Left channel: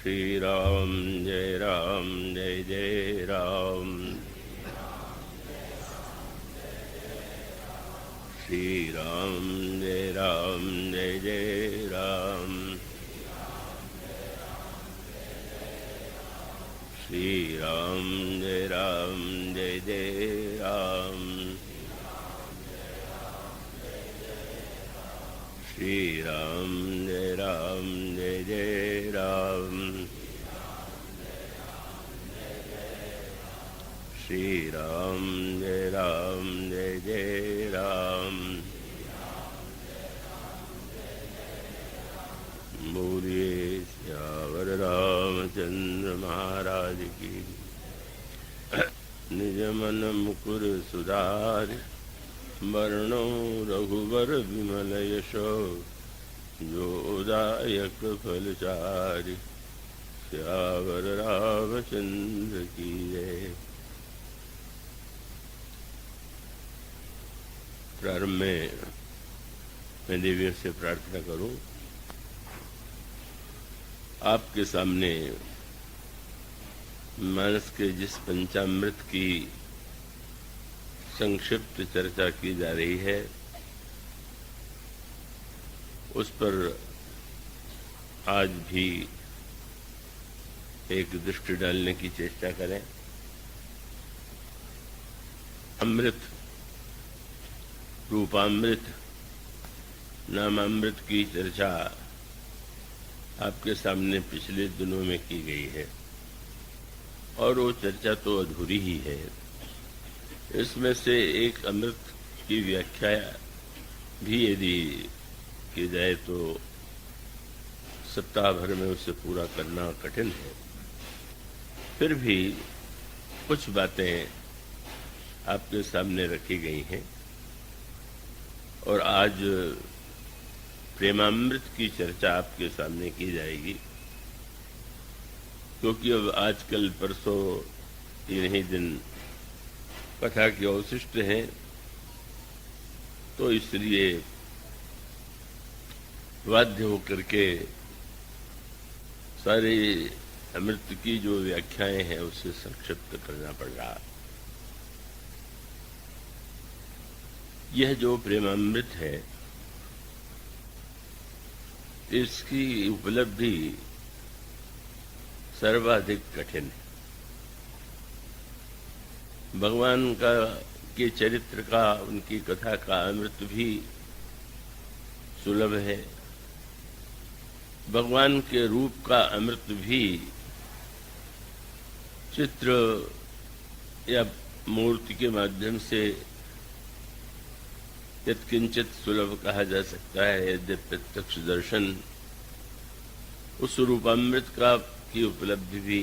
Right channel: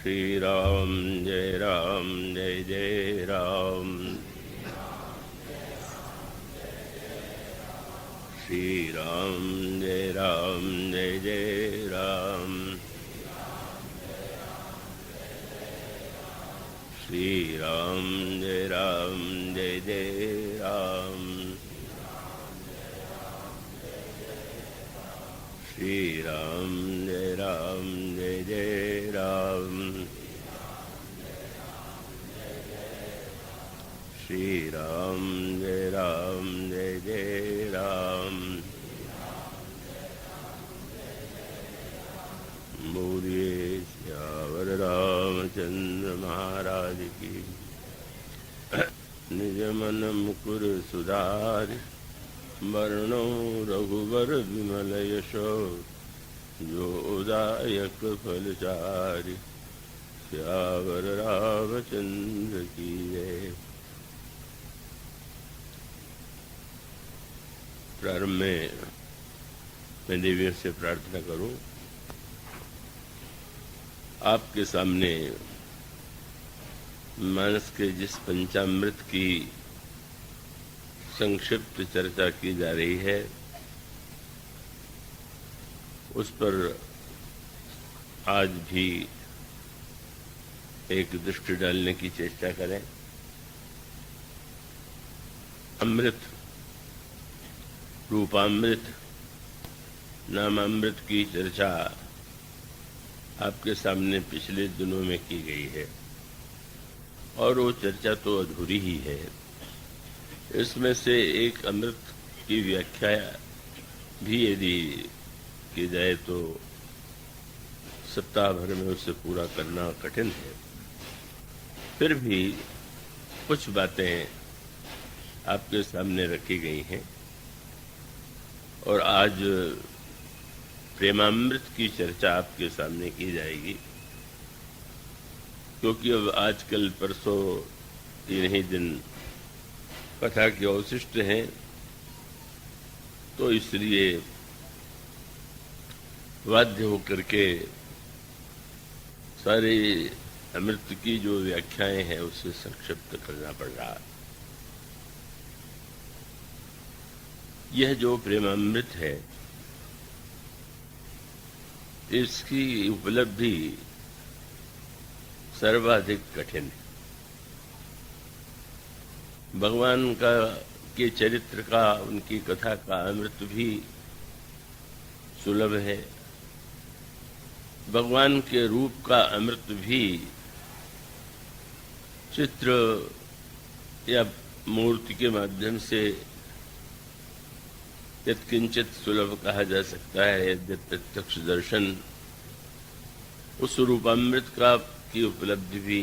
श्री राम जय जय राम। श्री राम जय जय राम। श्री राम जय जय राम। श्री राम जय जय राम। श्री राम जय जय राम। बोलिए श्यावर रामचंद्र महाराज की। निज मन मुकुर सुधार वर्णो रघुवर विमल यशो जोदायक फलचारि। श्यावर रामचंद्र की जय। प्रारंभ में मैं देवी से प्रार्थना करूं, आपके सामने मानस के जिस पंचामृत की संक्षिप्त चर्चा की जा रही है उस पर आज भी एक दृष्टि डालने की चेष्टा करें। अमृत, रूपामृत, नामामृत की चर्चा आपके सामने पिछले दिनों में की गई है और वो चर्चा तो अधूरी ही है। इसमें से एक अमृत की व्याख्या भी यदि की जाए तो सप्ताह भर में उसे पूरा करना कठिन है। फिर भी कुछ बातें आपके सामने रखी गई हैं और आज प्रेमामृत की चर्चा आपके सामने की जाएगी, क्योंकि अब आजकल परसों 3 ही दिन कथा के अवशिष्ट हैं, तो इसलिए बाध्य होकर के सारी अमृत की जो व्याख्याएं हैं उसे संक्षिप्त करना पड़ रहा। यह जो प्रेमामृत है इसकी उपलब्धि सर्वाधिक कठिन है। भगवान के चरित्र का, उनकी कथा का अमृत भी सुलभ है। भगवान के रूप का अमृत भी चित्र या मूर्ति के माध्यम से यत्किंचित सुलभ कहा जा सकता है। यद्यपि प्रत्यक्ष दर्शन उस रूपामृत की उपलब्धि भी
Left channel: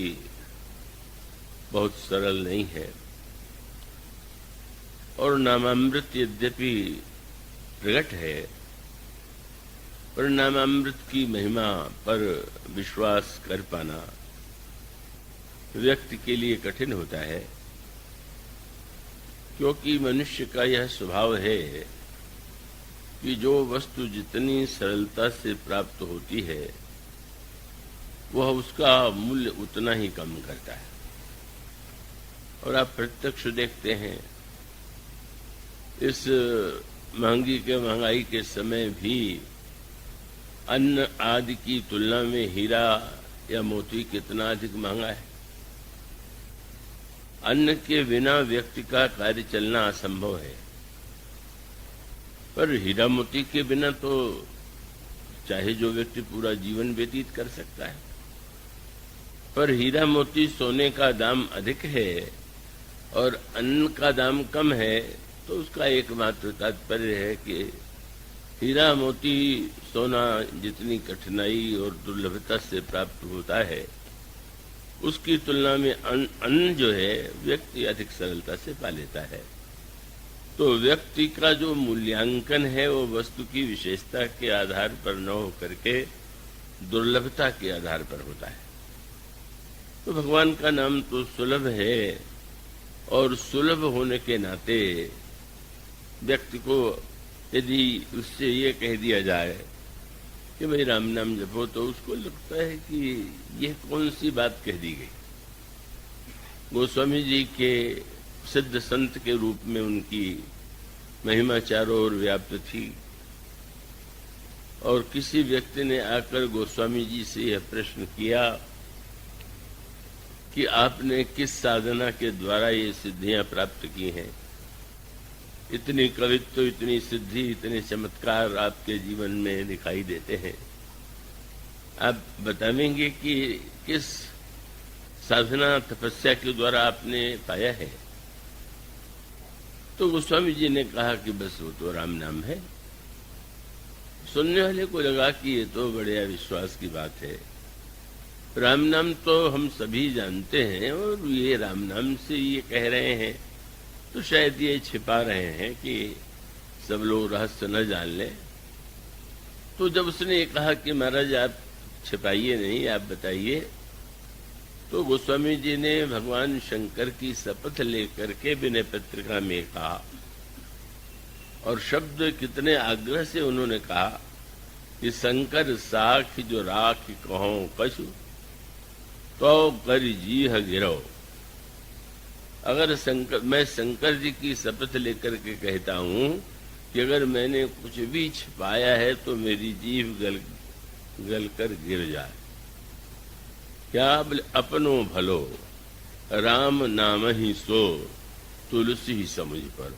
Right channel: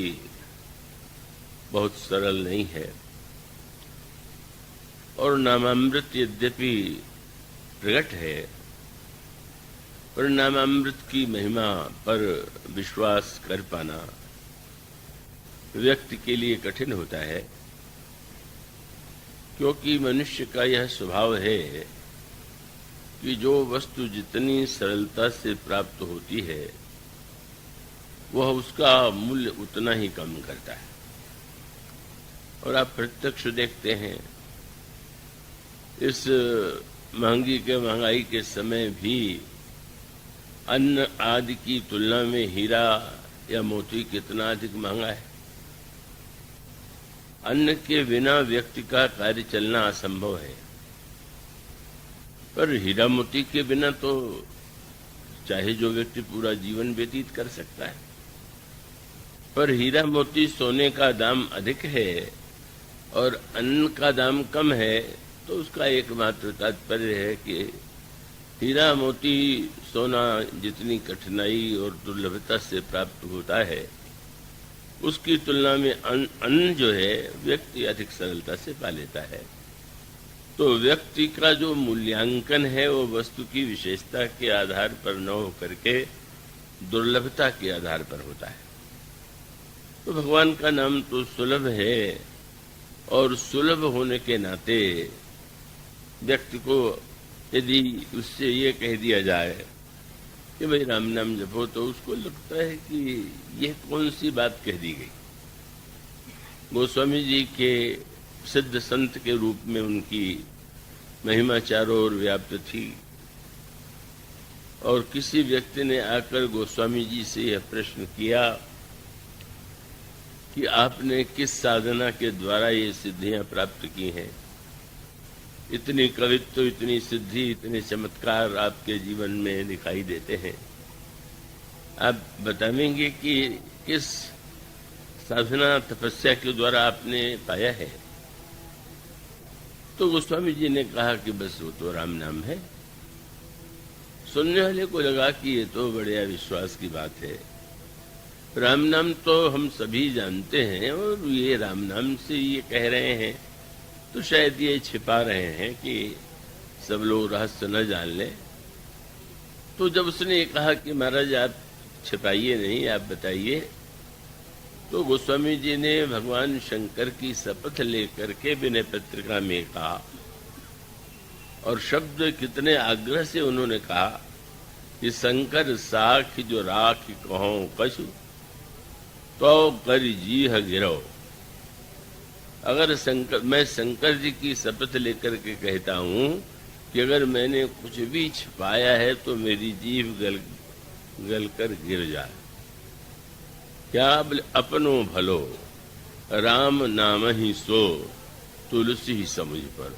बहुत सरल नहीं है। और नामामृत यद्यपि प्रकट है, पर नामामृत की महिमा पर विश्वास कर पाना व्यक्ति के लिए कठिन होता है, क्योंकि मनुष्य का यह स्वभाव है कि जो वस्तु जितनी सरलता से प्राप्त होती है वह उसका मूल्य उतना ही कम करता है। और आप प्रत्यक्ष देखते हैं, इस महंगाई के समय भी अन्न आदि की तुलना में हीरा या मोती कितना अधिक महंगा है। अन्न के बिना व्यक्ति का कार्य चलना असंभव है, पर हीरा मोती के बिना तो चाहे जो व्यक्ति पूरा जीवन व्यतीत कर सकता है। पर हीरा मोती सोने का दाम अधिक है और अन्न का दाम कम है, तो उसका एकमात्र तात्पर्य है कि हीरा मोती सोना जितनी कठिनाई और दुर्लभता से प्राप्त होता है उसकी तुलना में अन्न जो है व्यक्ति अधिक सरलता से पा लेता है। तो व्यक्ति का जो मूल्यांकन है वो वस्तु की विशेषता के आधार पर न हो करके दुर्लभता के आधार पर होता है। तो भगवान का नाम तो सुलभ है और सुलभ होने के नाते व्यक्ति को यदि उससे ये कह दिया जाए कि भाई राम नाम जपो, तो उसको लगता है कि यह कौन सी बात कह दी गई। गोस्वामी जी के सिद्ध संत के रूप में उनकी महिमा चारों ओर व्याप्त थी, और किसी व्यक्ति ने आकर गोस्वामी जी से यह प्रश्न किया कि आपने किस साधना के द्वारा ये सिद्धियां प्राप्त की हैं। इतनी कवित्व, इतनी सिद्धि, इतने चमत्कार आपके जीवन में दिखाई देते हैं। आप बताएंगे कि किस साधना तपस्या के द्वारा आपने पाया है। तो गोस्वामी जी ने कहा कि बस वो तो राम नाम है। सुनने वाले को लगा कि ये तो बड़े विश्वास की बात है। राम नाम तो हम सभी जानते हैं, और ये राम नाम से ये कह रहे हैं, तो शायद ये छिपा रहे हैं कि सब लोग रहस्य न जान लें। तो जब उसने कहा कि महाराज आप छिपाइए नहीं, आप बताइए, तो गोस्वामी जी ने भगवान शंकर की शपथ लेकर के विनय पत्रिका में कहा, और शब्द कितने आग्रह से उन्होंने कहा कि शंकर साख जो राख कहो पशु, तो कर जीह गिरो। अगर मैं शंकर जी की शपथ लेकर के कहता हूं कि अगर मैंने कुछ भी छिपाया है तो मेरी जीभ गल कर गिर जाए। क्या अपनो भलो राम नाम ही सो, तुलसी ही समझ पर।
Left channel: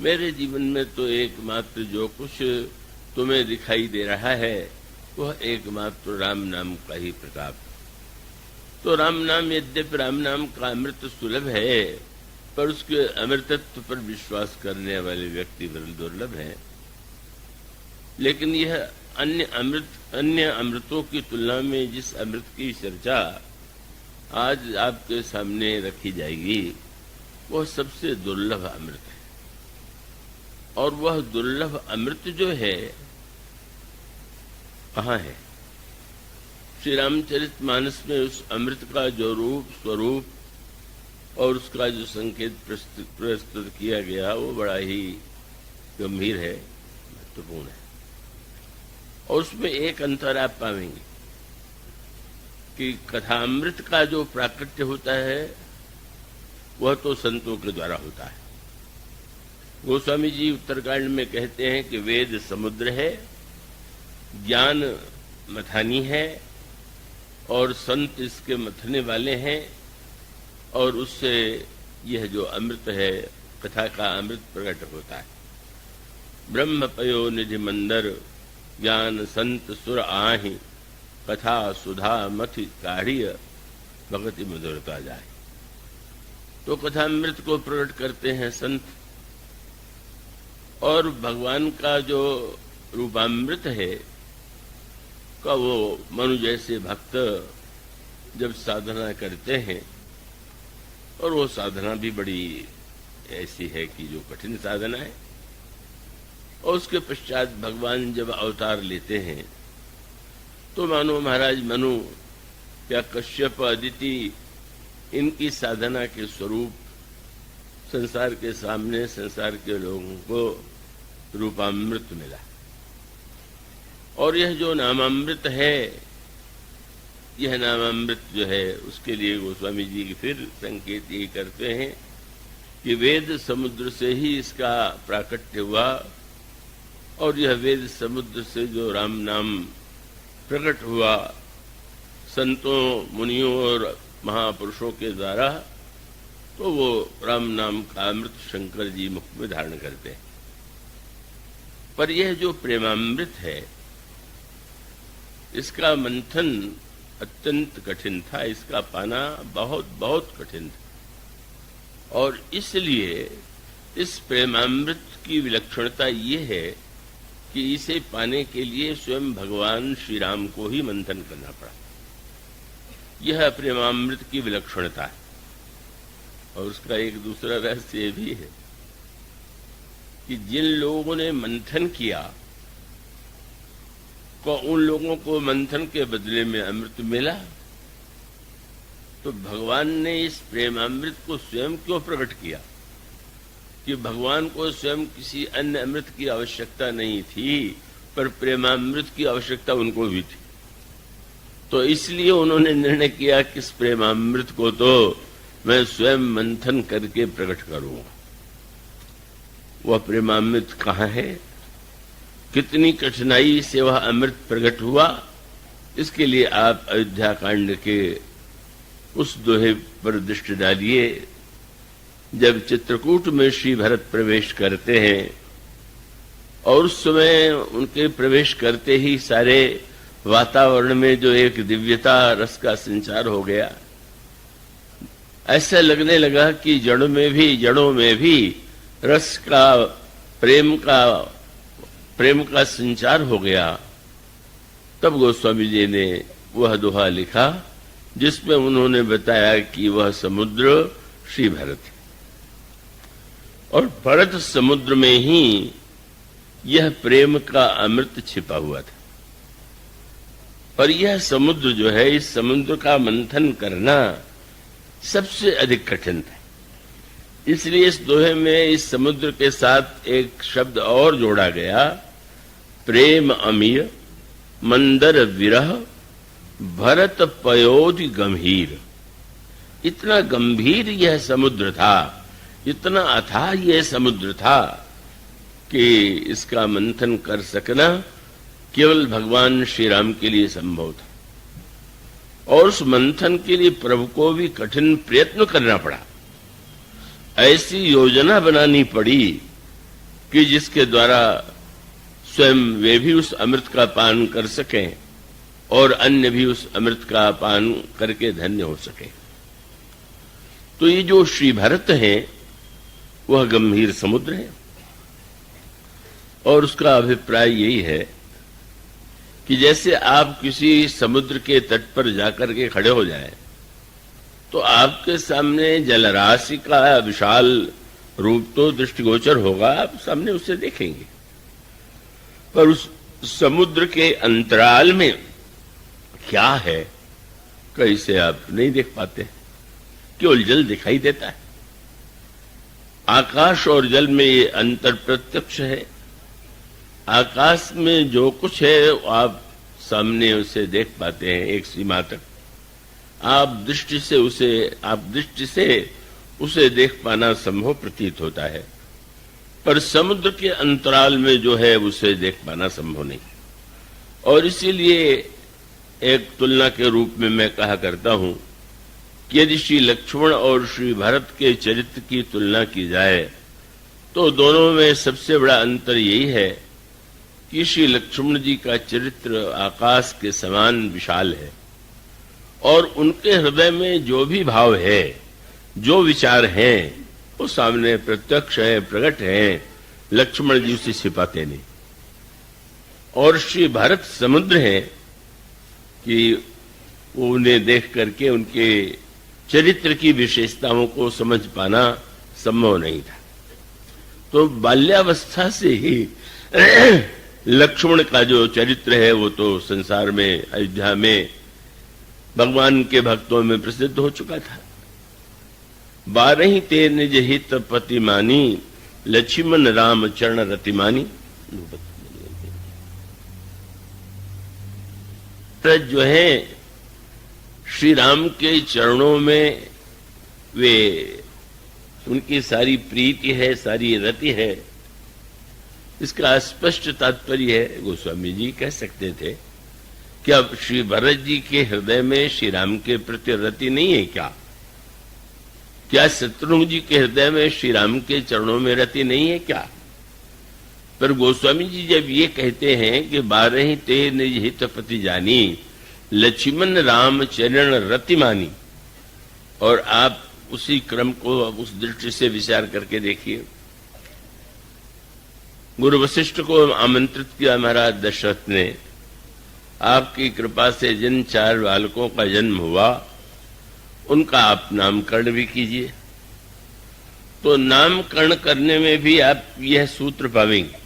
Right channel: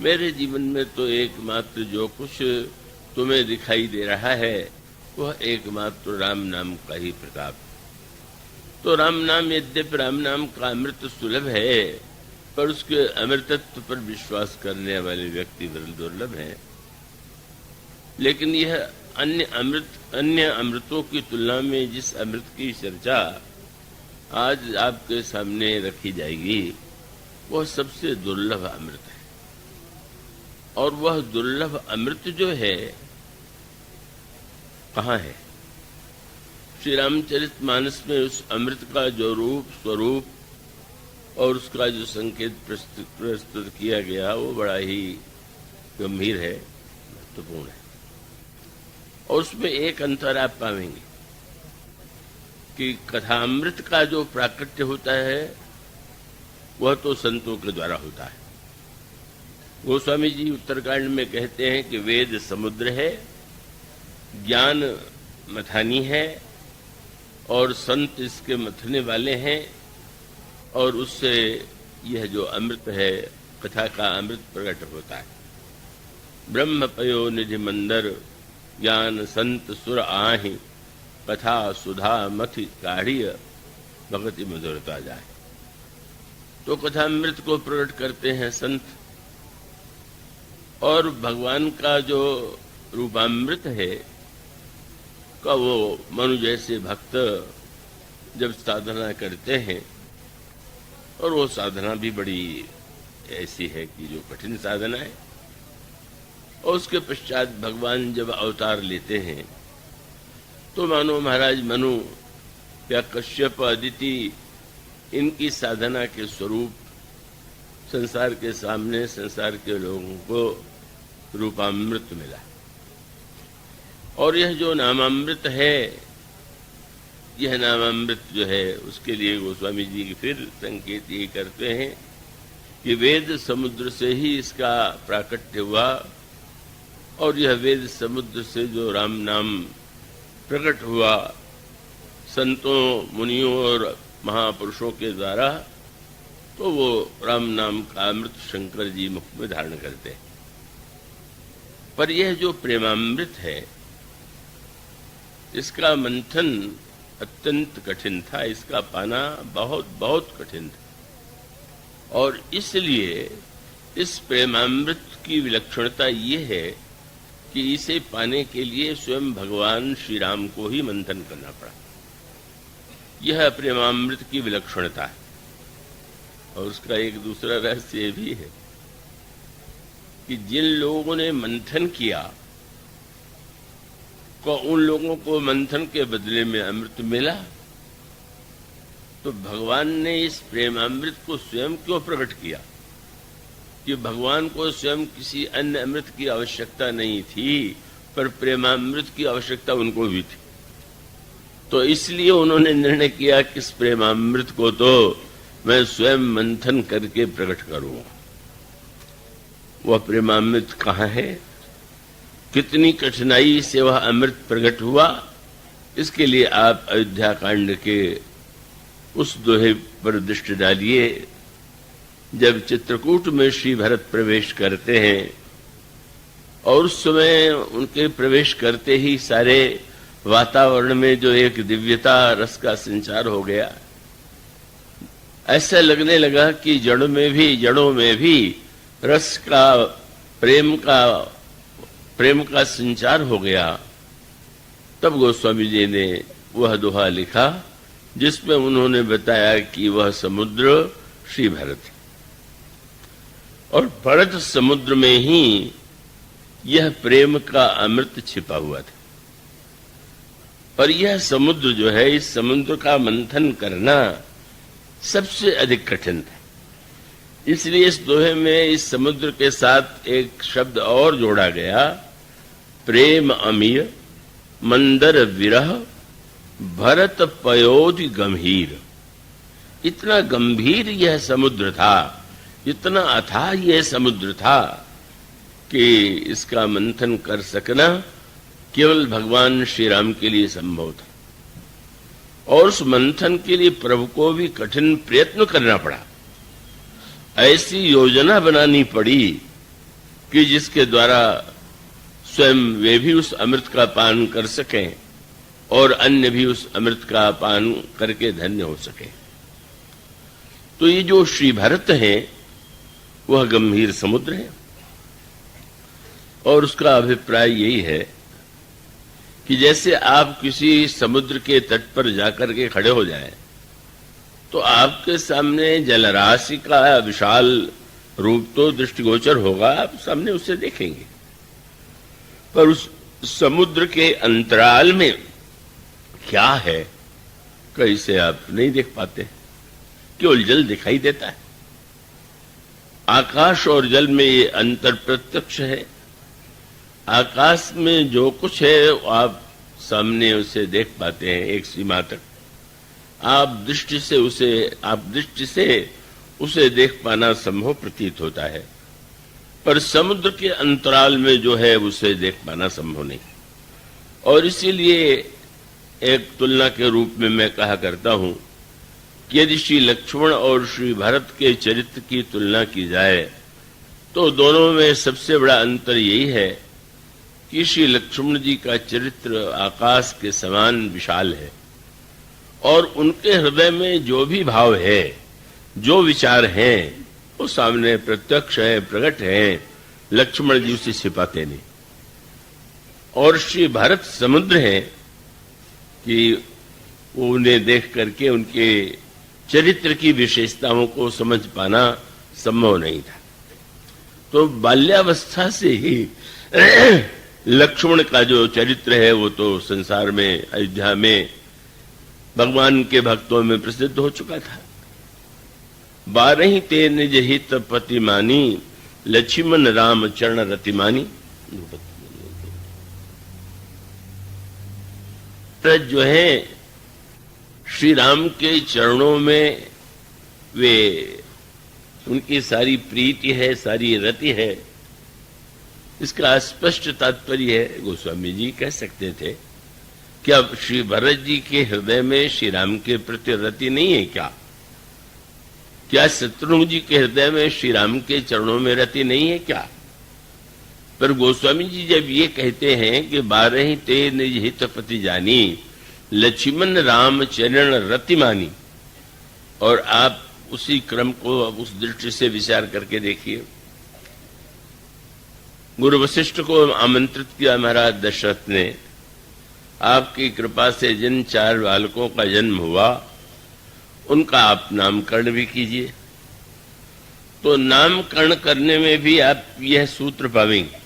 मेरे जीवन में तो एकमात्र जो कुछ तुम्हें दिखाई दे रहा है वह एकमात्र राम नाम का ही प्रताप। तो राम नाम, यद्यपि राम नाम का अमृत सुलभ है, पर उसके अमृतत्व पर विश्वास करने वाले व्यक्ति दुर्लभ हैं। लेकिन यह अन्य अमृतों की तुलना में जिस अमृत की चर्चा आज आपके सामने रखी जाएगी, वह सबसे दुर्लभ अमृत है। और वह दुर्लभ अमृत जो है कहाँ है? श्री रामचरितमानस में उस अमृत का जो रूप, स्वरूप और उसका जो संकेत प्रस्तुत किया गया, वो बड़ा ही गंभीर है, महत्वपूर्ण है। और उसमें एक अंतर आप पाएंगे कि कथामृत का जो प्राकट्य होता है वह तो संतों के द्वारा होता है। गोस्वामी जी उत्तरकांड में कहते हैं कि वेद समुद्र है, ज्ञान मथानी है, और संत इसके मथने वाले हैं, और उससे यह जो अमृत है, कथा का अमृत प्रकट होता है। ब्रह्म पयो निधि मंदर, ज्ञान संत सुर आहि, कथा सुधा मथि काढ़िय, भगति मधुरता जाए। तो कथामृत को प्रकट करते हैं संत, और भगवान का जो रूपामृत है का वो मनु जैसे भक्त जब साधना करते हैं, और वो साधना भी बड़ी ऐसी है कि जो कठिन साधना है, और उसके पश्चात भगवान जब अवतार लेते हैं तो मानो महाराज मनु या कश्यप, अदिति, इनकी साधना के स्वरूप संसार के सामने, संसार के लोगों को रूपामृत मिला। और यह जो नामामृत है, यह नामामृत जो है, उसके लिए गोस्वामी जी फिर संकेत ये करते हैं कि वेद समुद्र से ही इसका प्राकट्य हुआ, और यह वेद समुद्र से जो राम नाम प्रकट हुआ संतों, मुनियों और महापुरुषों के द्वारा, तो वो राम नाम का अमृत शंकर जी मुख में धारण करते हैं। पर यह जो प्रेमामृत है, इसका मंथन अत्यंत कठिन था, इसका पाना बहुत बहुत कठिन था। और इसलिए इस प्रेमामृत की विलक्षणता ये है कि इसे पाने के लिए स्वयं भगवान श्री राम को ही मंथन करना पड़ा। यह प्रेमामृत की विलक्षणता है। और उसका एक दूसरा रहस्य भी है कि जिन लोगों ने मंथन किया, तो उन लोगों को मंथन के बदले में अमृत मिला। तो भगवान ने इस प्रेमामृत को स्वयं क्यों प्रकट किया? कि भगवान को स्वयं किसी अन्य अमृत की आवश्यकता नहीं थी, पर प्रेमामृत की आवश्यकता उनको भी थी। तो इसलिए उन्होंने निर्णय किया कि इस प्रेमामृत को तो मैं स्वयं मंथन करके प्रकट करूंगा। वह प्रेमामृत कहाँ है, कितनी कठिनाई से वह अमृत प्रकट हुआ, इसके लिए आप अयोध्या कांड के उस दोहे पर दृष्टि डालिए। जब चित्रकूट में श्री भरत प्रवेश करते हैं और उस समय उनके प्रवेश करते ही सारे वातावरण में जो एक दिव्यता रस का संचार हो गया, ऐसा लगने लगा कि जड़ों में भी रस का प्रेम का संचार हो गया। तब गोस्वामी जी ने वह दोहा लिखा जिसमें उन्होंने बताया कि वह समुद्र श्री भरत है और भरत समुद्र में ही यह प्रेम का अमृत छिपा हुआ था। और यह समुद्र जो है, इस समुद्र का मंथन करना सबसे अधिक कठिन था। इसलिए इस दोहे में इस समुद्र के साथ एक शब्द और जोड़ा गया, प्रेम अमीय मंदर विरह भरत पयोधि गंभीर। इतना गंभीर यह समुद्र था, इतना अथाह यह समुद्र था कि इसका मंथन कर सकना केवल भगवान श्री राम के लिए संभव था। और उस मंथन के लिए प्रभु को भी कठिन प्रयत्न करना पड़ा। ऐसी योजना बनानी पड़ी कि जिसके द्वारा स्वयं वे भी उस अमृत का पान कर सकें और अन्य भी उस अमृत का पान करके धन्य हो सके। तो ये जो श्री भरत है वह गंभीर समुद्र है। और उसका अभिप्राय यही है कि जैसे आप किसी समुद्र के तट पर जाकर के खड़े हो जाएं, तो आपके सामने जलराशि का विशाल रूप तो दृष्टिगोचर होगा, आप सामने उसे देखेंगे, पर उस समुद्र के अंतराल में क्या है कैसे आप नहीं देख पाते, केवल जल दिखाई देता है। आकाश और जल में ये अंतर प्रत्यक्ष है। आकाश में जो कुछ है आप सामने उसे देख पाते हैं एक सीमा तक, आप दृष्टि से उसे देख पाना संभव प्रतीत होता है, पर समुद्र के अंतराल में जो है उसे देख पाना संभव नहीं। और इसीलिए एक तुलना के रूप में मैं कहा करता हूं कि यदि श्री लक्ष्मण और श्री भरत के चरित्र की तुलना की जाए तो दोनों में सबसे बड़ा अंतर यही है कि श्री लक्ष्मण जी का चरित्र आकाश के समान विशाल है और उनके हृदय में जो भी भाव है, जो विचार हैं, वो सामने प्रत्यक्ष है, प्रकट है। लक्ष्मण जी उसे छिपाते नहीं। और श्री भरत समुद्र है कि उन्हें देख करके उनके चरित्र की विशेषताओं को समझ पाना संभव नहीं था। तो बाल्यावस्था से ही लक्ष्मण का जो चरित्र है वो तो संसार में, अयोध्या में भगवान के भक्तों में प्रसिद्ध हो चुका था। 12 ते निज हित पतिमानी लक्ष्मण राम चरण रतिमानी। जो है श्री राम के चरणों में वे उनकी सारी प्रीति है, सारी रति है। इसका स्पष्ट तात्पर्य है, गोस्वामी जी कह सकते थे कि अब श्री भरत जी के हृदय में श्री राम के प्रति रति नहीं है क्या? क्या शत्रुघ्न जी के हृदय में श्री राम के चरणों में रति नहीं है क्या? पर गोस्वामी जी जब ये कहते हैं कि 12 ते निज हित पति जानी लक्ष्मण राम चरण रति मानी, और आप उसी क्रम को उस दृष्टि से विचार करके देखिए। गुरु वशिष्ठ को आमंत्रित किया महाराज दशरथ ने, आपकी कृपा से जिन 4 बालकों का जन्म हुआ उनका आप नामकरण भी कीजिए। तो नामकरण करने में भी आप यह सूत्र पाएंगे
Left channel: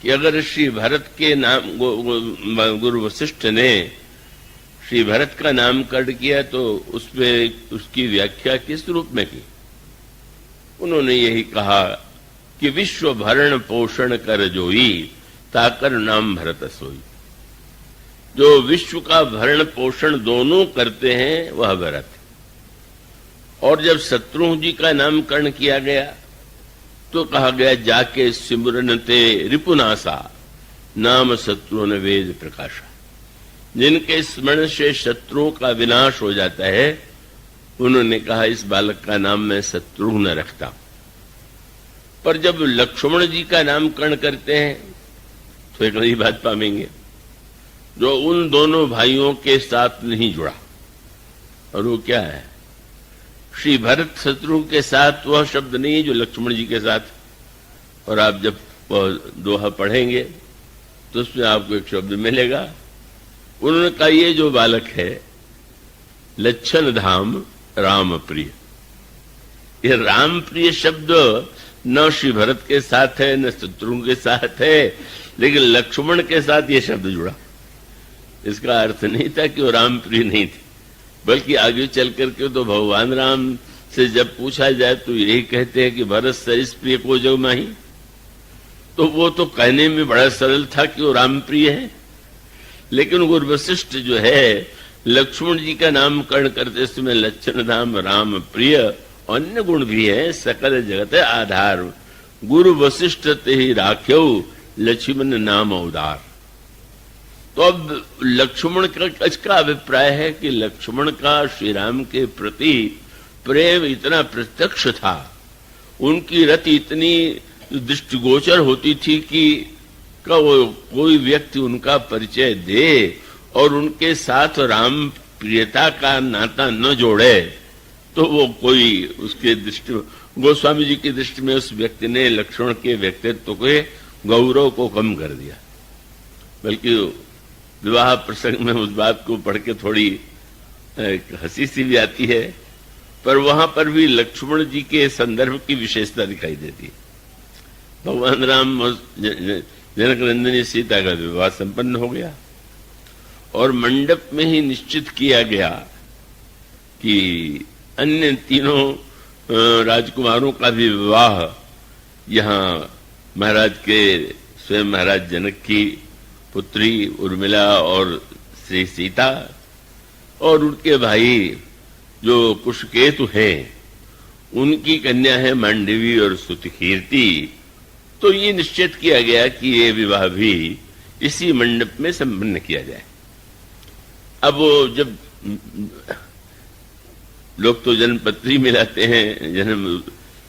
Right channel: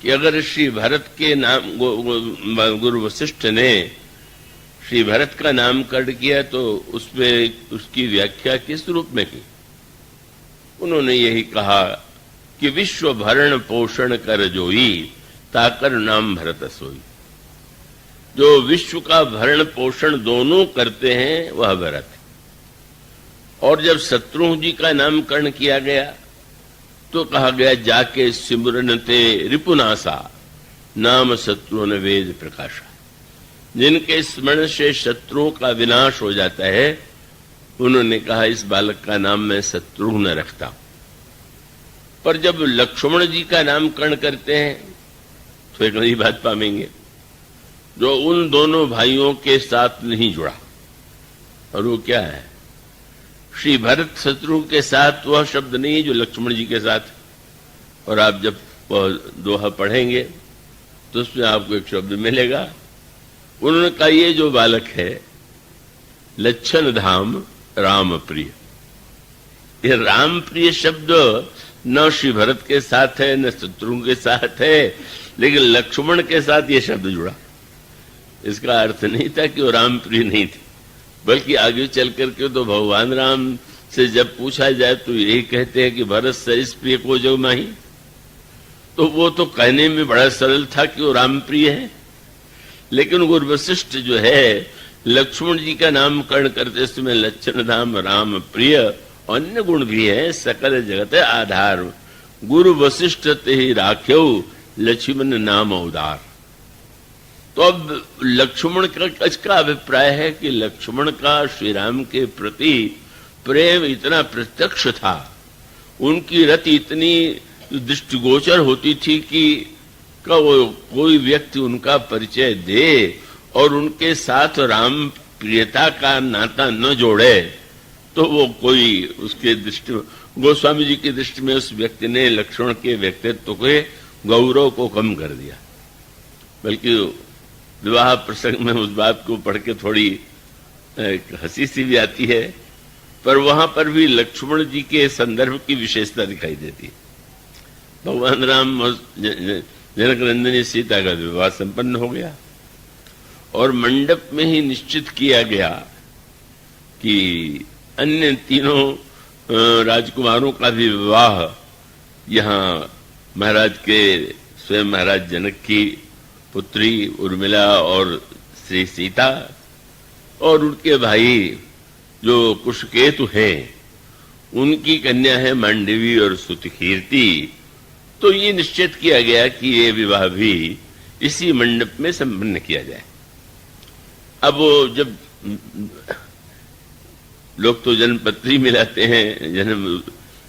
कि अगर श्री भरत के नाम गुरु वशिष्ठ ने श्री भरत का नामकरण किया तो उसमें उसकी व्याख्या किस रूप में की? उन्होंने यही कहा कि विश्व भरण पोषण कर जोई ताकर नाम भरत सोई। जो विश्व का भरण पोषण दोनों करते हैं वह भरत। और जब शत्रुघ्न जी का नामकरण किया गया तो कहा गया जाके सिमरनते रिपुनासा नाम शत्रुघ्न वेद प्रकाश। जिनके स्मरण से शत्रुओं का विनाश हो जाता है उन्होंने कहा इस बालक का नाम मैं शत्रुघ्न रखता। पर जब लक्ष्मण जी का नामकरण करते हैं तो एक नई बात पाएंगे जो उन दोनों भाइयों के साथ नहीं जुड़ा। और वो क्या है? श्री भरत शत्रुघ्न के साथ वह शब्द नहीं जो लक्ष्मण जी के साथ। और आप जब दोहा पढ़ेंगे तो उसमें आपको एक शब्द मिलेगा। उन्होंने कहा ये जो बालक है लच्छन धाम राम प्रिय। ये राम प्रिय शब्द न श्री भरत के साथ है न शत्रुघ्न के साथ है, लेकिन लक्ष्मण के साथ ये शब्द जुड़ा। इसका अर्थ नहीं था कि वो राम प्रिय नहीं थे, बल्कि आगे चल करके तो भगवान राम से जब पूछा जाए तो यही कहते हैं कि भरत सरिस प्रिय को जो माही। तो वो तो कहने में बड़ा सरल था कि वो राम प्रिय है, लेकिन गुरु वशिष्ठ जो है लक्ष्मण जी का नामकरण करते समय लक्षण धाम राम प्रिय अन्य गुण भी है सकल जगत आधार। गुरु वशिष्ठ ते ही राख्यो लक्ष्मण नाम उदार। तो अब लक्ष्मण का अभिप्राय है कि लक्ष्मण का श्री राम के प्रति प्रेम इतना प्रत्यक्ष था, उनकी रति इतनी दृष्टिगोचर होती थी कि कोई व्यक्ति उनका परिचय दे और उनके साथ राम प्रियता का नाता न जोड़े तो वो कोई उसके दृष्टि गोस्वामी जी की दृष्टि में उस व्यक्ति ने लक्ष्मण के व्यक्तित्व के गौरव को कम कर दिया। बल्कि विवाह प्रसंग में उस बात को पढ़ के थोड़ी हंसी सी भी आती है, पर वहां पर भी लक्ष्मण जी के संदर्भ की विशेषता दिखाई देती है। भगवान राम जनक नंदिनी सीता का विवाह संपन्न हो गया और मंडप में ही निश्चित किया गया कि अन्य तीनों राजकुमारों का भी विवाह यहाँ महाराज के स्वयं महाराज जनक की पुत्री उर्मिला और श्री सीता और उनके भाई जो कुशकेतु हैं उनकी कन्या है मांडवी और सुतकीर्ति। तो ये निश्चित किया गया कि ये विवाह भी इसी मंडप में संपन्न किया जाए। अब जब लोग तो जन्मपत्री मिलाते हैं,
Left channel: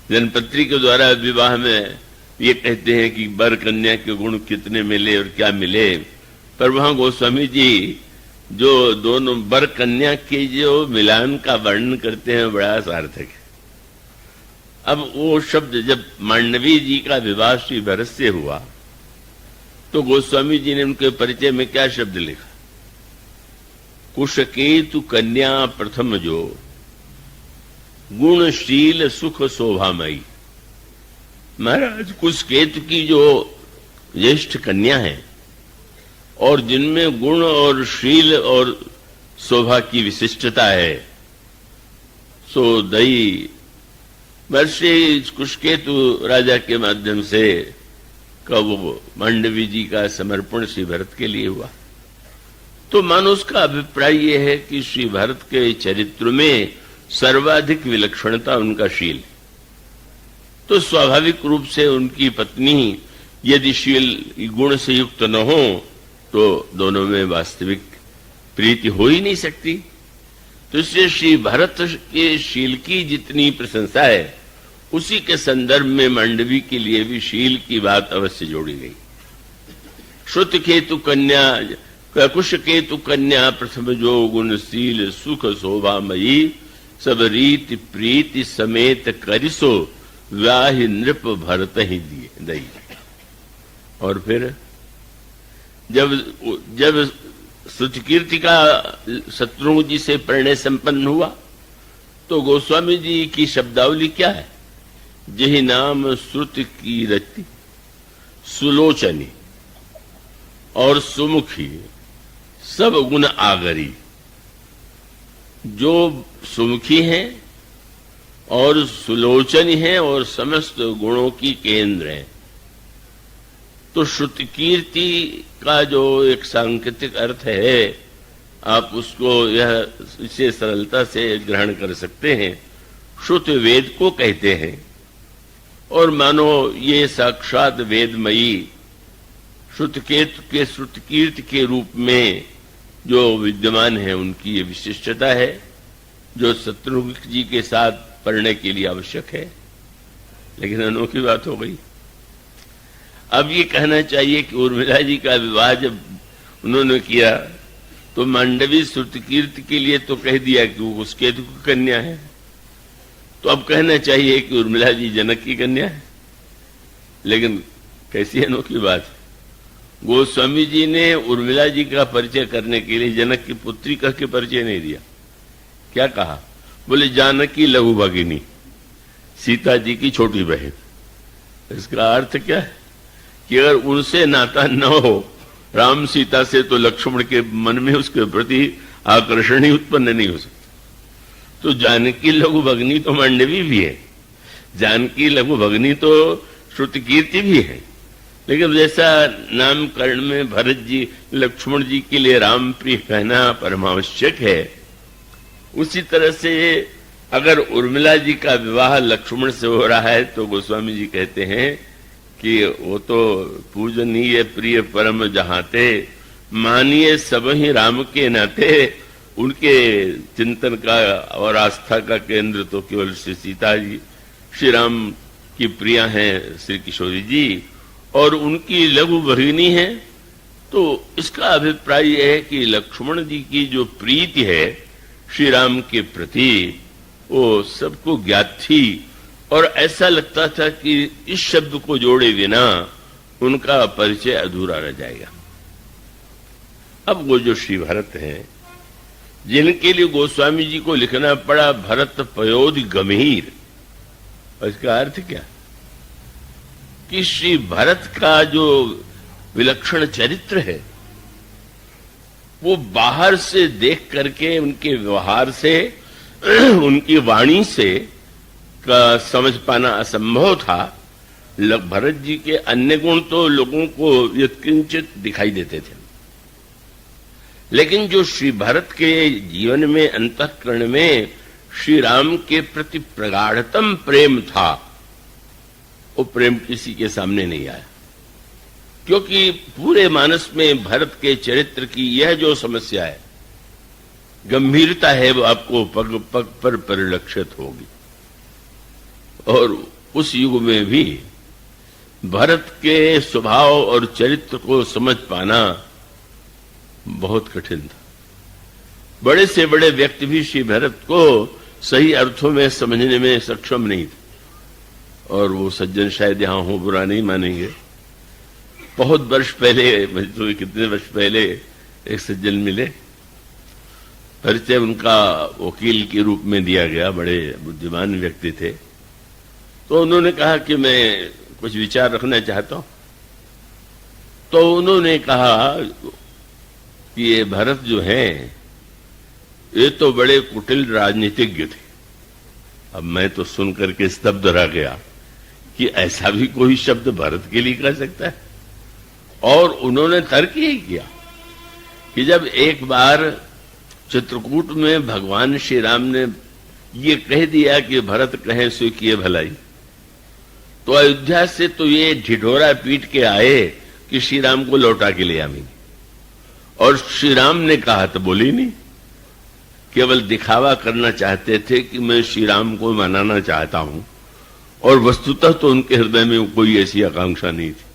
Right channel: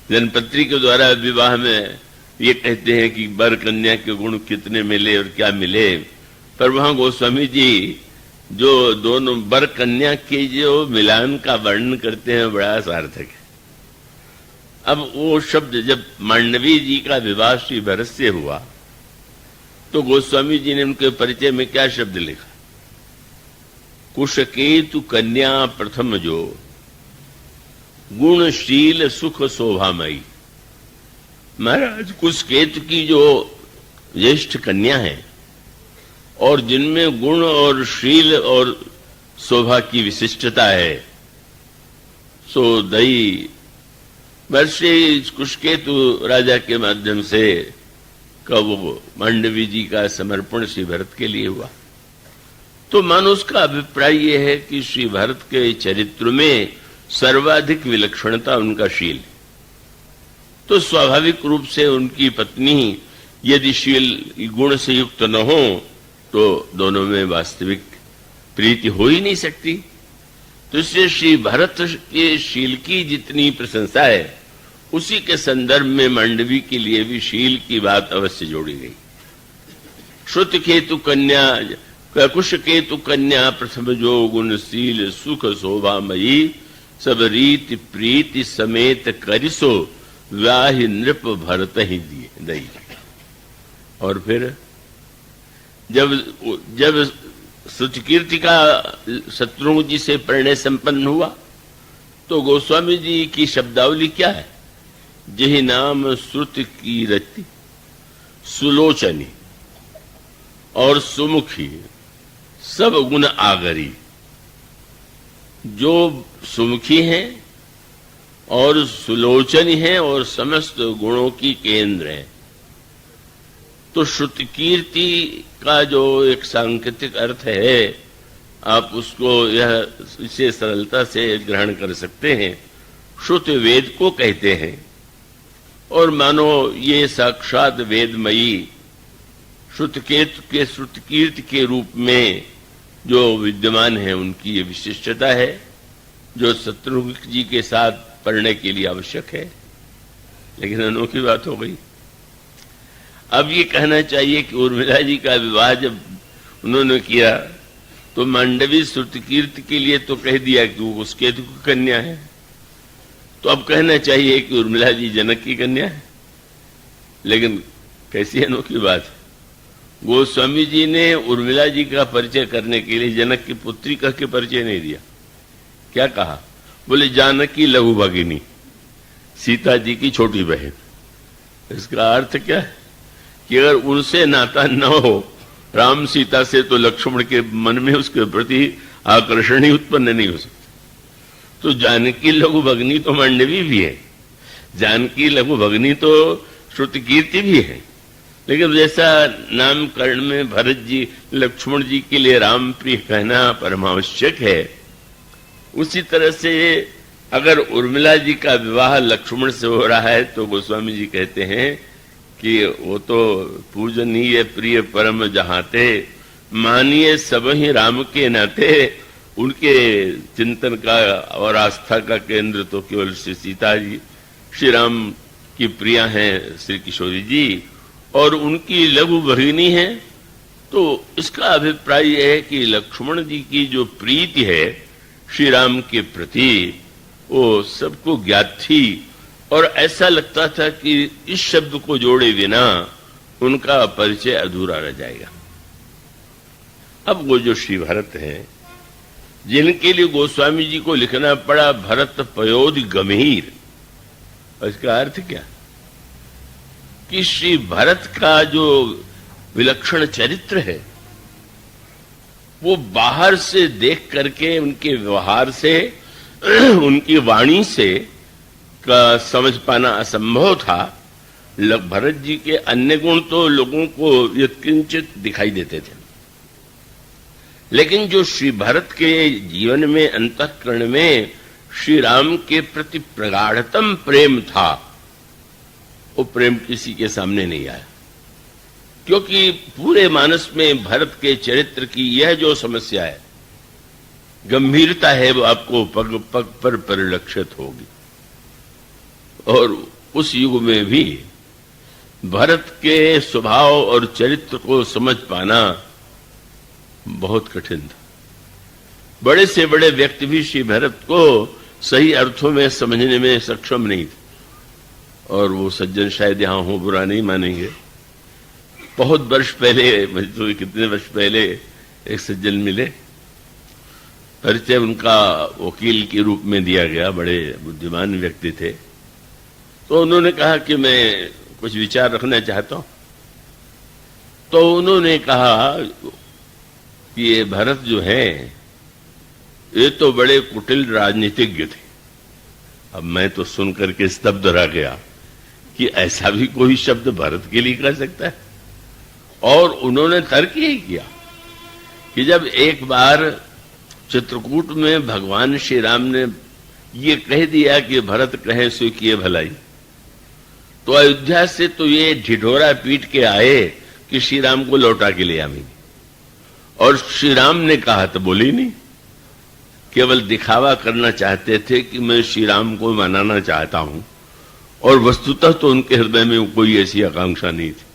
जन्मपत्री के द्वारा विवाह में ये कहते हैं कि वर कन्या के गुण कितने मिले और क्या मिले, पर वहां गोस्वामी जी जो दोनों वर कन्या के जो मिलान का वर्णन करते हैं बड़ा सार्थक है। अब वो शब्द जब मांडवी जी का विवाह श्री भरत से हुआ तो गोस्वामी जी ने उनके परिचय में क्या शब्द लिखा? कुशकेतु कन्या प्रथम जो गुणशील सुख शोभामयी। महाराज कुशकेतु की जो ज्येष्ठ कन्या है और जिनमें गुण और शील और शोभा की विशिष्टता है, सो दई वर्षे कुशकेतु राजा के माध्यम से कब मांडवी जी का समर्पण श्री भरत के लिए हुआ। तो मानो उसका अभिप्राय ये है कि श्री भरत के चरित्र में सर्वाधिक विलक्षणता उनका शील है। तो स्वाभाविक रूप से उनकी पत्नी यदि शील गुण से युक्त न हो तो दोनों में वास्तविक प्रीति हो ही नहीं सकती। तो इसलिए श्री भरत के शील की जितनी प्रशंसा है उसी के संदर्भ में मांडवी के लिए भी शील की बात अवश्य जोड़ी गई। श्रुत केतु कन्या कुश केतु कन्या प्रथम जो गुणशील सुख शोभामयी सब रीति प्रीति समेत करिसो व्याहि नृप भरत ही दई। और फिर जब सुतकीर्ति का शत्रुघ्न जी से परिणय संपन्न हुआ तो गोस्वामी जी की शब्दावली क्या है? जहि नाम श्रुत की रति सुलोचनी और सुमुखी सब गुण आगरी। जो सुमुखी हैं और सुलोचनी हैं और समस्त गुणों की केंद्र हैं, तो श्रुति कीर्ति का जो एक सांकेतिक अर्थ है, आप उसको यह इसे सरलता से ग्रहण कर सकते हैं। श्रुति वेद को कहते हैं, और मानो ये साक्षात वेदमयी श्रुतकेतु के श्रुति कीर्ति के रूप में जो विद्यमान है, उनकी ये विशिष्टता है जो शत्रुघ्न जी के साथ पढ़ने के लिए आवश्यक है। लेकिन अनोखी बात हो गई, अब ये कहना चाहिए कि उर्मिला जी का विवाह जब उन्होंने किया तो मांडवी श्रुति कीर्ति के लिए तो कह दिया कि वो उस केतु की कन्या है, तो अब कहना चाहिए कि उर्मिला जी जनक की कन्या है। लेकिन कैसी अनोखी बात है, गोस्वामी जी ने उर्मिला जी का परिचय करने के लिए जनक की पुत्री कह के परिचय नहीं दिया। क्या कहा? बोले जानकी लघु भगिनी, सीता जी की छोटी बहन। इसका अर्थ क्या है कि अगर उनसे नाता न हो राम सीता से, तो लक्ष्मण के मन में उसके प्रति आकर्षण ही उत्पन्न नहीं हो सकता। तो जानकी लघु भगिनी तो मांडवी भी है, जानकी लघु भगिनी तो श्रुति कीर्ति भी है। लेकिन जैसा नामकरण में भरत जी लक्ष्मण जी के लिए राम प्रिय कहना परमावश्यक है, उसी तरह से अगर उर्मिला जी का विवाह लक्ष्मण से हो रहा है तो गोस्वामी जी कहते हैं कि वो तो पूजनीय प्रिय परम जहाते, मानिए सब ही राम के नाते। उनके चिंतन का और आस्था का केंद्र तो केवल श्री सीता जी, श्री राम की प्रिया हैं श्री किशोरी जी, और उनकी लघु भगिनी है। तो इसका अभिप्राय यह है कि लक्ष्मण जी की जो प्रीति है श्री राम के प्रति, वो सबको ज्ञात थी, और ऐसा लगता था कि इस शब्द को जोड़े बिना उनका परिचय अधूरा रह जाएगा। अब वो जो श्री भरत हैं, जिनके लिए गोस्वामी जी को लिखना पड़ा भरत पयोधि गंभीर, इसका अर्थ क्या कि श्री भरत का जो विलक्षण चरित्र है वो बाहर से देख करके, उनके व्यवहार से, उनकी वाणी से का समझ पाना असंभव था। भरत जी के अन्य गुण तो लोगों को यत्किंचित दिखाई देते थे, लेकिन जो श्री भरत के जीवन में, अंतःकरण में श्री राम के प्रति प्रगाढ़तम प्रेम था, वो प्रेम किसी के सामने नहीं आया। क्योंकि पूरे मानस में भरत के चरित्र की यह जो समस्या है, गंभीरता है, वो आपको पग पग पर परिलक्षित होगी। और उस युग में भी भरत के स्वभाव और चरित्र को समझ पाना बहुत कठिन था। बड़े से बड़े व्यक्ति भी श्री भरत को सही अर्थों में समझने में सक्षम नहीं थे, और वो सज्जन शायद यहां हो, बुरा नहीं मानेंगे। बहुत वर्ष पहले, तो कितने वर्ष पहले एक सज्जन मिले, परिचय उनका वकील के रूप में दिया गया, बड़े बुद्धिमान व्यक्ति थे। तो उन्होंने कहा कि मैं कुछ विचार रखना चाहता हूं। तो उन्होंने कहा कि ये भरत जो है, ये तो बड़े कुटिल राजनीतिज्ञ थे। अब मैं तो सुनकर के स्तब्ध रह गया कि ऐसा भी कोई शब्द भरत के लिए कर सकता है। और उन्होंने तर्क यही किया कि जब एक बार चित्रकूट में भगवान श्री राम ने ये कह दिया कि भरत कहे सो किए भलाई, तो अयोध्या से तो ये ढिढोरा पीट के आए कि श्री राम को लौटा के ले आनी, और श्री राम ने कहा तो बोले नहीं, केवल दिखावा करना चाहते थे कि मैं श्री राम को मनाना चाहता हूं, और वस्तुतः तो उनके हृदय में कोई ऐसी आकांक्षा नहीं थी।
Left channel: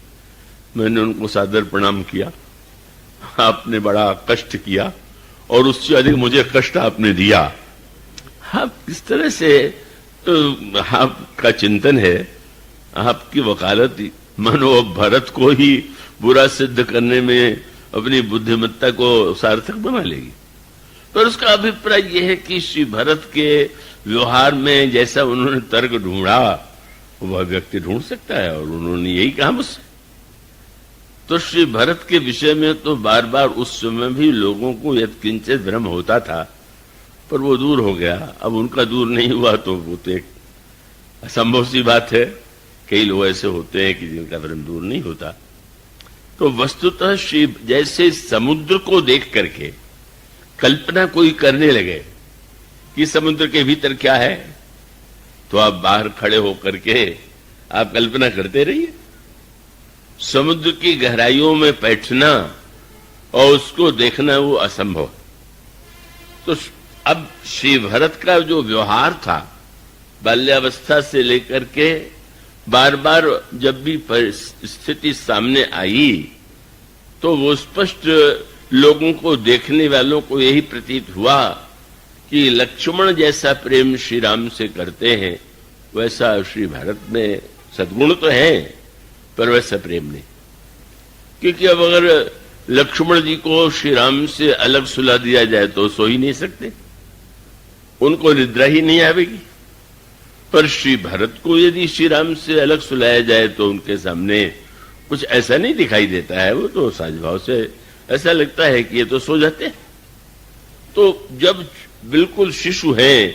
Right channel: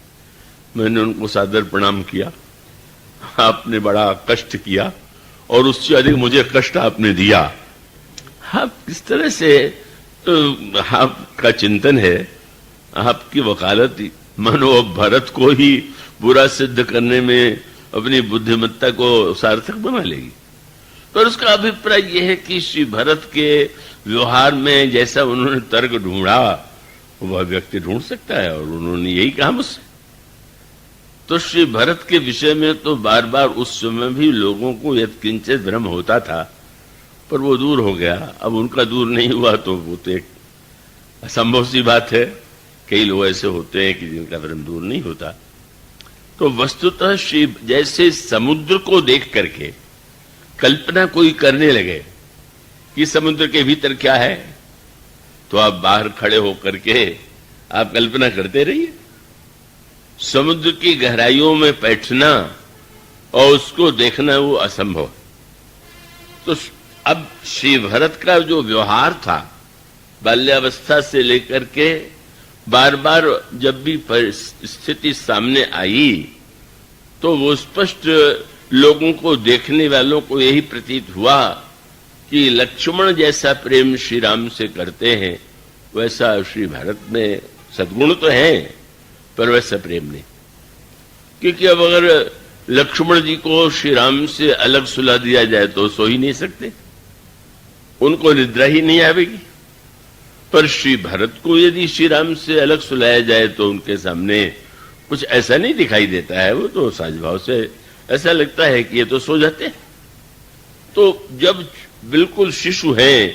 मैंने उनको सादर प्रणाम किया, आपने बड़ा कष्ट किया और उससे अधिक मुझे कष्ट आपने दिया। आप किस तरह से आपका चिंतन है, आपकी वकालत मानो अब भरत को ही बुरा सिद्ध करने में अपनी बुद्धिमत्ता को सार्थक बना लेगी। तो उसका अभिप्राय यह है कि श्री भरत के व्यवहार में जैसा उन्होंने तर्क ढूंढा वह व्यक्ति ढूंढ सकता है, और उन्होंने यही कहा मुझसे। तो श्री भरत के विषय में तो बार बार उस समय भी लोगों को यत्किंचित भ्रम होता था, पर वो दूर हो गया। अब उनका दूर नहीं हुआ तो वो तो एक असंभव सी बात है। कई लोग ऐसे होते हैं कि जिनका भ्रम दूर नहीं होता। तो वस्तुतः श्री जैसे समुद्र को देख करके कल्पना कोई करने लगे कि समुद्र के भीतर क्या है, तो आप बाहर खड़े होकर के आप कल्पना करते रहिए। समुद्र की गहराइयों में बैठना और उसको देखना वो असंभव। तो अब श्री भरत का जो व्यवहार था बाल्यावस्था से लेकर के बार बार जब भी स्थिति सामने आई तो वो स्पष्ट लोगों को, देखने वालों को यही प्रतीत हुआ कि लक्ष्मण जैसा प्रेम श्री राम से करते हैं वैसा श्री भरत में सद्गुण तो है, पर वैसा प्रेम नहीं। क्योंकि अब अगर लक्ष्मण जी को श्री राम से अलग सुला दिया जाए तो सो ही नहीं सकते, उनको निद्रा ही नहीं आवेगी। पर श्री भरत को यदि श्री राम से अलग सुलाया जाए तो उनके सामने कुछ ऐसा नहीं दिखाई देता है, वो तो साजभाव से ऐसा लगता है कि ये तो सो जाते हैं। तो जब बिल्कुल शिशु है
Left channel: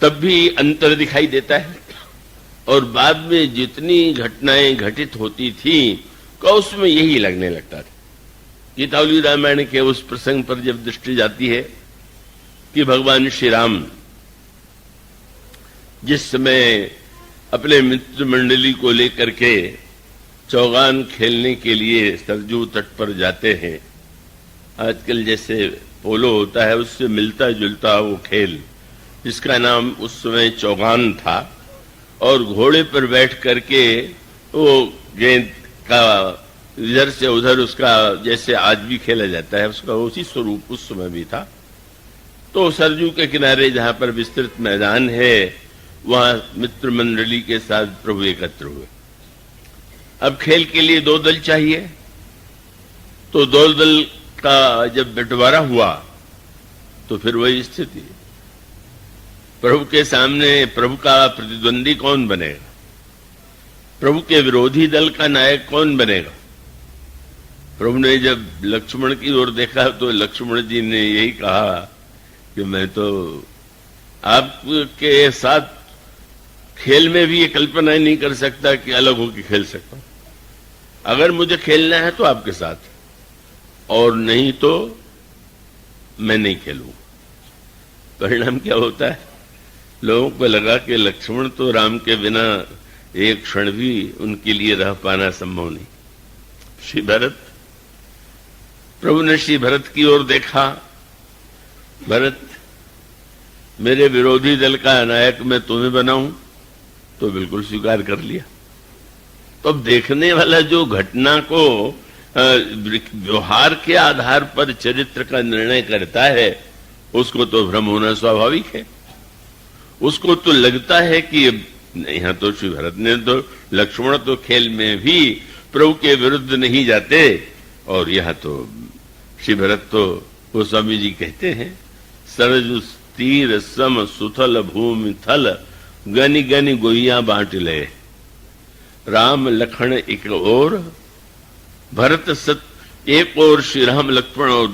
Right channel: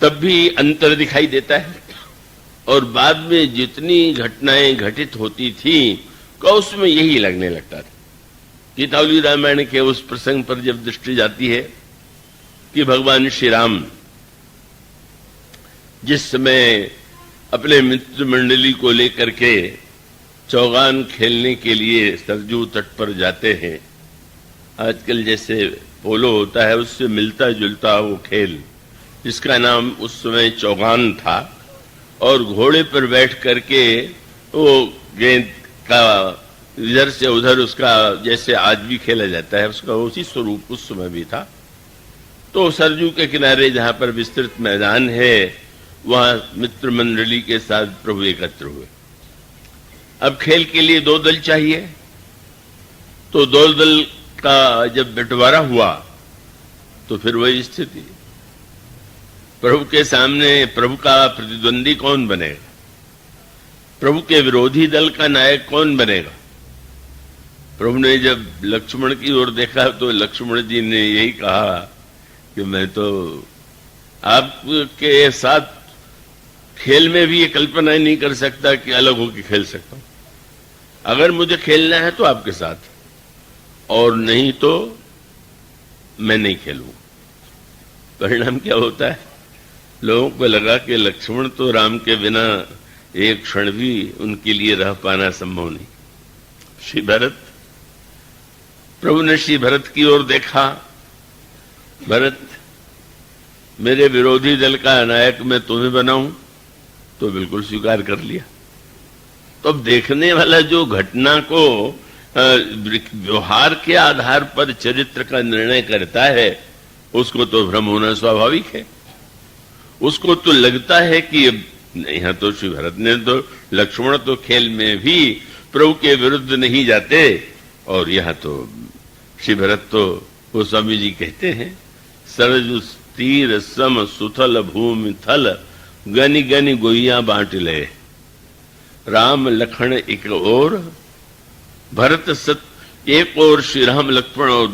तब भी अंतर दिखाई देता है, और बाद में जितनी घटनाएं घटित होती थी का उसमें यही लगने लगता था। गीतावली रामायण के उस प्रसंग पर जब दृष्टि जाती है कि भगवान श्री राम जिस समय अपने मित्र मंडली को लेकर के चौगान खेलने के लिए सरजू तट पर जाते हैं, आजकल जैसे पोलो होता है उससे मिलता जुलता वो खेल जिसका नाम उस समय चौगान था, और घोड़े पर बैठ करके वो गेंद का इधर से उधर उसका जैसे आज भी खेला जाता है उसका उसी स्वरूप उस समय भी था। तो सरजू के किनारे जहां पर विस्तृत मैदान है वहां मित्र मंडली के साथ प्रभु एकत्र हुए। अब खेल के लिए 2 दल चाहिए, तो 2 दल का जब बंटवारा हुआ तो फिर वही स्थिति, प्रभु के सामने प्रभु का प्रतिद्वंदी कौन बनेगा, प्रभु के विरोधी दल का नायक कौन बनेगा। प्रभु ने जब लक्ष्मण की ओर देखा तो लक्ष्मण जी ने यही कहा कि मैं तो आपके साथ खेल में भी ये कल्पना नहीं कर सकता कि अलग होकर खेल सकता हूं। अगर मुझे खेलना है तो आपके साथ, और नहीं तो मैं नहीं खेलूं। परिणाम क्या होता है, लोगों को लगा कि लक्ष्मण तो राम के बिना एक क्षण भी उनके लिए रह पाना संभव नहीं। श्री भरत, प्रभु ने श्री भरत की ओर देखा, भरत मेरे विरोधी दल का नायक मैं तुम्हें बनाऊं, तो बिल्कुल स्वीकार कर लिया। तो अब देखने वाला जो घटना को व्यवहार के आधार पर चरित्र का निर्णय करता है उसको तो भ्रम होना स्वाभाविक है। उसको तो लगता है कि यहाँ तो श्री भरत ने तो, लक्ष्मण तो खेल में भी प्रभु के विरुद्ध नहीं जाते, और यहाँ तो श्री भरत तो गोस्वामी जी कहते हैं सरज तीर सम सुथल भूमि थल गनि गनि गोइया बांट ले, राम लखन एक ओर भरत सत, एक ओर श्री राम लक्ष्मण और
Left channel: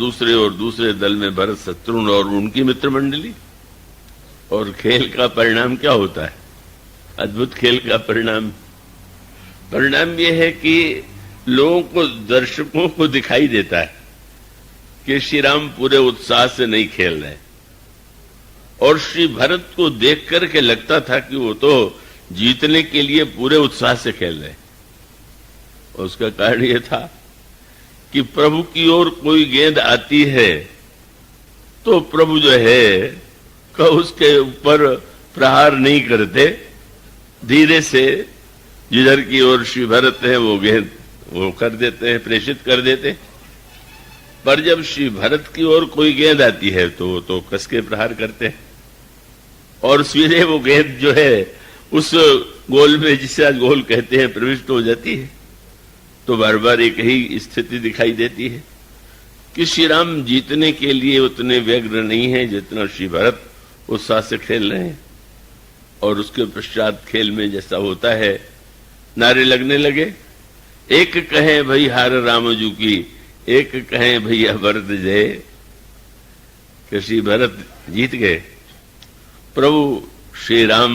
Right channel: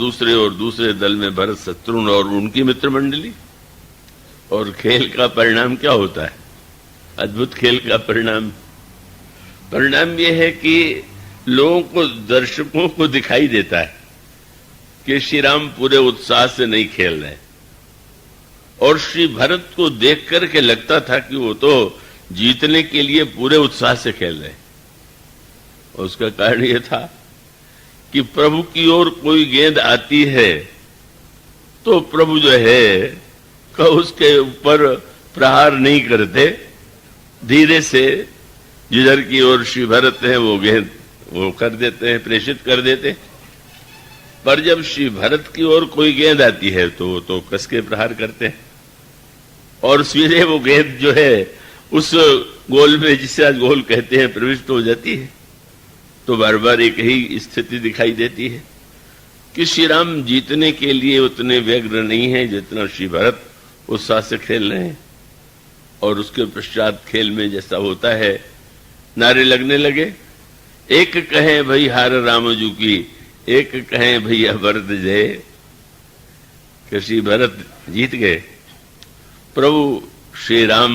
दूसरे दल में भरत शत्रुघ्न और उनकी मित्र मंडली। और खेल का परिणाम क्या होता है, अद्भुत खेल का परिणाम यह है कि लोगों को, दर्शकों को दिखाई देता है कि श्री राम पूरे उत्साह से नहीं खेल रहे, और श्री भरत को देख करके लगता था कि वो तो जीतने के लिए पूरे उत्साह से खेल रहे। उसका कारण यह था कि प्रभु की ओर कोई गेंद आती है तो प्रभु जो है का उसके ऊपर प्रहार नहीं करते, धीरे से जिधर की ओर श्री भरत है वो गेंद वो कर देते हैं, प्रेषित कर देते। पर जब श्री भरत की ओर कोई गेंद आती है तो वो तो कस के प्रहार करते हैं, और सीधे वो गेंद जो है उस गोल में, जिसे गोल कहते हैं, प्रविष्ट हो जाती है। तो बार बार एक ही स्थिति दिखाई देती है कि श्री राम जीतने के लिए उतने व्यग्र नहीं है जितना श्री भरत उत्साह से खेल रहे हैं। और उसके पश्चात खेल में जैसा होता है, नारे लगने लगे, एक कहे भई हार राम जू की, एक कहे भैया भरत जय। कि श्री भरत जीत गए, प्रभु श्री राम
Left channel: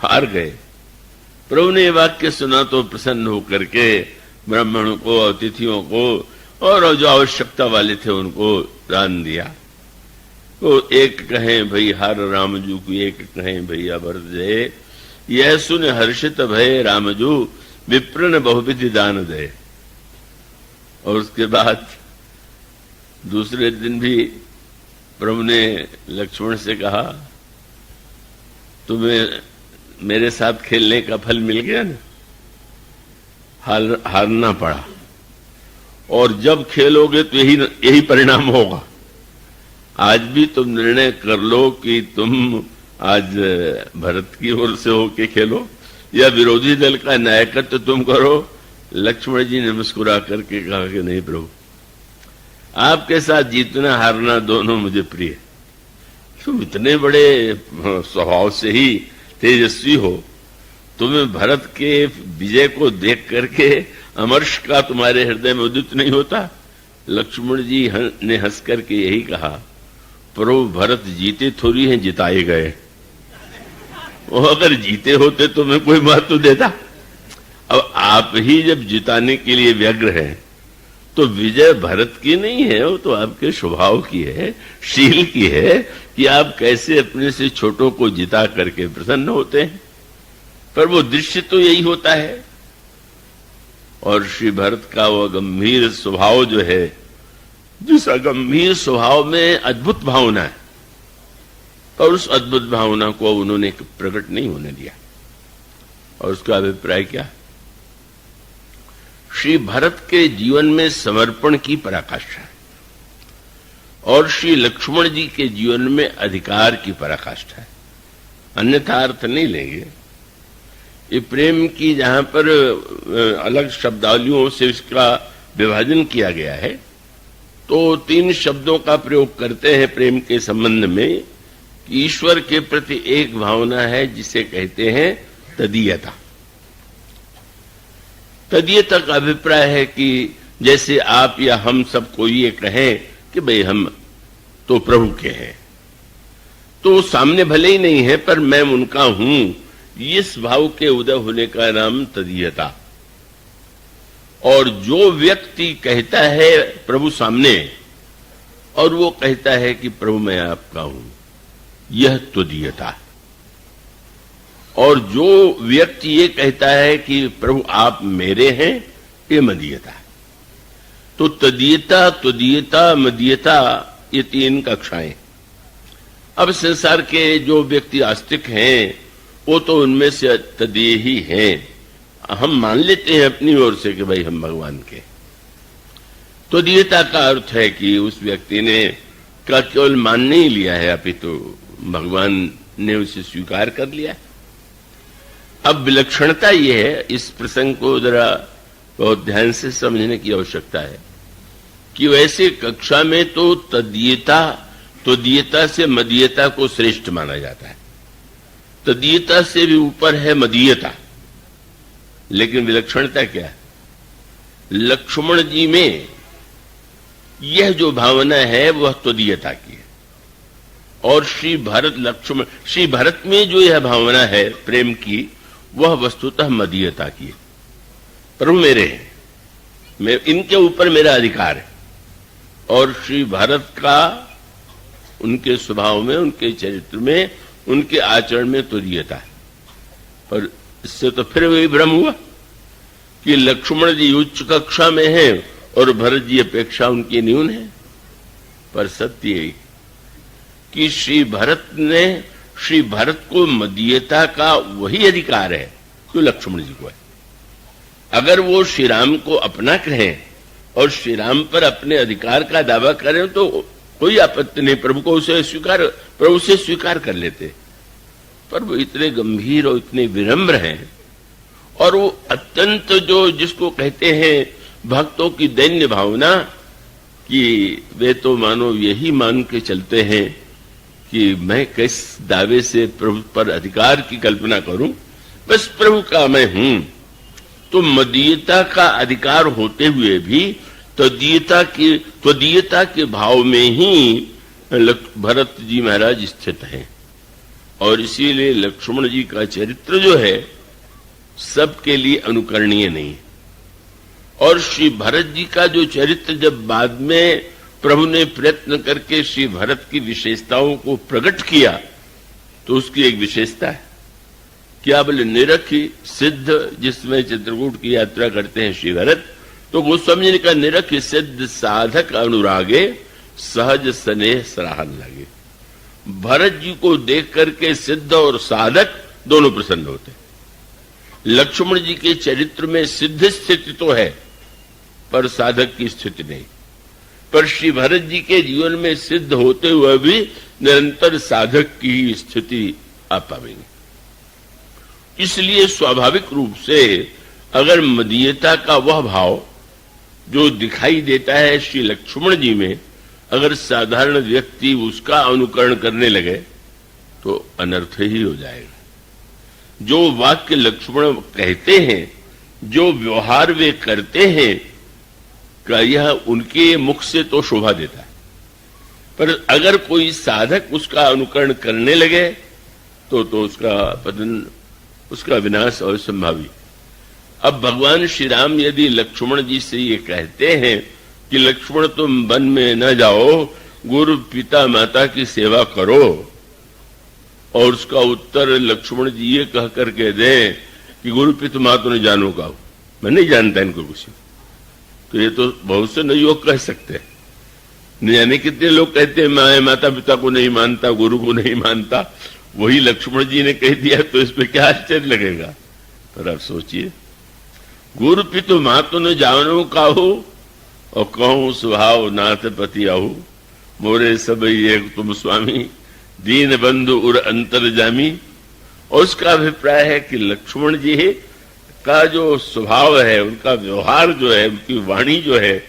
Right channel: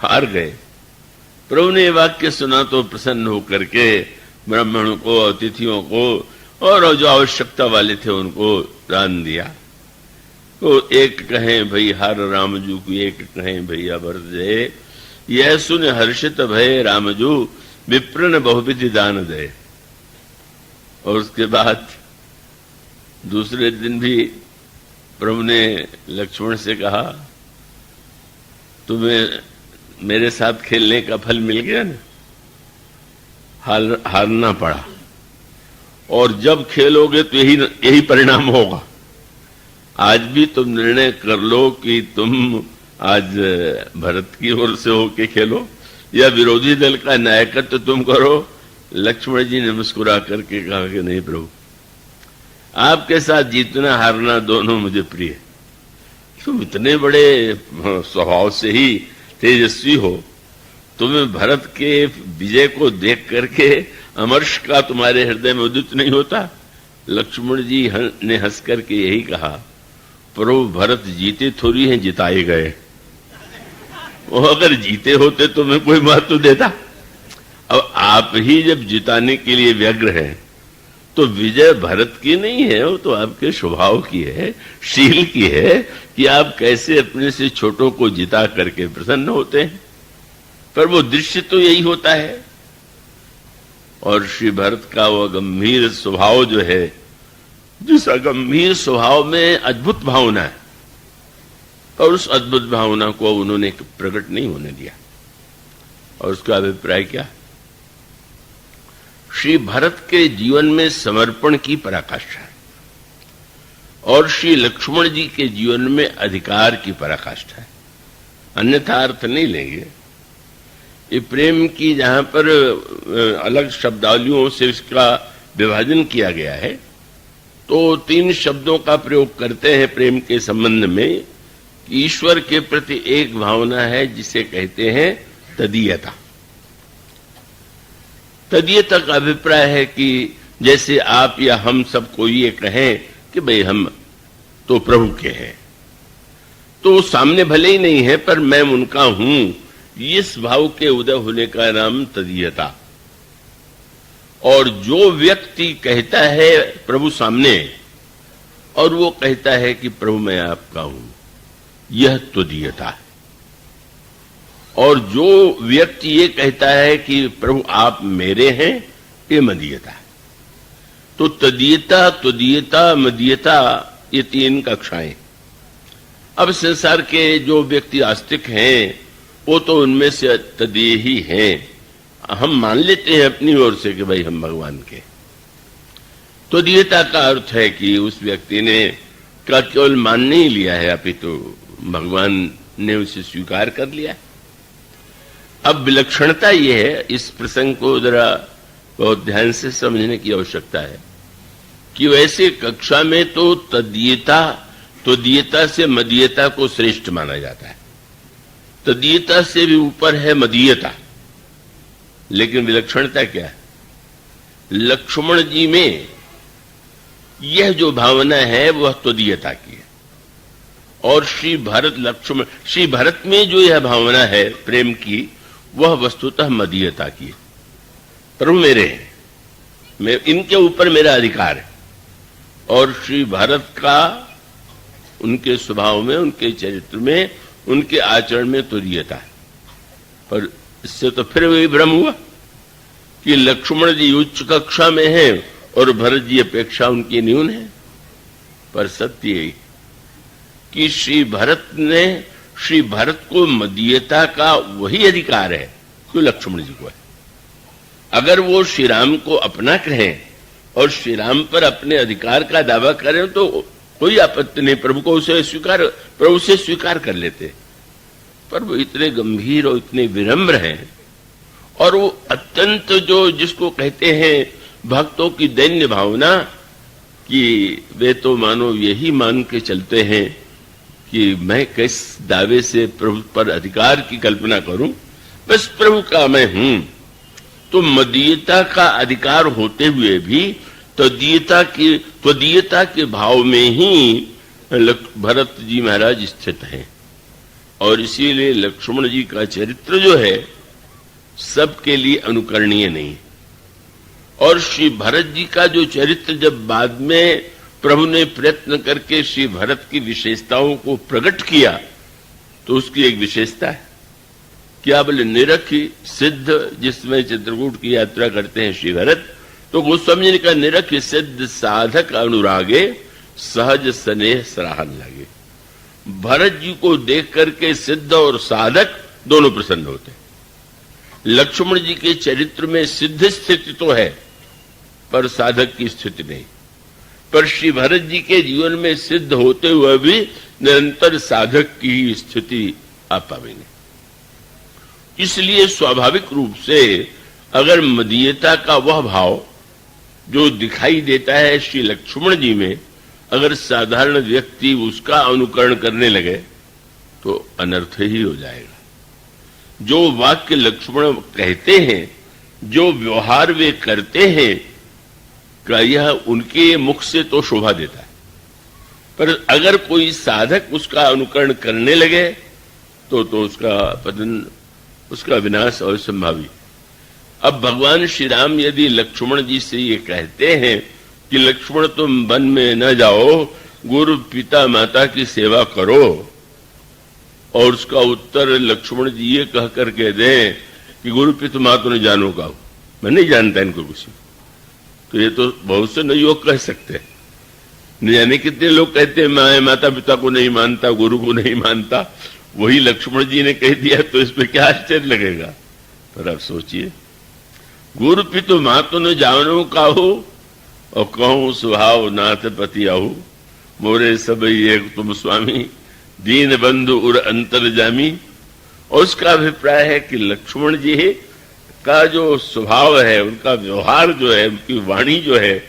हार गए। प्रभु ने वाक्य सुना तो प्रसन्न होकर के ब्राह्मणों को, अतिथियों को और जो आवश्यकता वाले थे उनको दान दिया। तो एक कहें भई हर रामजू की, एक कहें भैया भरत जय, यह सुन हर्षित भय रामजू, विप्रन बहुविधि दान दे। और उसके बाद दूसरे दिन भी प्रभु ने लक्ष्मण से कहा, तुम्हें मेरे साथ खेलने का फल मिल गया ना, हारना पड़ा, और जब खेलोगे तो यही परिणाम होगा। आज भी तुम निर्णय कर लो कि तुम आज भरत की ओर से होके खेलो या विरोधी दल का नायकत्व तुम करो। लक्ष्मण जी ने मुस्कुरा करके कहा कि नहीं प्रभु, आपके साथ जीतना हारना दोनों मुझे प्रिय। तुम इतने बड़े स्वभाव से ही तेजस्वी हो, तुम्हें भरत के विजय को देख करके अमर्ष का तुम्हारे हृदय में उदित नहीं होता। लक्ष्मण जी ने हंस करके यही कहा, प्रभु भरत जीते थोड़ी हैं, जिताए गए। वो अगर जीते होते तो मैं कोई बात तो देता। अब आप ही जब जिताने के लिए व्यग्र हैं तो विजय भरत की नहीं है, वो तो आपके स्वभाव की है, शील की है कि आप कैसे अपने से छोटों को जिता करके प्रसन्न होते हैं। पर वो दृश्य तो यही होता है। और श्री भरत का वह गंभीर स्वभाव जो है, जिस गंभीर स्वभाव में अद्भुत भावना है, और उस अद्भुत भावना को उन्होंने प्रकट नहीं होने दिया। और उसका अभिप्राय क्या? श्री भरत के जीवन में समर्पण की पराकाष्ठा है और श्री लक्ष्मण जी के जीवन में अधिकार की पराकाष्ठा है। अन्यथा अर्थ नहीं लेंगे। ये प्रेम की जहां पर अलग शब्दावलियों से इसका विभाजन किया गया है, तो 3 शब्दों का प्रयोग करते हैं प्रेम के संबंध में। ईश्वर के प्रति एक भावना है जिसे कहते हैं तदीयता। तदीयता का अभिप्राय है कि जैसे आप या हम सबको ये कहें कि भाई हम तो प्रभु के हैं, तो सामने भले ही नहीं है पर मैं उनका हूं, इस भाव के उदय होने का नाम तदीयता। और जो व्यक्ति कहता है प्रभु सामने और वो कहता है कि प्रभु मैं आपका हूं, यह तदीयता है। और जो व्यक्ति ये कहता है कि प्रभु आप मेरे हैं, ये मदीयता है। तो तदीयता, तुदीयता, मदीयता, ये 3 कक्षाएं। अब संसार के जो व्यक्ति आस्तिक हैं वो तो उनमें से तदीय ही हैं। हम मान लेते हैं अपनी ओर से कि भाई हम भगवान के। तदीयता का अर्थ है कि उस व्यक्ति ने का केवल मान नहीं लिया है, अपितु भगवान ने उसे स्वीकार कर लिया है। अब विलक्षणता ये है, इस प्रसंग को जरा बहुत ध्यान से समझने की आवश्यकता है कि वैसे कक्षा में तो तदीयता से मदीयता को श्रेष्ठ माना जाता है। तदीयता से भी ऊपर है मदीयता। लेकिन विलक्षणता क्या है? लक्ष्मण जी में यह जो भावना है वह तदीयता की है, और श्री भरत में जो यह भावना है प्रेम की, वह वस्तुतः मदीयता की है। प्रभु मेरे हैं, मैं इनके ऊपर मेरा अधिकार है। और श्री भरत का उनके स्वभाव में, उनके चरित्र में, उनके आचरण में तुरीयता है। पर इससे तो फिर वही भ्रम हुआ कि लक्ष्मण जी उच्च कक्षा में हैं और भरत जी अपेक्षा उनकी न्यून है। पर सत्य यही कि श्री भरत को मदीयता का वही अधिकार है जो लक्ष्मण जी को है। अगर वो श्री राम को अपना कहें और श्री राम पर अपने अधिकार का दावा करें तो कोई आपत्ति नहीं, प्रभु से स्वीकार कर लेते। पर वो इतने गंभीर और इतने विनम्र हैं, और वो अत्यंत जो जिसको कहते हैं भक्तों की दैन्य भावना, कि वे तो मानो यही मान के चलते हैं कि मैं किस दावे से प्रभु पर अधिकार की कल्पना करूं, बस प्रभु का मैं हूं। तो मदीयता का अधिकार होते हुए भी त्वदीयता के भाव में ही भरत जी महाराज स्थित हैं। और इसीलिए लक्ष्मण जी का चरित्र जो है सबके लिए अनुकरणीय नहीं। और श्री भरत जी का जो चरित्र जब बाद में प्रभु ने प्रयत्न करके श्री भरत की विशेषताओं को प्रकट किया, तो उसकी एक विशेषता है, क्या बोले, निरखी सिद्ध, जिसमें चित्रकूट की यात्रा करते हैं श्री भरत, तो गोस्वामी जी का निरखी सिद्ध साधक अनुरागे सहज स्नेह सराहन लगे। भरत जी को देख करके सिद्ध और साधक दोनों प्रसन्न होते हैं। लक्ष्मण जी के चरित्र में सिद्ध स्थिति तो है, पर साधक की स्थिति नहीं। पर श्री भरत जी के जीवन में सिद्ध होते हुए भी निरंतर साधक की स्थिति आ पाएंगे। इसलिए स्वाभाविक रूप से अगर मदीयता का वह भाव जो दिखाई देता है श्री लक्ष्मण जी में, अगर साधारण व्यक्ति उसका अनुकरण करने लगे तो अनर्थ ही हो जाएगा। जो वाक्य लक्ष्मण कहते हैं, जो व्यवहार वे करते हैं, का यह उनके मुख से तो शोभा देता है, पर अगर कोई साधक उसका अनुकरण करने लगे तो उसका पतन, उसका विनाश अवश्यंभावी। अब भगवान श्री राम यदि लक्ष्मण जी से ये कहते हैं कि लक्ष्मण तुम वन में न जाओ, गुरु पिता माता की सेवा करो, और उसका उत्तर लक्ष्मण जी ये कह करके दें कि गुरु पिता माता ने जानो का, मैं नहीं जानता इनको किसी, तो ये तो बहुत से लोग कह सकते हैं। न जाने कितने लोग कहते हैं मैं माता पिता को नहीं मानता, गुरु को नहीं मानता, वही लक्ष्मण जी ने कह दिया तो इसमें क्या आश्चर्य लगेगा। पर आप सोचिए, गुरु पितु मातु न जानो काहू और कहूं सुहाव नाथ पति आहू, मोरे सब ये तुम स्वामी, दीन बंधु उर अंतर जामी। और उसका अभिप्राय है कि लक्ष्मण जी का जो स्वभाव है, उनका व्यवहार जो है, उनकी वाणी जो है,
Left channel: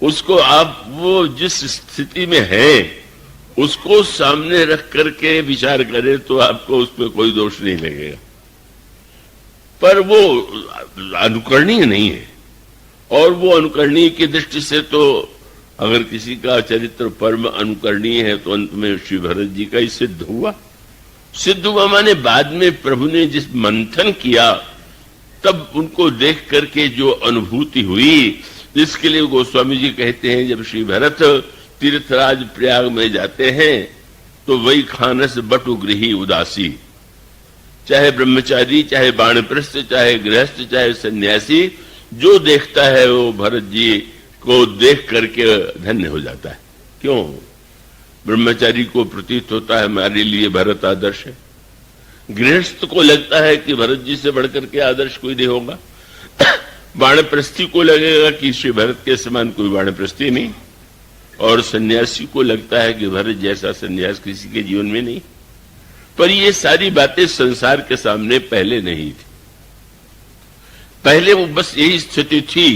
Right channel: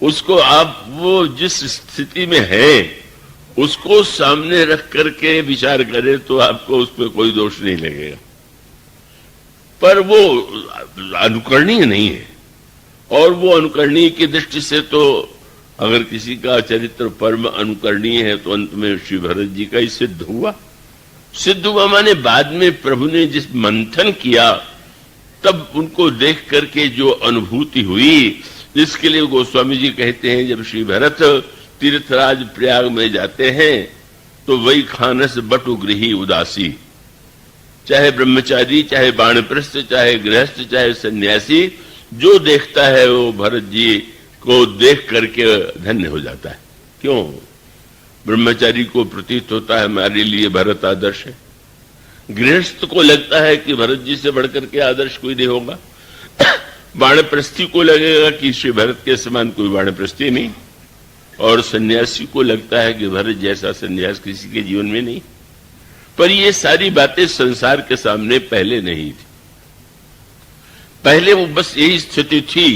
उसको आप वो जिस स्थिति में है उसको सामने रख करके विचार करें तो आपको उसमें कोई दोष नहीं लगेगा। पर वो अनुकरणीय नहीं है, और वो अनुकरणीय की दृष्टि से तो अगर किसी का चरित्र परम अनुकरणीय है तो अंत में श्री भरत जी का ही सिद्ध हुआ। सिद्ध हुआ माने बाद में प्रभु ने जिस मंथन किया तब उनको देख करके जो अनुभूति हुई, जिसके लिए गोस्वामी जी कहते हैं जब श्री भरत तीर्थराज प्रयाग में जाते हैं तो वही खानस बटु गृही उदासी, चाहे ब्रह्मचारी, चाहे बाणप्रस्थ, चाहे गृहस्थ, चाहे सन्यासी, जो देखता है वो भरत जी को देख करके धन्य हो जाता है। क्यों? ब्रह्मचारी को प्रतीत होता है हमारे लिए भरत आदर्श है, गृहस्थ को लगता है कि भरत जी से बढ़कर के आदर्श कोई नहीं होगा, बाणप्रस्थी को लगेगा कि श्री भरत के समान कोई बाणप्रस्थी नहीं, और सन्यासी को लगता है कि भरत जैसा सन्यास किसी के जीवन में नहीं। पर ये सारी बातें संसार के सामने पहले नहीं थी। पहले वो बस यही स्थिति थी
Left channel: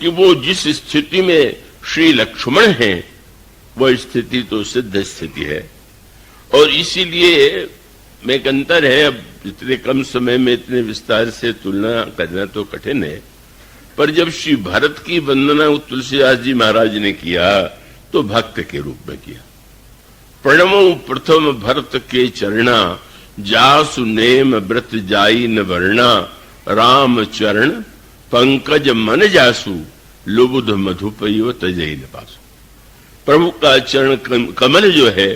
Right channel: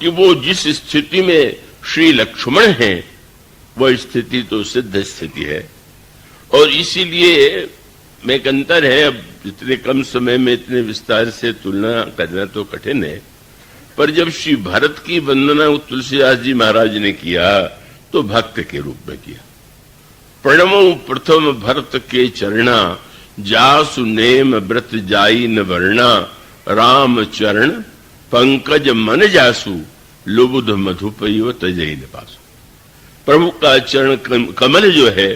कि वो जिस स्थिति में श्री लक्ष्मण हैं वह स्थिति तो सिद्ध स्थिति है, और इसीलिए में एक अंतर है। अब इतने कम समय में इतने विस्तार से तुलना करना तो कठिन है, पर जब श्री भरत की वंदना तुलसीदास जी महाराज ने किया तो भक्त के रूप में किया। प्रणमो प्रथम भरत के चरणा, जासु नेम व्रत जाई न वर्णा, राम चरण पंकज मन जासु, लुबुध मधुपयो तजई न पास। प्रभु का चरण कमल जो है,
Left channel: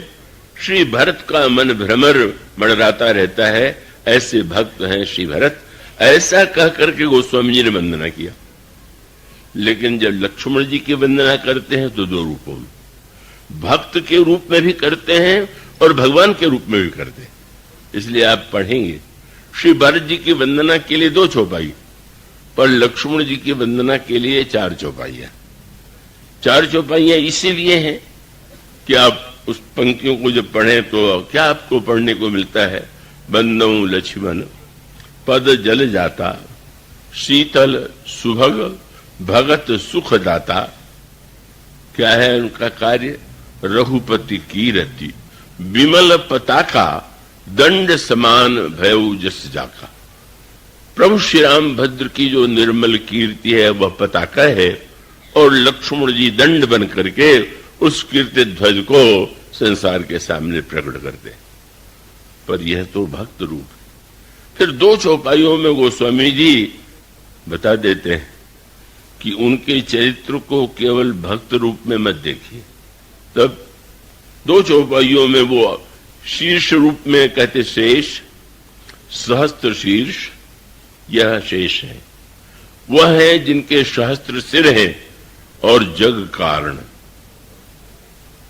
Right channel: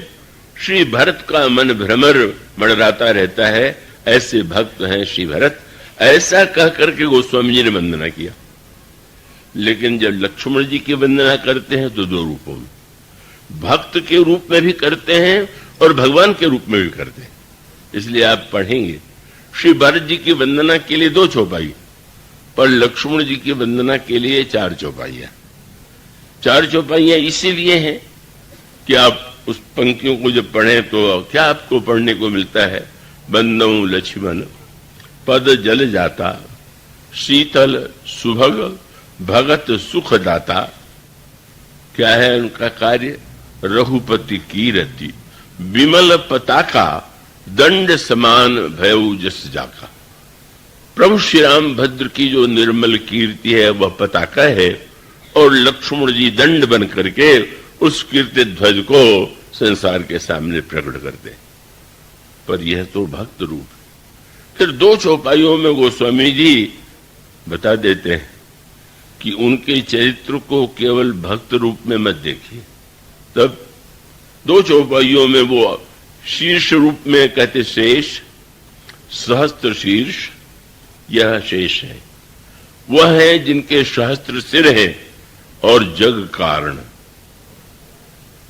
श्री भरत का मन भ्रमर मड़राता रहता है, ऐसे भक्त हैं श्री भरत। ऐसा कह करके गोस्वामी जी ने वंदना किया। लेकिन जब लक्ष्मण जी की वंदना करते हैं तो दो रूपों में, भक्त के रूप में भी करते हैं और भगवान के रूप में भी करते हैं। इसलिए आप पढ़ेंगे श्री भरत जी की वंदना के लिए 2 चौपाई, पर लक्ष्मण जी की वंदना के लिए 4 चौपाइयां। 4 चौपाइयां इसीलिए हैं कि आप उस पंक्तियों को जब पढ़ें तो क्या आपको पढ़ने को मिलता है। बंदौ लक्ष्मण पद जल जाता, शीतल सुभग भगत सुख दाता। क्या है उनका कार्य? रघुपति कीरति विमल पताका, दंड समान भयउ जस जाका। प्रभु श्री राम भद्र की जो निर्मल कीर्ति है वह पताका है, और लक्ष्मण जी दंड बन करके उस कीर्ति ध्वज को संसार के सामने प्रकट करते। पर यह तो भक्त रूप। फिर 2 चौपाइयों में गोस्वामी जी बता देते हैं कि उनके चरित्र को केवल भक्त रूप में मत देखिए। तब दो चौपाइयों में वो शीर्ष रूप में कहते शेष, सहस्त्र शीर्ष, यह शेष है, वह है जिनके सहस्त्र सिर है और जग कारण।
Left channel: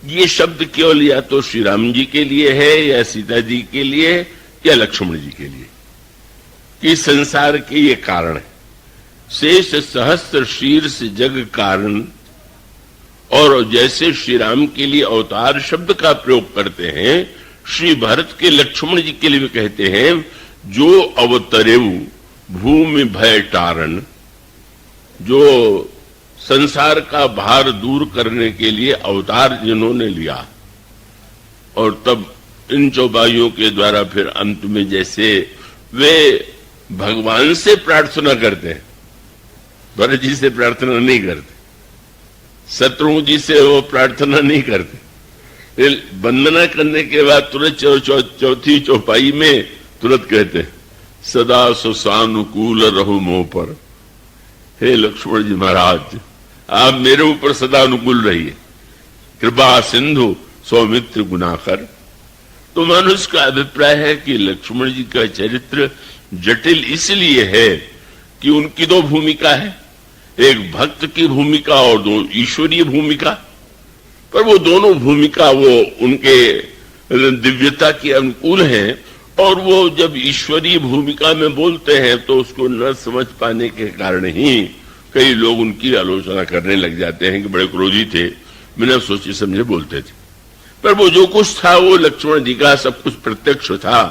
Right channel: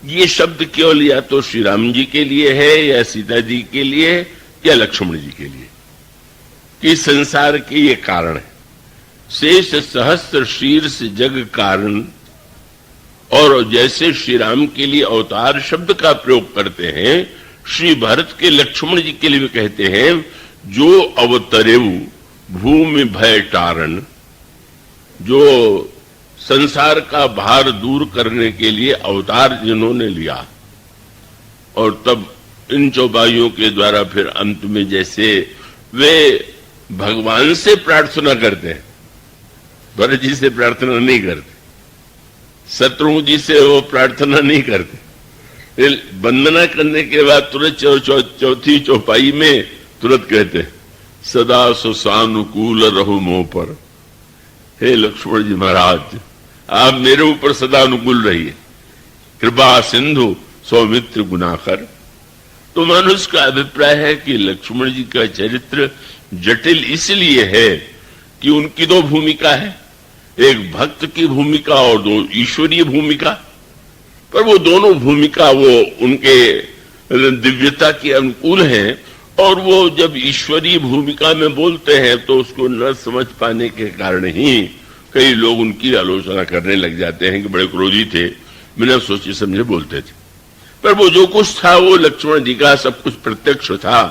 ये शब्द केवल या तो श्री राम जी के लिए है या सीता जी के लिए या लक्ष्मण जी के लिए, कि संसार के ये कारण है। शेष सहस्त्र शीर्ष जग कारण। और जैसे श्री राम के लिए अवतार शब्द का प्रयोग करते हैं, श्री भरत के लक्ष्मण जी के लिए भी कहते हैं, जो अवतरेऊ भूमि भय टारण, जो संसार का भार दूर करने के लिए अवतार जिन्होंने लिया। और तब इन चौपाइयों के द्वारा फिर अंत में जैसे वे भगवान से प्रार्थना करते हैं, भरत जी से प्रार्थना नहीं करते, शत्रुघ्न जी से वो प्रार्थना नहीं करते, वंदना करने के बाद तुरंत चौथी चौपाई में तुरंत कहते सदा सुसानुकूल रहो मोह पर। हे लक्ष्मण जी महाराज, आप मेरे ऊपर सदा अनुकूल रहिए, कृपा सिंधु सौमित्र गुनाकर। तो मनुष्य का अभिप्राय है कि लक्ष्मण जी का चरित्र जटिल इसलिए है कि उनकी दो भूमिका है, एक भक्त की भूमिका और दो ईश्वरीय भूमिका। पर वो दोनों भूमिका वो उनके दिव्यता के अनुकूल हैं, और वो जब ईश्वरीय भूमिका में बोलते हैं तो उसको न समझ पाने के कारण ही कई लोग उनकी आलोचना करने लग जाते हैं कि बड़े क्रोधी थे, बिना सोचे समझे बोलते थे। पर वो जो कुछ था वो लक्ष्मण जी का सब कुछ प्रत्यक्ष था।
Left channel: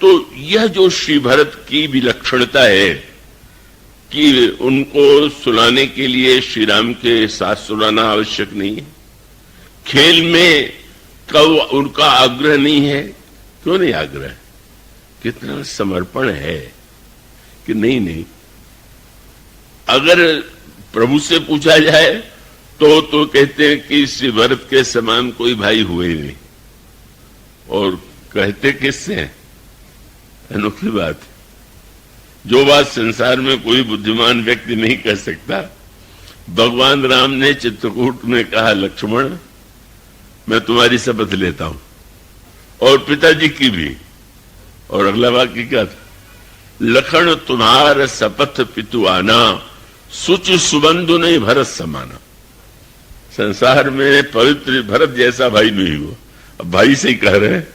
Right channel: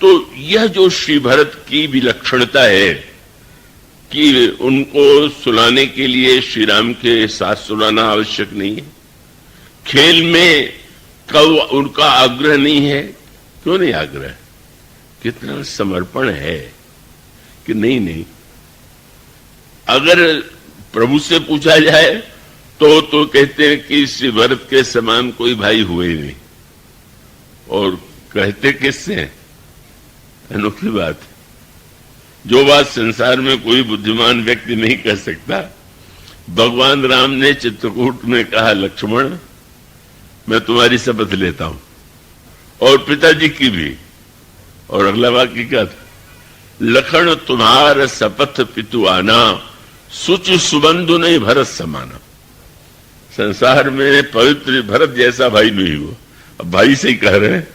तो यह जो श्री भरत की विलक्षणता है कि उनको सुनाने के लिए श्री राम के साथ सुनाना आवश्यक नहीं है, खेल में कब उनका आग्रह नहीं है। क्यों नहीं आग्रह? कितना समर्पण है कि नहीं। अगर प्रभु से पूछा जाए तो कहते हैं कि श्री भरत के समान कोई भाई हुए ही नहीं। और कहते किससे हैं? अनोखी बात, जो बात संसार में कोई बुद्धिमान व्यक्ति नहीं कह सकता, भगवान राम ने चित्रकूट में कहा लक्ष्मण मैं तुम्हारी शपथ लेता हूं, और पिताजी की भी। और अगला वाक्य क्या था? लखन तुम्हार शपथ पितु आना, सुचि सुबंधु नहीं भरत समाना। संसार में पवित्र भरत जैसा भाई नहीं हुआ। अब भाई से ही कह रहे हैं,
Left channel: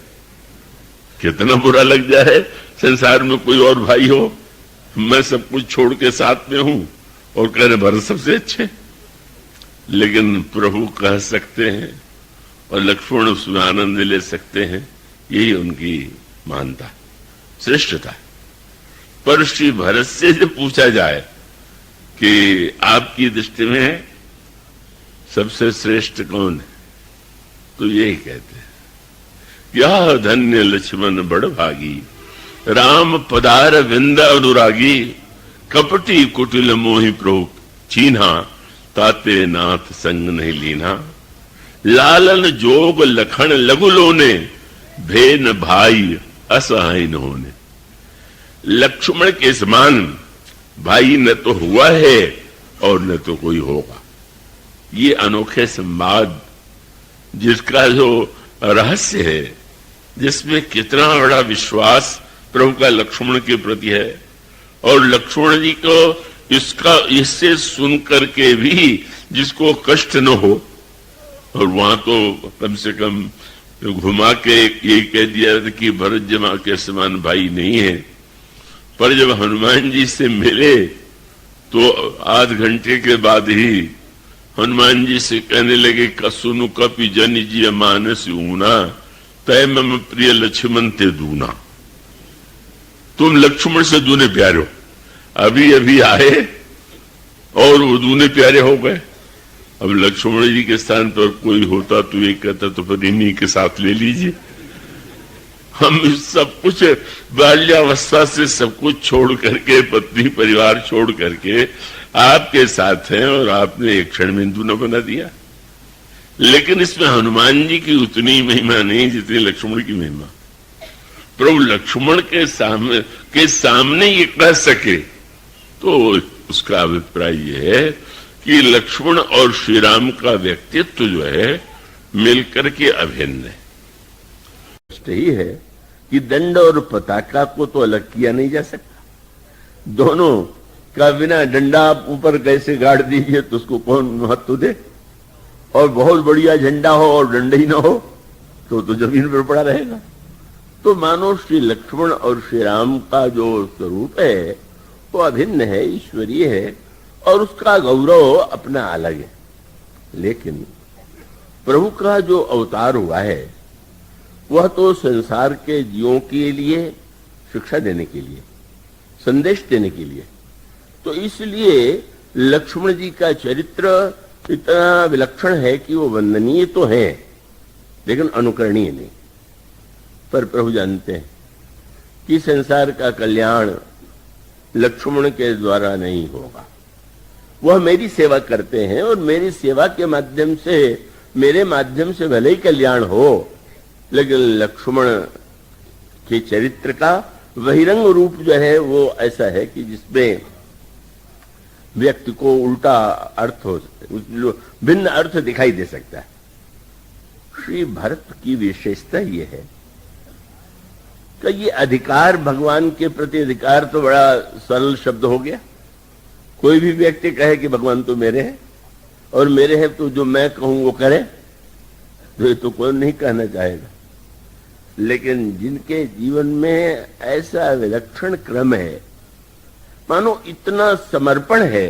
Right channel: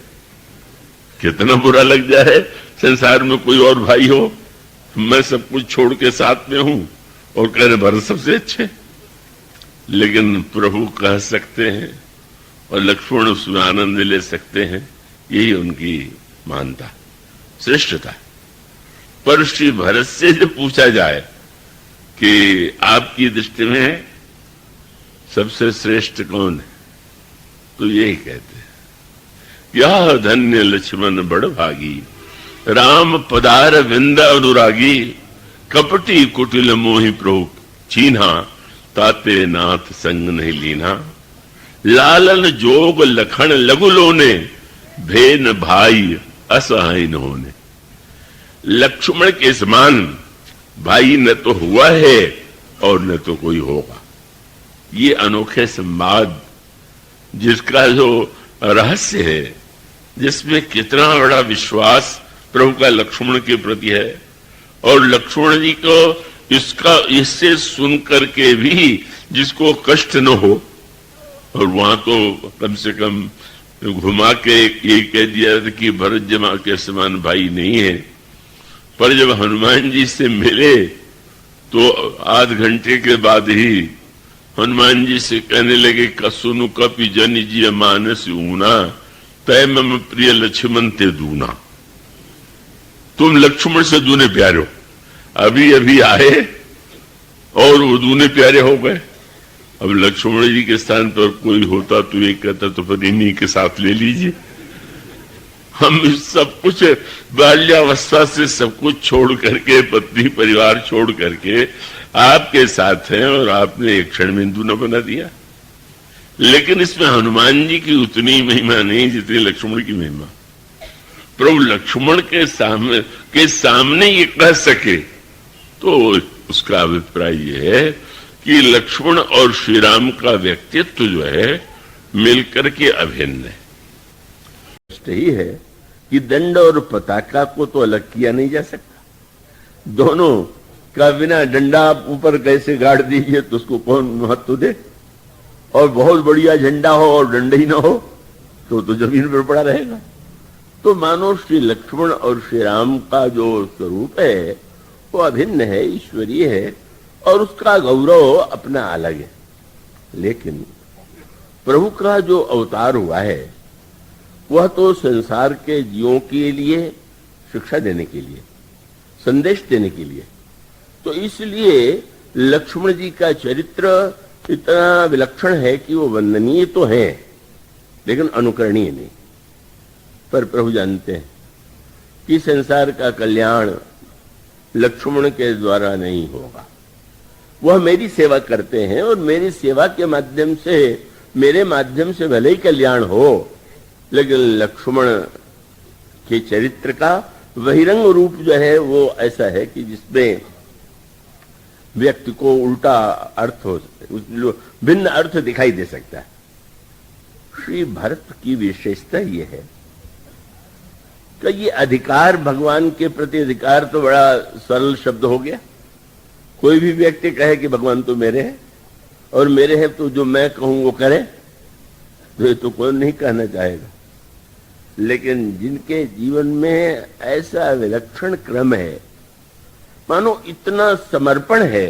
कितना बुरा लग जाए संसार में कोई और भाई हो, मैं सब कुछ छोड़ के साथ में हूं और कह रहे भरत सबसे अच्छे। लेकिन प्रभु कह सकते हैं और लक्ष्मण उसमें आनंद ले सकते हैं, यही उनकी मानता श्रेष्ठता। पर श्री भरत से जब पूछा जाए कि आपकी दृष्टि में सबसे श्रेष्ठ कौन है, तो यही कहते हैं, क्या धन्य लक्ष्मण बड़ भागी, राम पदार विंद अनुरागी, कपटी कुटिल मोहि प्रभु चीन्हा, ताते नाथ संग नहीं लीना, लालन जोग लखन लघु लोने, भेन भाई असहाय न होने। लक्ष्मण के समान भाई न तो हुआ है और न तो कोई होगा। ये अनोखे संवाद जिसका जो रहस्य है, जिसमें कितना बड़ा विश्वास प्रभु का लक्ष्मण के प्रति है, और लक्ष्मण जी को इससे सुन करके भी जिसको कष्ट न हो, और वहां तो कम से कम घुमा के यही कह दिया कि भरत जमा के समान भाई नहीं है। पर जब हनुमान जी से मिले तो आध घंटे के बाद ही हनुमान जी से कहने लगे कसुनु कपि जन जी मानस ऊना, तय मम प्रिय लक्ष्मण ते दूना। तुम लक्ष्मण से दूने प्यारे हो, अभी अभी आए और वो दूने प्यारे हो गए। अब लक्ष्मण जी के स्थान पर कोई होता तो ये कहता तो फिर इन्हीं के साथ ले लीजिए। हम इस सब कुछ बाल्यावस्था से सब कुछ छोड़ करके, पत्नी परिवार छोड़ करके आपके साथ हैं, और आपने एक क्षण में दूना बना दिया। लेकिन इसमें हनुमान जी की उतनी महिमा नहीं जितनी लक्ष्मण की महिमा। प्रभु लक्ष्मण के सामने ये कह सके तो उसका अभिप्राय यह है कि लक्ष्मण और श्री राम का व्यक्तित्व जो है मिलकर के अभिन्न है। यही है कि दंड और पताका को तो अलग किया नहीं जा सकता। दोनों का बिना डंडा आप ऊपर कैसे गाड़ दीजिए तो उसको कौन महत्व दे, और बहुत बढ़िया झंडा हो और डंडे ही ना हो तो जमीन पर पड़ा रहेगा। तो मानो श्री लक्ष्मण और श्री राम का जो स्वरूप है वो अभिन्न है, ईश्वरीय है, और उसका गौरव अपना अलग है। लेकिन प्रभु का जो अवतार हुआ है वह तो संसार के जीवों के लिए शिक्षा देने के लिए, संदेश देने के लिए। तो इसलिए लक्ष्मण जी का चरित्र इतना विलक्षण है कि वो वंदनीय तो है लेकिन अनुकरणीय नहीं। पर प्रभु जानते हैं कि संसार का कल्याण लक्ष्मण के द्वारा नहीं होगा। वह मेरी सेवा करते हैं और मेरी सेवा के माध्यम से, मेरे माध्यम से भले ही कल्याण हो, लेकिन लक्ष्मण के चरित्र का बहिरंग रूप जो है वो ऐसा है कि जिसमें व्यक्ति को उल्टा अर्थ हो, भिन्न अर्थ दिखाई दे सकता है। श्री भरत की विशेषता ये है कि ये अधिकार, भगवान के प्रति अधिकार तो बड़ा सरल शब्द हो गया। कोई भी व्यक्ति कहे कि भगवान तो मेरे हैं और मेरे हैं तो जो मैं कहूं वो करे, तो ये तो कोई नहीं कहना चाहेगा। लेकिन जिनके जीवन में ऐसा विलक्षण क्रम है, मानो इतना समर्पण है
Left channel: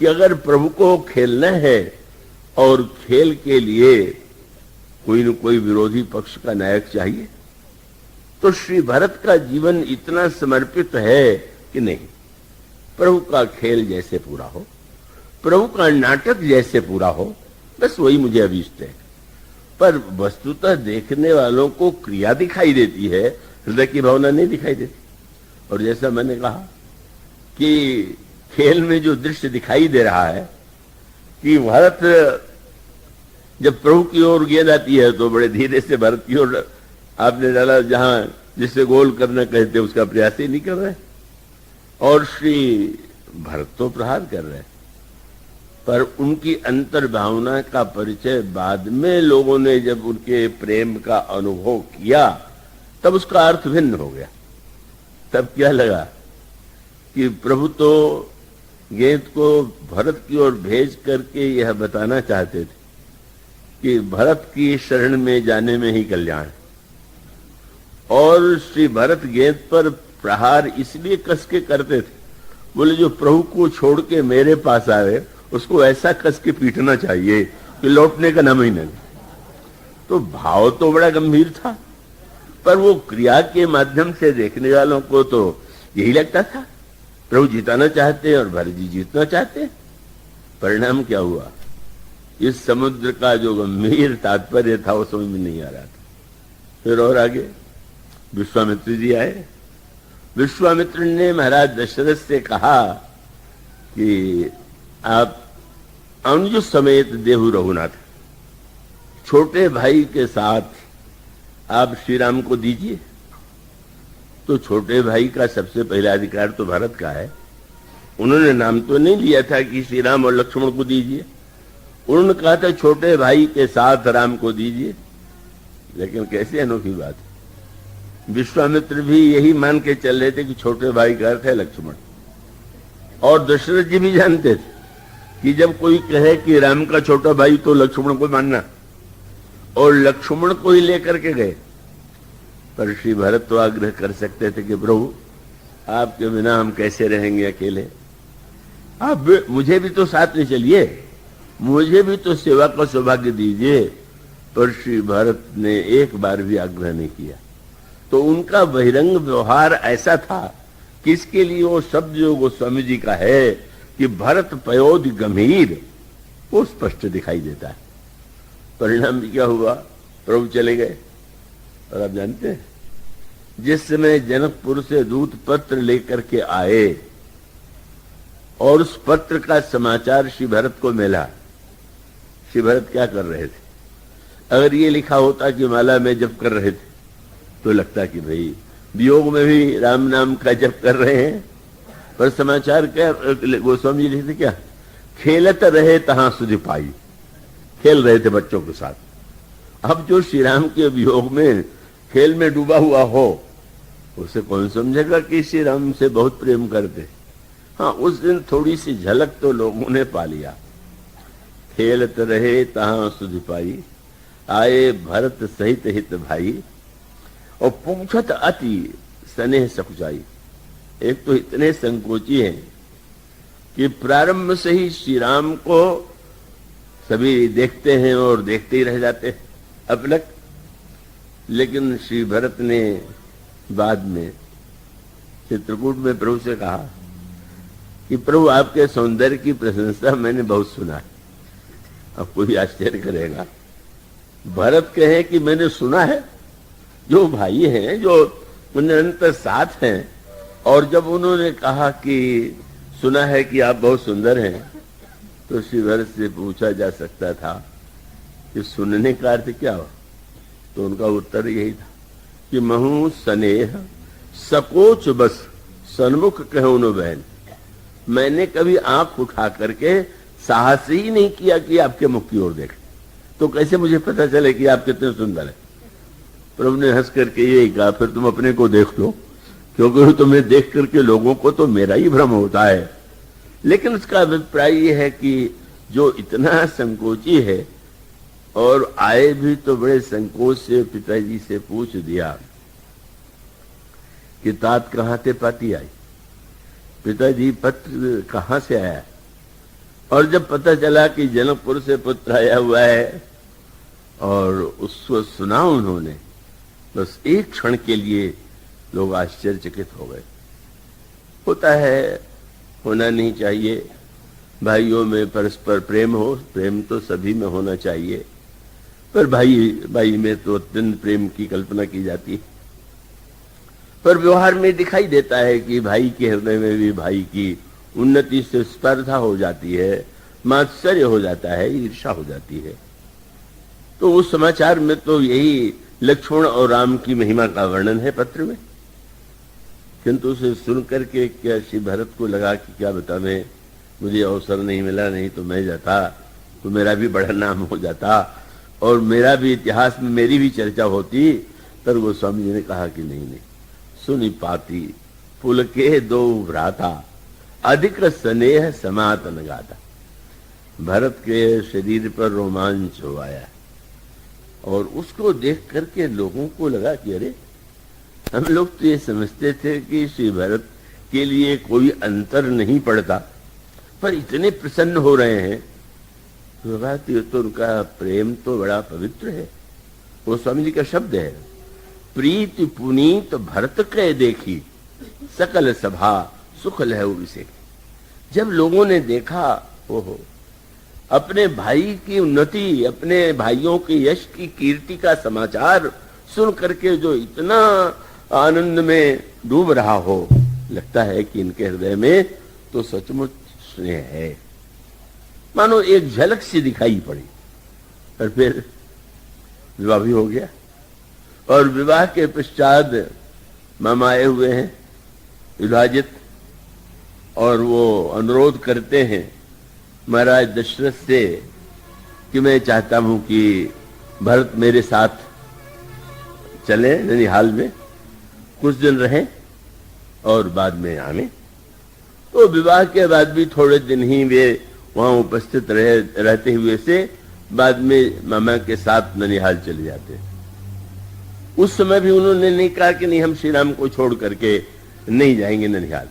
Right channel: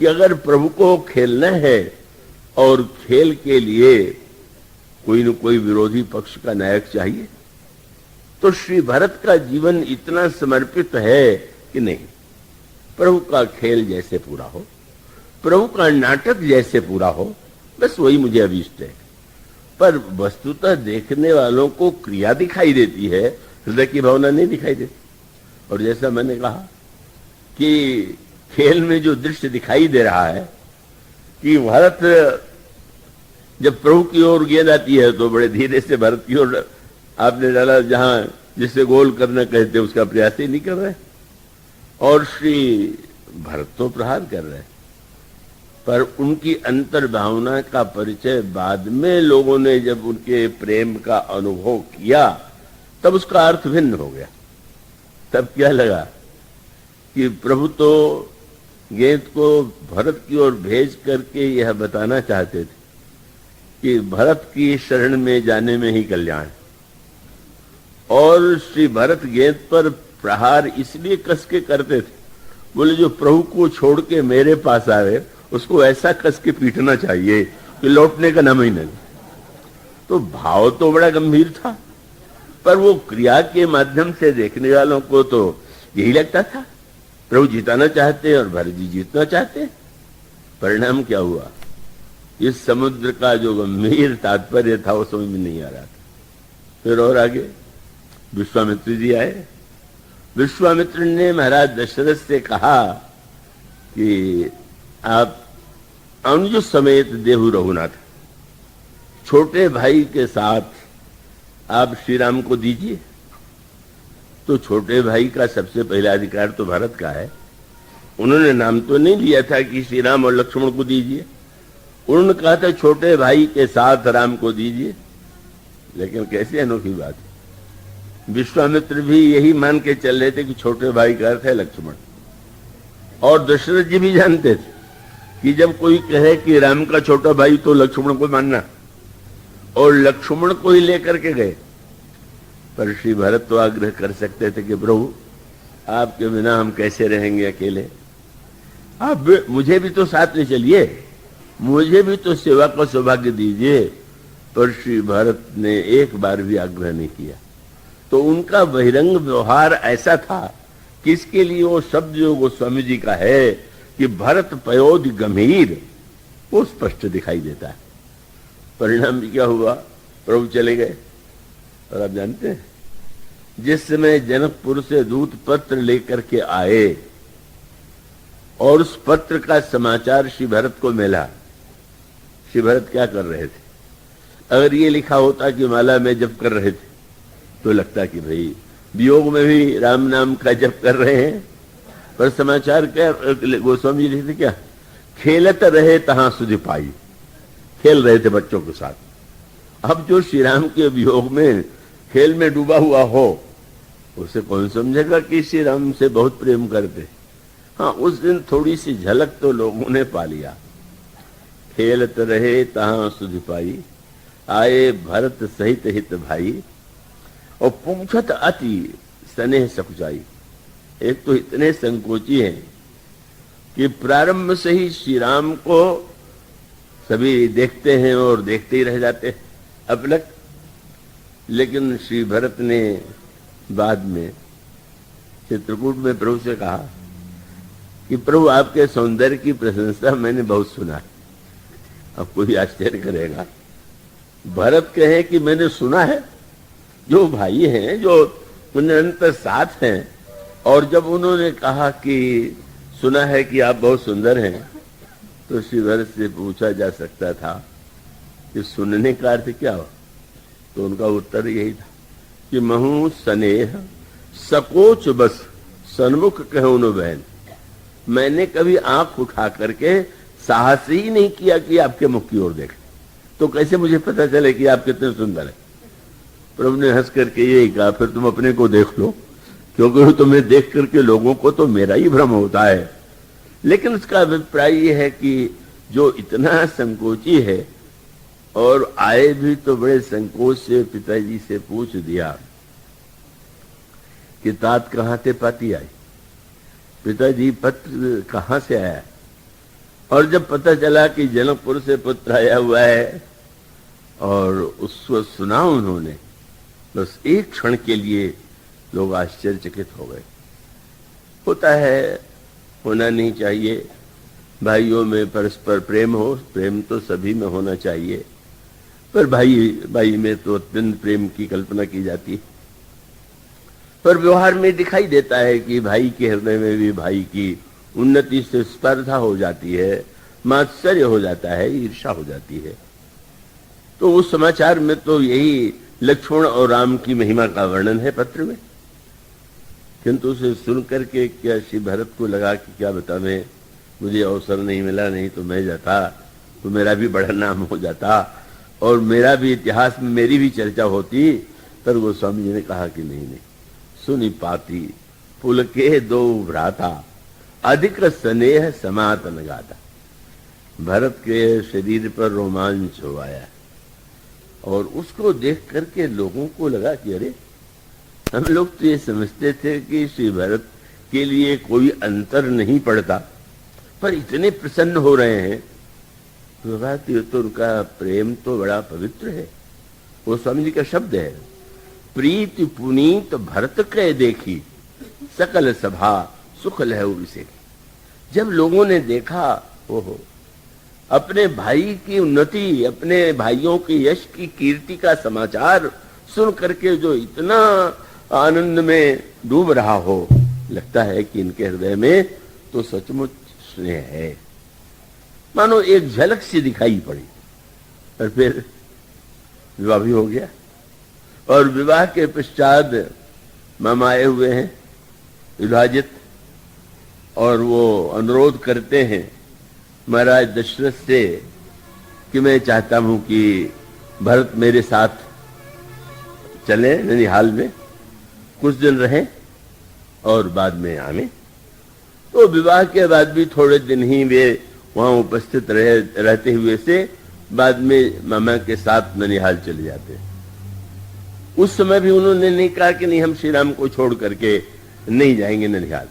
कि अगर प्रभु को खेलना है और खेल के लिए कोई न कोई विरोधी पक्ष का नायक चाहिए, तो श्री भरत का जीवन इतना समर्पित है कि नहीं, प्रभु का खेल जैसे पूरा हो, प्रभु का नाटक जैसे पूरा हो, बस वही मुझे अभीष्ट है। पर वस्तुतः देखने वालों को क्रिया दिखाई देती है, हृदय की भावना नहीं दिखाई देती। और जैसा मैंने कहा कि खेल में जो दृश्य दिखाई दे रहा है कि भरत जब प्रभु की ओर गेंद आती है तो बड़े धीरे से भरत की ओर आपने डाला, जहां जिसे गोल करना कहते हैं उसका प्रयास ही नहीं कर रहे, और श्री भरत तो प्रहार कर रहे। पर उनकी अंतर भावना का परिचय बाद में लोगों ने जब उनके प्रेम का अनुभव किया तब उसका अर्थ भिन्न हो गया। तब क्या लगा कि प्रभु तो गेंद को भरत की ओर भेज करके यह बताना चाहते थे कि भरत की शरण में जाने में ही कल्याण, और श्री भरत गेंद पर प्रहार इसलिए कस के करते थे, बोले जो प्रभु को छोड़ के मेरे पास आए उसको ऐसा कस के पीटना चाहिए कि लौटने का नाम ही नहीं। तो भाव तो बड़ा गंभीर था, पर वो क्रिया के माध्यम से देखने वालों को तो यही लगता था प्रभु जिताना चाहते और भरत जी जीतना चाहते। परिणाम क्या हुआ, इस समुद्र का जो गंभीर तात्पर्य था वो समझ में नहीं आ रहा था। फिर और आगे विश्वामित्र जी आए। विश्वामित्र ने महाराज दशरथ से कहा कि आप अंजु समेत देहु रघुनाथ, छोटे भाई के साथ आप श्री राम को दीजिए। तो छोटे भाई का सबसे पहला अधिकार तो भरत का है। उन्होंने नाम तो नहीं लिया था कि श्री राम और लक्ष्मण को दीजिए, उन्होंने कहा था छोटे भाई के साथ राम को दीजिए। लेकिन कैसे अनोखी बात है, विश्वामित्र भी यही मान के चल रहे थे कि छोटे भाई का अर्थ है लक्ष्मण, और दशरथ जी भी जानते थे कि जब कोई कहे कि राम का छोटा भाई तो लक्ष्मण को मानना, और लक्ष्मण को ही लेकर के गए। पर श्री भरत तो आग्रह कर सकते थे कि प्रभु आपके बिना हम कैसे रहेंगे अकेले, आप मुझे भी तो साथ में चलिए, मुझे भी तो सेवा का सौभाग्य दीजिए। पर श्री भरत ने एक बार भी आग्रह नहीं किया। तो उनका बहिरंग व्यवहार ऐसा था कि इसके लिए वो शब्द जो गोस्वामी जी का है कि भरत पयोध गंभीर, वो स्पष्ट दिखाई देता है। परिणाम क्या हुआ, प्रभु चले गए। और आप जानते हैं जिस समय जनकपुर से दूत पत्र लेकर के आए और उस पत्र का समाचार श्री भरत को मिला, श्री भरत क्या कर रहे थे? अगर ये लिखा होता कि माला में जप कर रहे थे तो लगता कि भाई वियोग में भी राम नाम का जप कर रहे हैं, पर समाचार क्या, गोस्वामी जी लिखते क्या, खेलत रहे तहां सुधि पाई, खेल रहे थे बच्चों के साथ। अब जो श्री राम के वियोग में खेल में डूबा हुआ हो, उसे कौन समझेगा कि श्री राम से बहुत प्रेम करते। हाँ, उस दिन थोड़ी सी झलक तो लोगों ने पा लिया। खेलत रहे तहां सुधि पाई, आए भरत सहित हित भाई, और पूछत अति स्नेह सकुचाई। एक तो इतने संकोची है कि प्रारंभ से ही श्री राम को सभी देखते हैं और देखते ही रह जाते हैं अपलक। लेकिन श्री भरत ने बाद में चित्रकूट में प्रभु से कहा कि प्रभु आपके सौंदर्य की प्रशंसा मैंने बहुत सुना। अब कोई आश्चर्य करेगा, भरत कहे कि मैंने सुना है। जो भाई हैं, जो पुण्यंतर साथ हैं, और जब उन्होंने कहा कि सुना है कि आप बहुत सुंदर हैं, तो श्री भरत से पूछा जा सकता था कि सुनने का अर्थ क्या हो। तो उनका उत्तर यही था कि महू स्नेह सकोच बस सन्मुख कहूं न बहन। मैंने कभी आंख उठा करके साहस ही नहीं किया कि आपके मुख की ओर देखें, तो कैसे मुझे पता चले कि आप कितने सुंदर हैं। प्रभु ने हंस करके यही कहा, फिर तुम अपने को देख लो, क्योंकि तुम्हें देख करके लोगों को तो मेरा ही भ्रम होता है। लेकिन उसका अभिप्राय यह है कि जो इतना संकोची है, और आए भी तो बड़े संकोच से पिताजी से पूछ दिया कि तात कहां से पाती आई, पिताजी पत्र कहां से आया। और जब पता चला कि जनकपुर से पत्र आया हुआ है और उसको सुना उन्होंने, बस एक क्षण के लिए लोग आश्चर्यचकित हो गए। होता है, होना नहीं चाहिए, भाइयों में परस्पर प्रेम हो, प्रेम तो सभी में होना चाहिए, पर भाई में तो अत्यंत प्रेम की कल्पना की जाती है। पर व्यवहार में दिखाई देता है कि भाई के हृदय में भी भाई की उन्नति से स्पर्धा हो जाती है, मात्सर्य हो जाता है, ईर्ष्या हो जाती है। तो उस समाचार में तो यही लक्ष्मण और राम की महिमा का वर्णन है पत्र में। किंतु उसे सुन करके क्या श्री भरत को लगा कि क्या बताने, मुझे अवसर नहीं मिला, नहीं तो मैं जाता तो मेरा भी बड़ा नाम हो जाता और मेरा भी इतिहास में मेरी भी चर्चा होती। पर वो स्वामी जी ने कहा कि नहीं, सुनि पाती पुलके दो भ्राता, अधिक स्नेह समातन गाता। भरत के शरीर पर रोमांच हो आया और उसको देख करके लोगों को लगा कि अरे, हम लोग तो ये समझते थे कि श्री भरत के लिए कोई अंतर नहीं पड़ता, पर इतने प्रसन्न हो रहे हैं। तो बात ये तो उनका प्रेम तो बड़ा पवित्र है। वो स्वामी जी का शब्द है, प्रीति पुनीत भरत के देखी, सकल सभा सुख लहु इसे। जब लोगों ने देखा, ओहो, अपने भाई की उन्नति, अपने भाइयों के यश की कीर्ति का समाचार सुन करके जो इतना आनंद में डूब रहा हो, लगता है कि इनके हृदय में तो सचमुच स्नेह है। मानो एक झलक से दिखाई पड़ी। और फिर विवाह भी हो गया, और विवाह के पश्चात मामा आए हुए हैं विभाजित, और वो अनुरोध करते हैं महाराज दशरथ से कि मैं चाहता हूं कि भरत मेरे साथ चले ननिहाल में, कुछ दिन रहे और बाद में आने। तो विवाह के बाद भी थोड़े दिन ही वे वहां उपस्थित रहते हुए से बाद में मामा के साथ ननिहाल चले जाते हैं। उस समय भी उन्होंने नहीं कहा कि नहीं, हम श्री राम को छोड़ करके नहीं जाएंगे ननिहाल।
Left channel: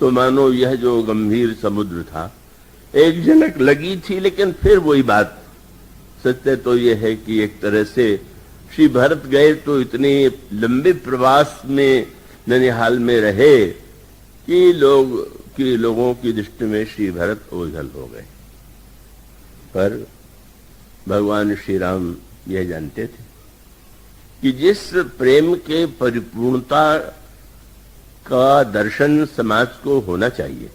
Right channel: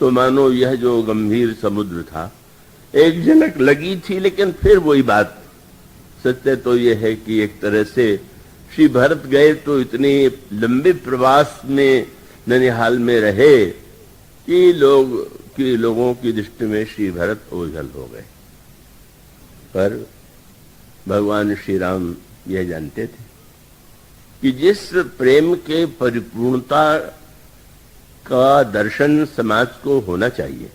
तो मानो यह जो गंभीर समुद्र था, एक झलक लगी थी, लेकिन फिर वही बात। सत्य तो यह है कि एक तरह से श्री भरत गए तो इतने लंबे प्रवास में ननिहाल में रहे कि लोगों की दृष्टि में श्री भरत ओझल हो गए। पर भगवान श्री राम यह जानते थे कि जिस प्रेम के परिपूर्णता का दर्शन समाज को होना चाहिए,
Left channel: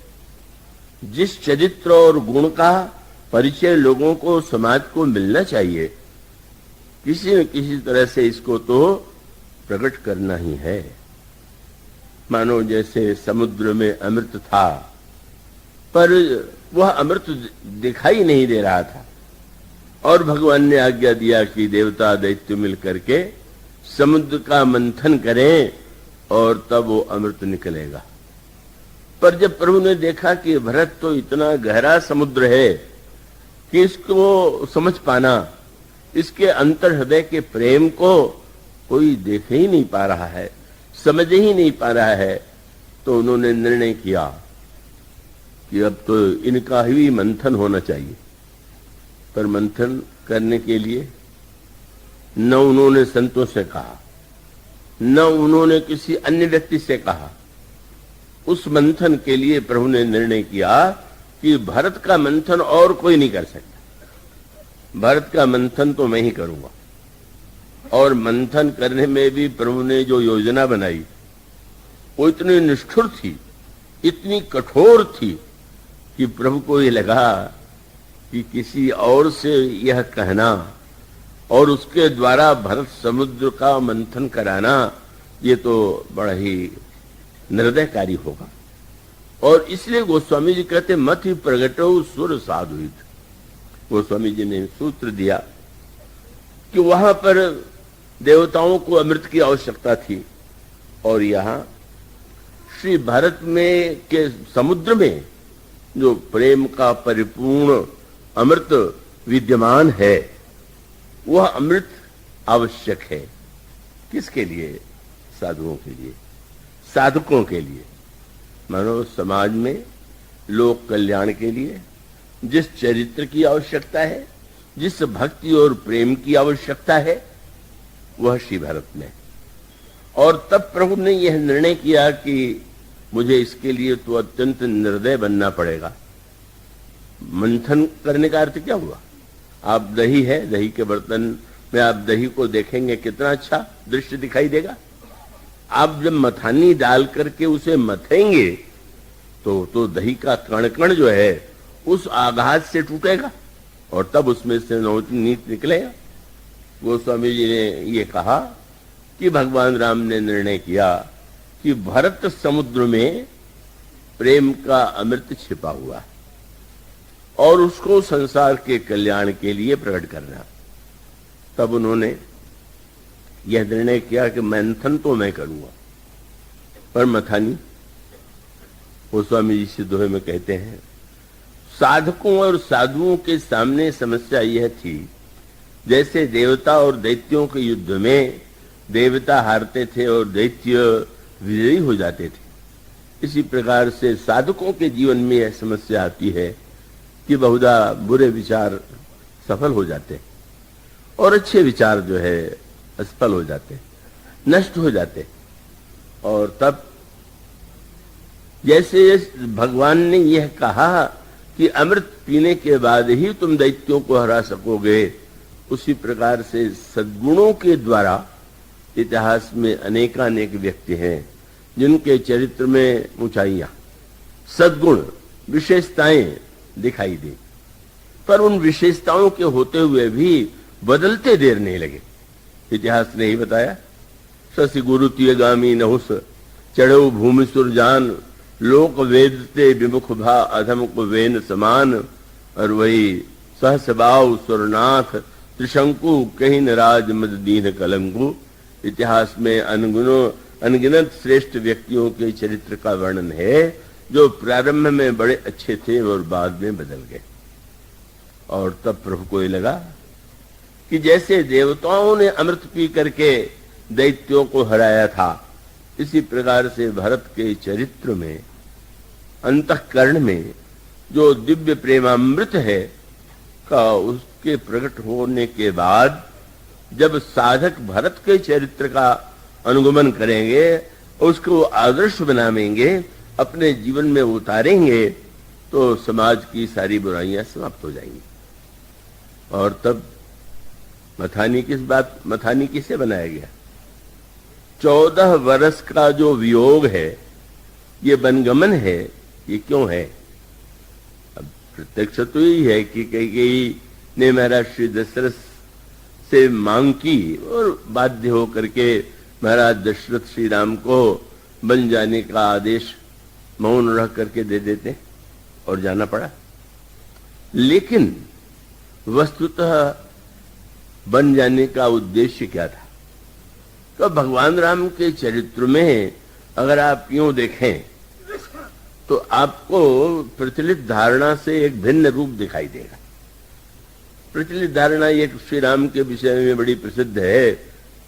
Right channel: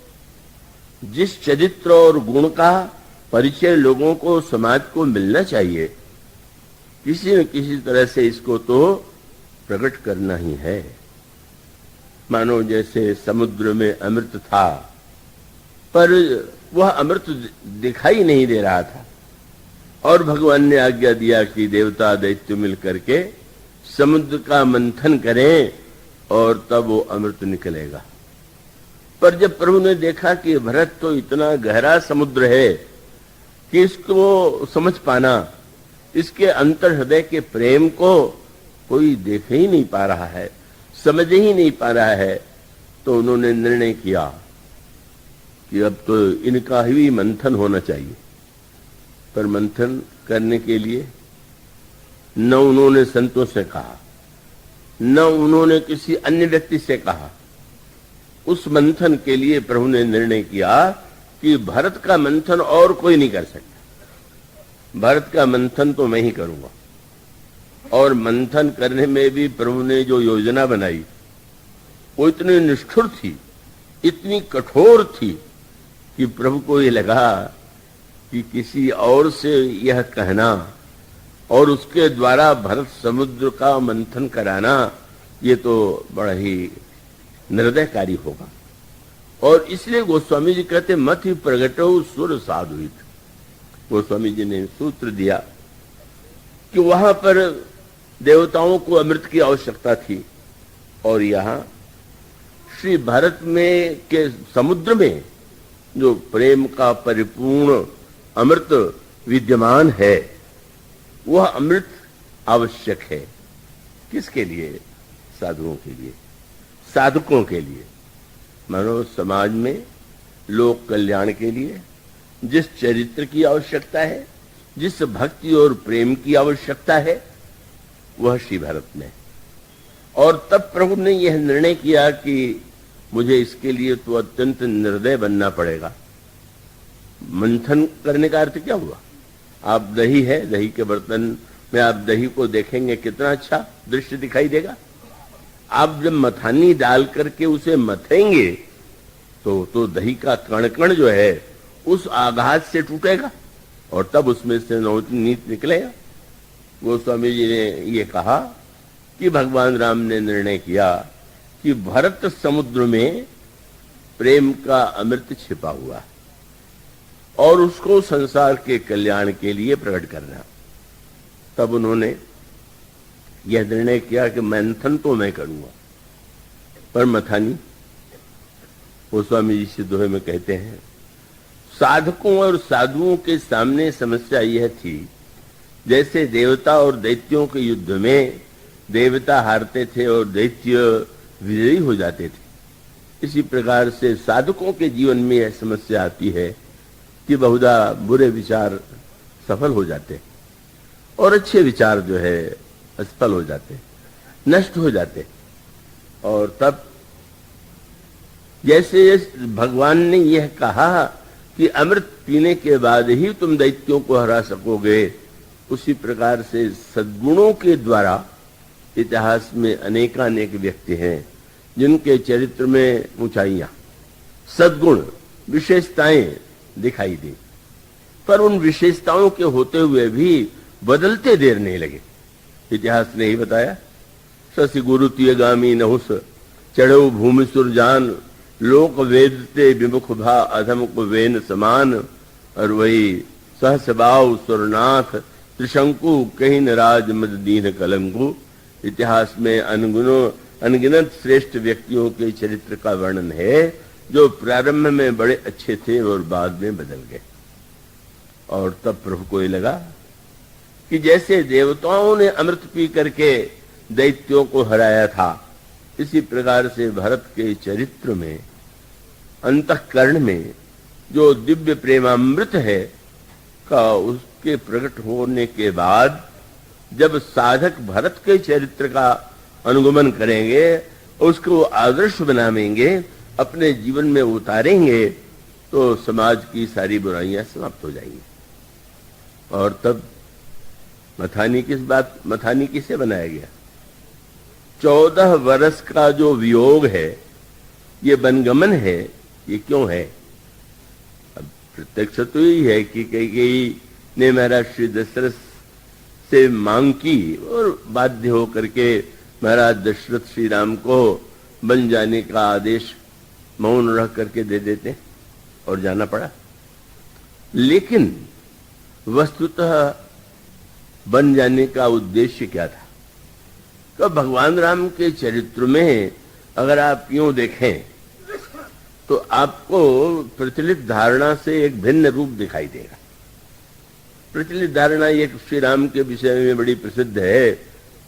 जिस चरित्र और गुण का परिचय लोगों को समाज को मिलना चाहिए, किसी न किसी तरह से इसको तो प्रकट करना ही है। मानो जैसे समुद्र में अमृत था, पर वह अमृत दिखाई नहीं दे रहा था। और भगवान ने आज्ञा दिया कि देवता दैत्य मिल करके समुद्र का मंथन करें और तब वो अमृत निकलेगा। पर जब प्रभु ने देखा कि भरत तो इतना गहरा समुद्र है कि इसको समझ पाना, इसके अंतर हृदय के प्रेम को कोई देख ही नहीं पा रहा है, समझ ही नहीं पा रहा है, तो उन्होंने निर्णय किया कि अब तो इनका ही मंथन होना चाहिए। पर मंथन करने के लिए न उन्होंने संतों से कहा, न उन्होंने किसी अन्य व्यक्ति से कहा। उस मंथन के लिए प्रभु ने निर्णय किया कि भरत का मंथन और कोई नहीं कर सकता, भरत का मंथन तो मैं ही करूंगा। और मंथन करने में भी प्रभु ने जो योजना बनाई वो इतनी निष्ठुर थी, इतनी कठोर थी कि प्रभु को ये लगा कि किसी और से यह कहना और उसके द्वारा भरत समुद्र का मंथन कराना ये तो बड़ा ही निर्दयकारी होगा। और इसलिए गोस्वामी जी कहते मत ही प्रगटो सुर साधुत। गोस्वामी जी ने सूत्र दिया कि वहां पर देवताओं को अमृत की आवश्यकता थी और यहाँ श्री भारत में के समुद्र में जो प्रेम का परिपूर्ण अमृत विद्यमान है, वह अमृत आवश्यक है। किसके लिए? साधुओं के लिए, साधुकों के लिए, मानव समाज में लोक कल्याण के लिए जिस चरित्र की आवश्यकता है, जिस भक्ति और प्रेम की आवश्यकता है, वह श्री भारत में। और तब प्रभु ने यह निर्णय किया कि मुझे इसके लिए तो अत्यंत निर्दय बनना पड़ेगा। मंथन करने का अर्थ क्या हुआ? आप दही है, दही के बर्तन में आप दही को देखेंगे कितना अच्छा दृश्य दिखाई देगा। आप जब मथानी डाल करके उसे मथेंगे तो दही का कण कण जो है उस आघात से टूटेगा और तब उसमें से नवनीत निकलेगा। गोस्वामी जी ने ये कहा कि भगवान राम ने निर्णय किया कि भरत समुद्र में प्रेम का अमृत छिपा हुआ और उसको संसार के कल्याण के लिए प्रकट करना। तब उन्होंने यह निर्णय किया कि मंथन तो मैं करूंगा, पर मथानी। गोस्वामी जी से दोहे में कहते हैं, साधकों और साधुओं के सामने समस्या यह थी जैसे देवता और दैत्यों के युद्ध में देवता हारते थे और दैत्य विजयी हो जाते थे। इसी प्रकार से साधकों के जीवन में यह समस्या आती है कि बहुधा बुरे विचार सफल हो जाते और अच्छे विचार जो है असफल हो जाते, नष्ट हो जाते। और तब जैसे भगवान ने यह कहा कि अमृत पीने के बाद ही तुम दैत्यों को हरा सकोगे, उसी प्रकार से सद्गुणों के द्वारा इतिहास में अनेकानेक व्यक्ति हैं जिनके चरित्र में ऊंचाइयां, सद्गुण, विशेषताएं दिखाई दी, पर उन विशेषताओं के होते हुए भी बदलते देर नहीं लगे। इतिहास ने ही बताया, शशि गुरु तियगामी नहुस चढ़ो भूमि सुरजान, लोक वेदते विमुख भा अधम को वेन समान। और वही सहसबाव सुरनाथ त्रिशंकु कहीं राज मद दीन कलंकु। इतिहास में अनगिनत श्रेष्ठ व्यक्तियों के चरित्र का वर्णन है जो प्रारंभ में बड़े अच्छे थे और बाद में बदल गए। और तब प्रभु को ये लगा कि जैसे देवताओं ने अमृत पी करके दैत्यों को हराया था, इसी प्रकार से भरत के चरित्र में, अंतःकरण में जो दिव्य प्रेमामृत है का उसके प्रकट होने के बाद जब साधक भरत के चरित्र का अनुगमन करेंगे, उसको आदर्श बनाएंगे, अपने जीवन में उतारेंगे, तो समाज की सारी बुराइयां समाप्त हो जाएंगी। और तब मथानी किसे बनाया गया? 14 वर्ष का जो वियोग है, ये वनगमन है, ये क्यों है? अब प्रत्यक्ष तो यही है कि कई ने महाराज श्री दशरथ से मांग की और बाध्य होकर के महाराज दशरथ श्री राम को बन जाने का आदेश मौन रह करके दे देते और जाना पड़ा। लेकिन वस्तुतः बन जाने का उद्देश्य क्या था? तो भगवान राम के चरित्र में अगर आप यूं देखें तो आपको प्रचलित धारणा से एक भिन्न रूप दिखाई देगा। प्रचलित धारणा ये श्री राम के विषय में बड़ी प्रसिद्ध है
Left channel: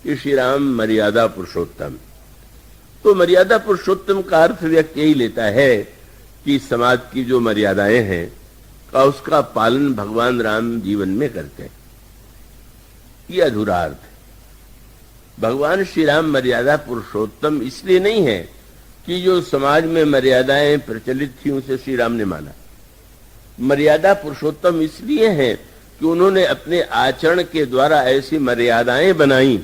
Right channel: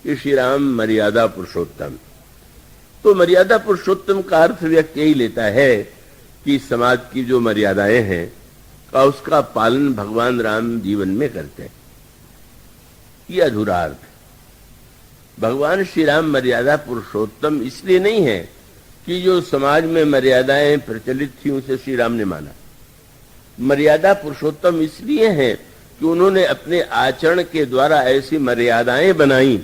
कि श्री राम मर्यादा पुरुषोत्तम। तो मर्यादा पुरुषोत्तम का अर्थ व्यक्ति यही लेता है कि समाज की जो मर्यादाएं हैं का उसका पालन भगवान राम जीवन में करते हैं। ये अधूरा अर्थ। भगवान श्री राम मर्यादा पुरुषोत्तम इसलिए नहीं है कि जो समाज में मर्यादाएं प्रचलित थी उसे श्री राम ने माना। मर्यादा पुरुषोत्तम इसलिए है कि उन्होंने अपने आचरण के द्वारा ऐसी मर्यादाएं बनाई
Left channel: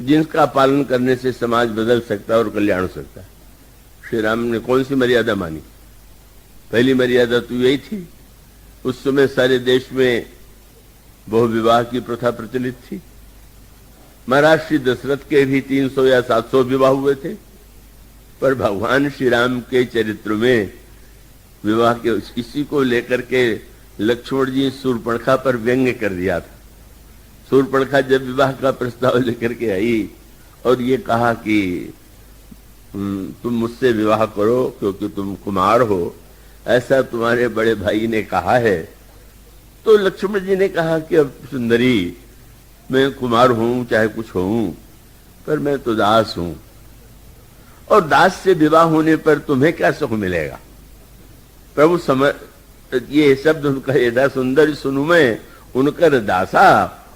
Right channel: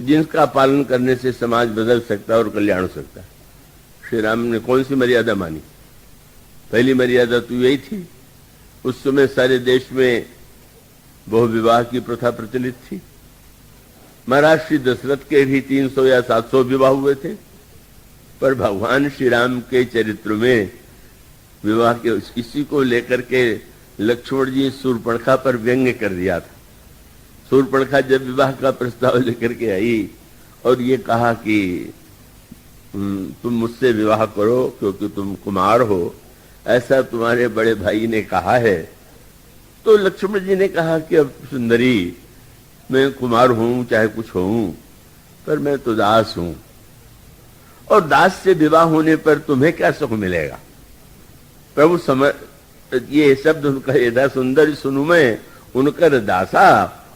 जिनका पालन करने से समाज बदल सकता है और कल्याण हो सकता है। श्री राम ने कौन सी मर्यादा मानी? पहली मर्यादा तो यही थी, उस समय सारे देश में बहुविवाह की प्रथा प्रचलित थी। महाराज श्री दशरथ के भी 300 या 700 विवाह हुए थे, पर भगवान श्री राम के चरित्र में विवाह के इसी को लेकर के लक्ष्मण जी शूर्पणखा पर व्यंग्य कर दिया था। शूर्पणखा जब विवाह का प्रस्ताव लेकर के आई और ये कहा कि तुम मुझसे विवाह करो क्योंकि तुम कुमार हो, ऐसा तुम्हारे बड़े भाई ने कहा है, तो लक्ष्मण जी ने कहा कि अब सुंदरी, मैं कुमार हूं चाहे कुछ हूं, पर मैं तो दास हूं, और दास से विवाह होने पर तुम्हें क्या सुख मिलेगा? प्रभु समझ ये शब्द उनका यदा सुंदर सुनु मैं उनकर दासा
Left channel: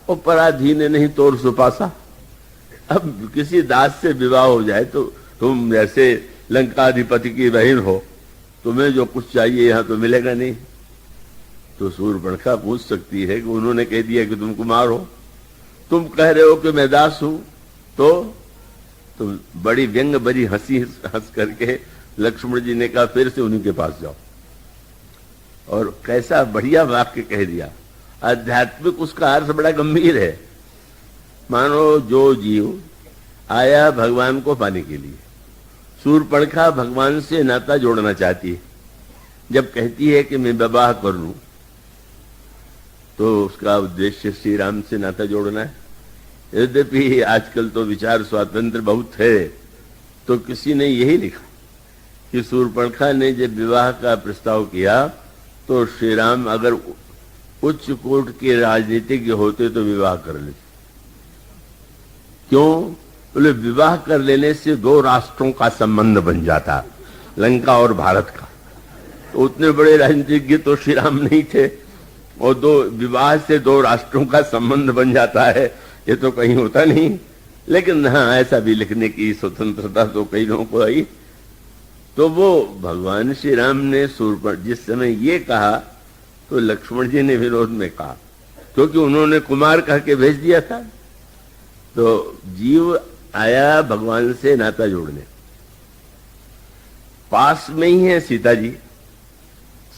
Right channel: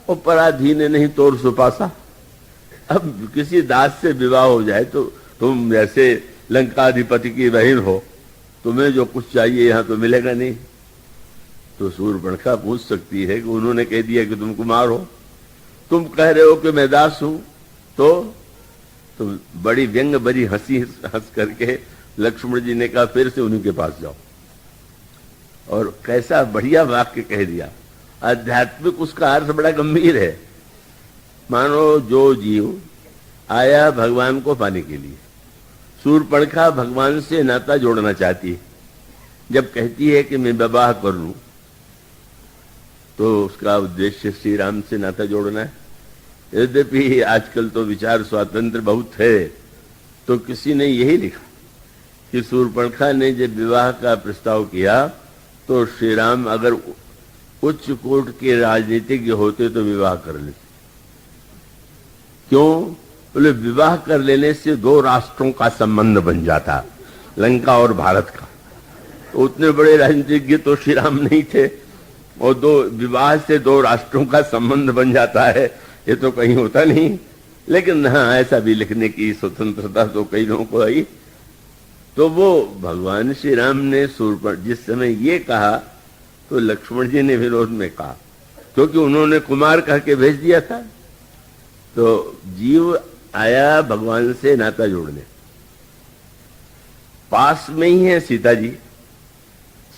और पराधीन नहीं तोर सुपासा। अब किसी दास से विवाह हो जाए तो तुम जैसे लंकाधिपति की बहन हो, तुम्हें जो कुछ चाहिए यहां तो मिलेगा नहीं। तो शूर्पणखा पूछ सकती है कि उन्होंने कह दिया कि तुम कुमार हो, तुम कह रहे हो कि मैं दास हूं, तो बड़ी व्यंग बड़ी हंसी हंस करके लक्ष्मण जी ने कहा फिर से उन्हीं के पास जाओ। और कैसा बढ़िया वाक्य कह दिया। आध्यात्मिक उसका अर्थ बड़ा गंभीर है। मानो जो जीव आया भगवान को पाने के लिए, शूर्पणखा भगवान से नाता जोड़ना चाहती है। जब कहती है कि मैं विवाह कर लूं तो उसका उद्देश्य श्री राम से नाता जोड़ना है। यद्यपि आजकल तो विचार स्वातंत्र बहुत है, तो किसी ने यही लिखा कि शूर्पणखा ने जब विवाह का प्रस्ताव किया तो श्री राम अगर उच्च कोट के राजनीतिज्ञ होते तो विवाह कर लेते। क्यों? बोले विवाह कर लेने से दो राष्ट्रों का संबंध बन जाता, लंका और भारत का। उतने बड़े राजनीतिज्ञ तो श्री राम नहीं थे, और दो विवाह से दो राष्ट्रों का संबंध बन जाता है, ये तो कहीं होता नहीं। लेकिन हाँ, ऐसा भी लिखने की स्वतंत्रता तो कई लोगों को आई। तो वो भगवान श्री राम ने शूर्पणखा जिस समय ये कहा तो लक्ष्मण जी ने विरोध में कहा, क्योंकि उन्होंने कुमार कह के भेज दिया था। तो जीव आया भगवान से नाता जोड़ने। पास में ही है सीता जी।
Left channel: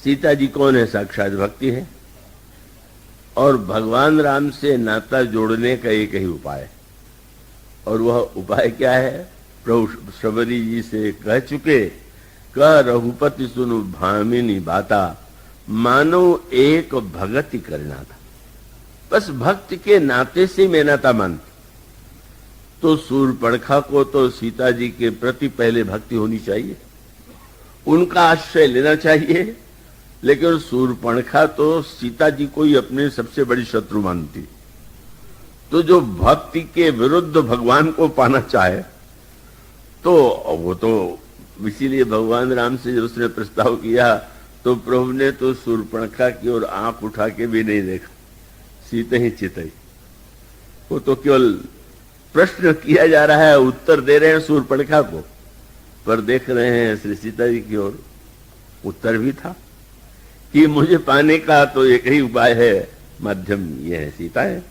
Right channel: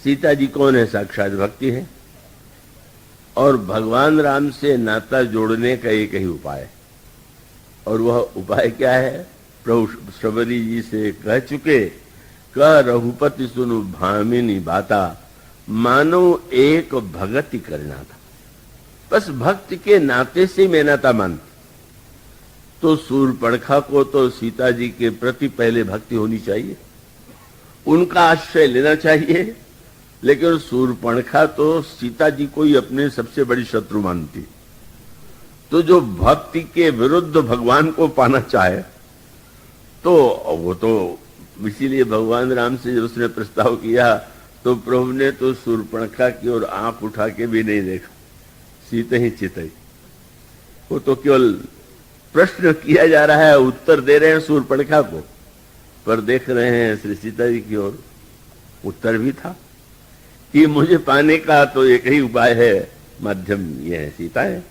सीता जी कौन है? साक्षात भक्ति है। और भगवान राम से नाता जोड़ने का एक ही उपाय, और वह उपाय क्या है? प्रभु शबरी जी से कह चुके, कह रघुपति सुनो भामिनी बाता, मानो एक भगति करना था। बस भक्त के नाते से मैं नाता मानती। तो शूर्पणखा को तो सीता जी के प्रति पहले भक्ति होनी चाहिए, उनका आश्रय लेना चाहिए। लेकिन शूर्पणखा तो सीता जी को ही अपने सबसे बड़ी शत्रु मानती। तो जो भक्ति के विरुद्ध भगवान को पाना चाहे तो वो तो, इसीलिए भगवान राम से उसने प्रस्ताव किया तो प्रभु ने तो शूर्पणखा की ओर आंख उठा के भी नहीं देखा, सीता ही चितई। वो तो केवल प्रश्न किया जा रहा है, उत्तर दे रहे हैं शूर्पणखा को, पर देख रहे हैं श्री सीता जी की ओर। उत्तर भी था कि मुझे पाने का तो एक ही उपाय है, माध्यम ये है, सीता है।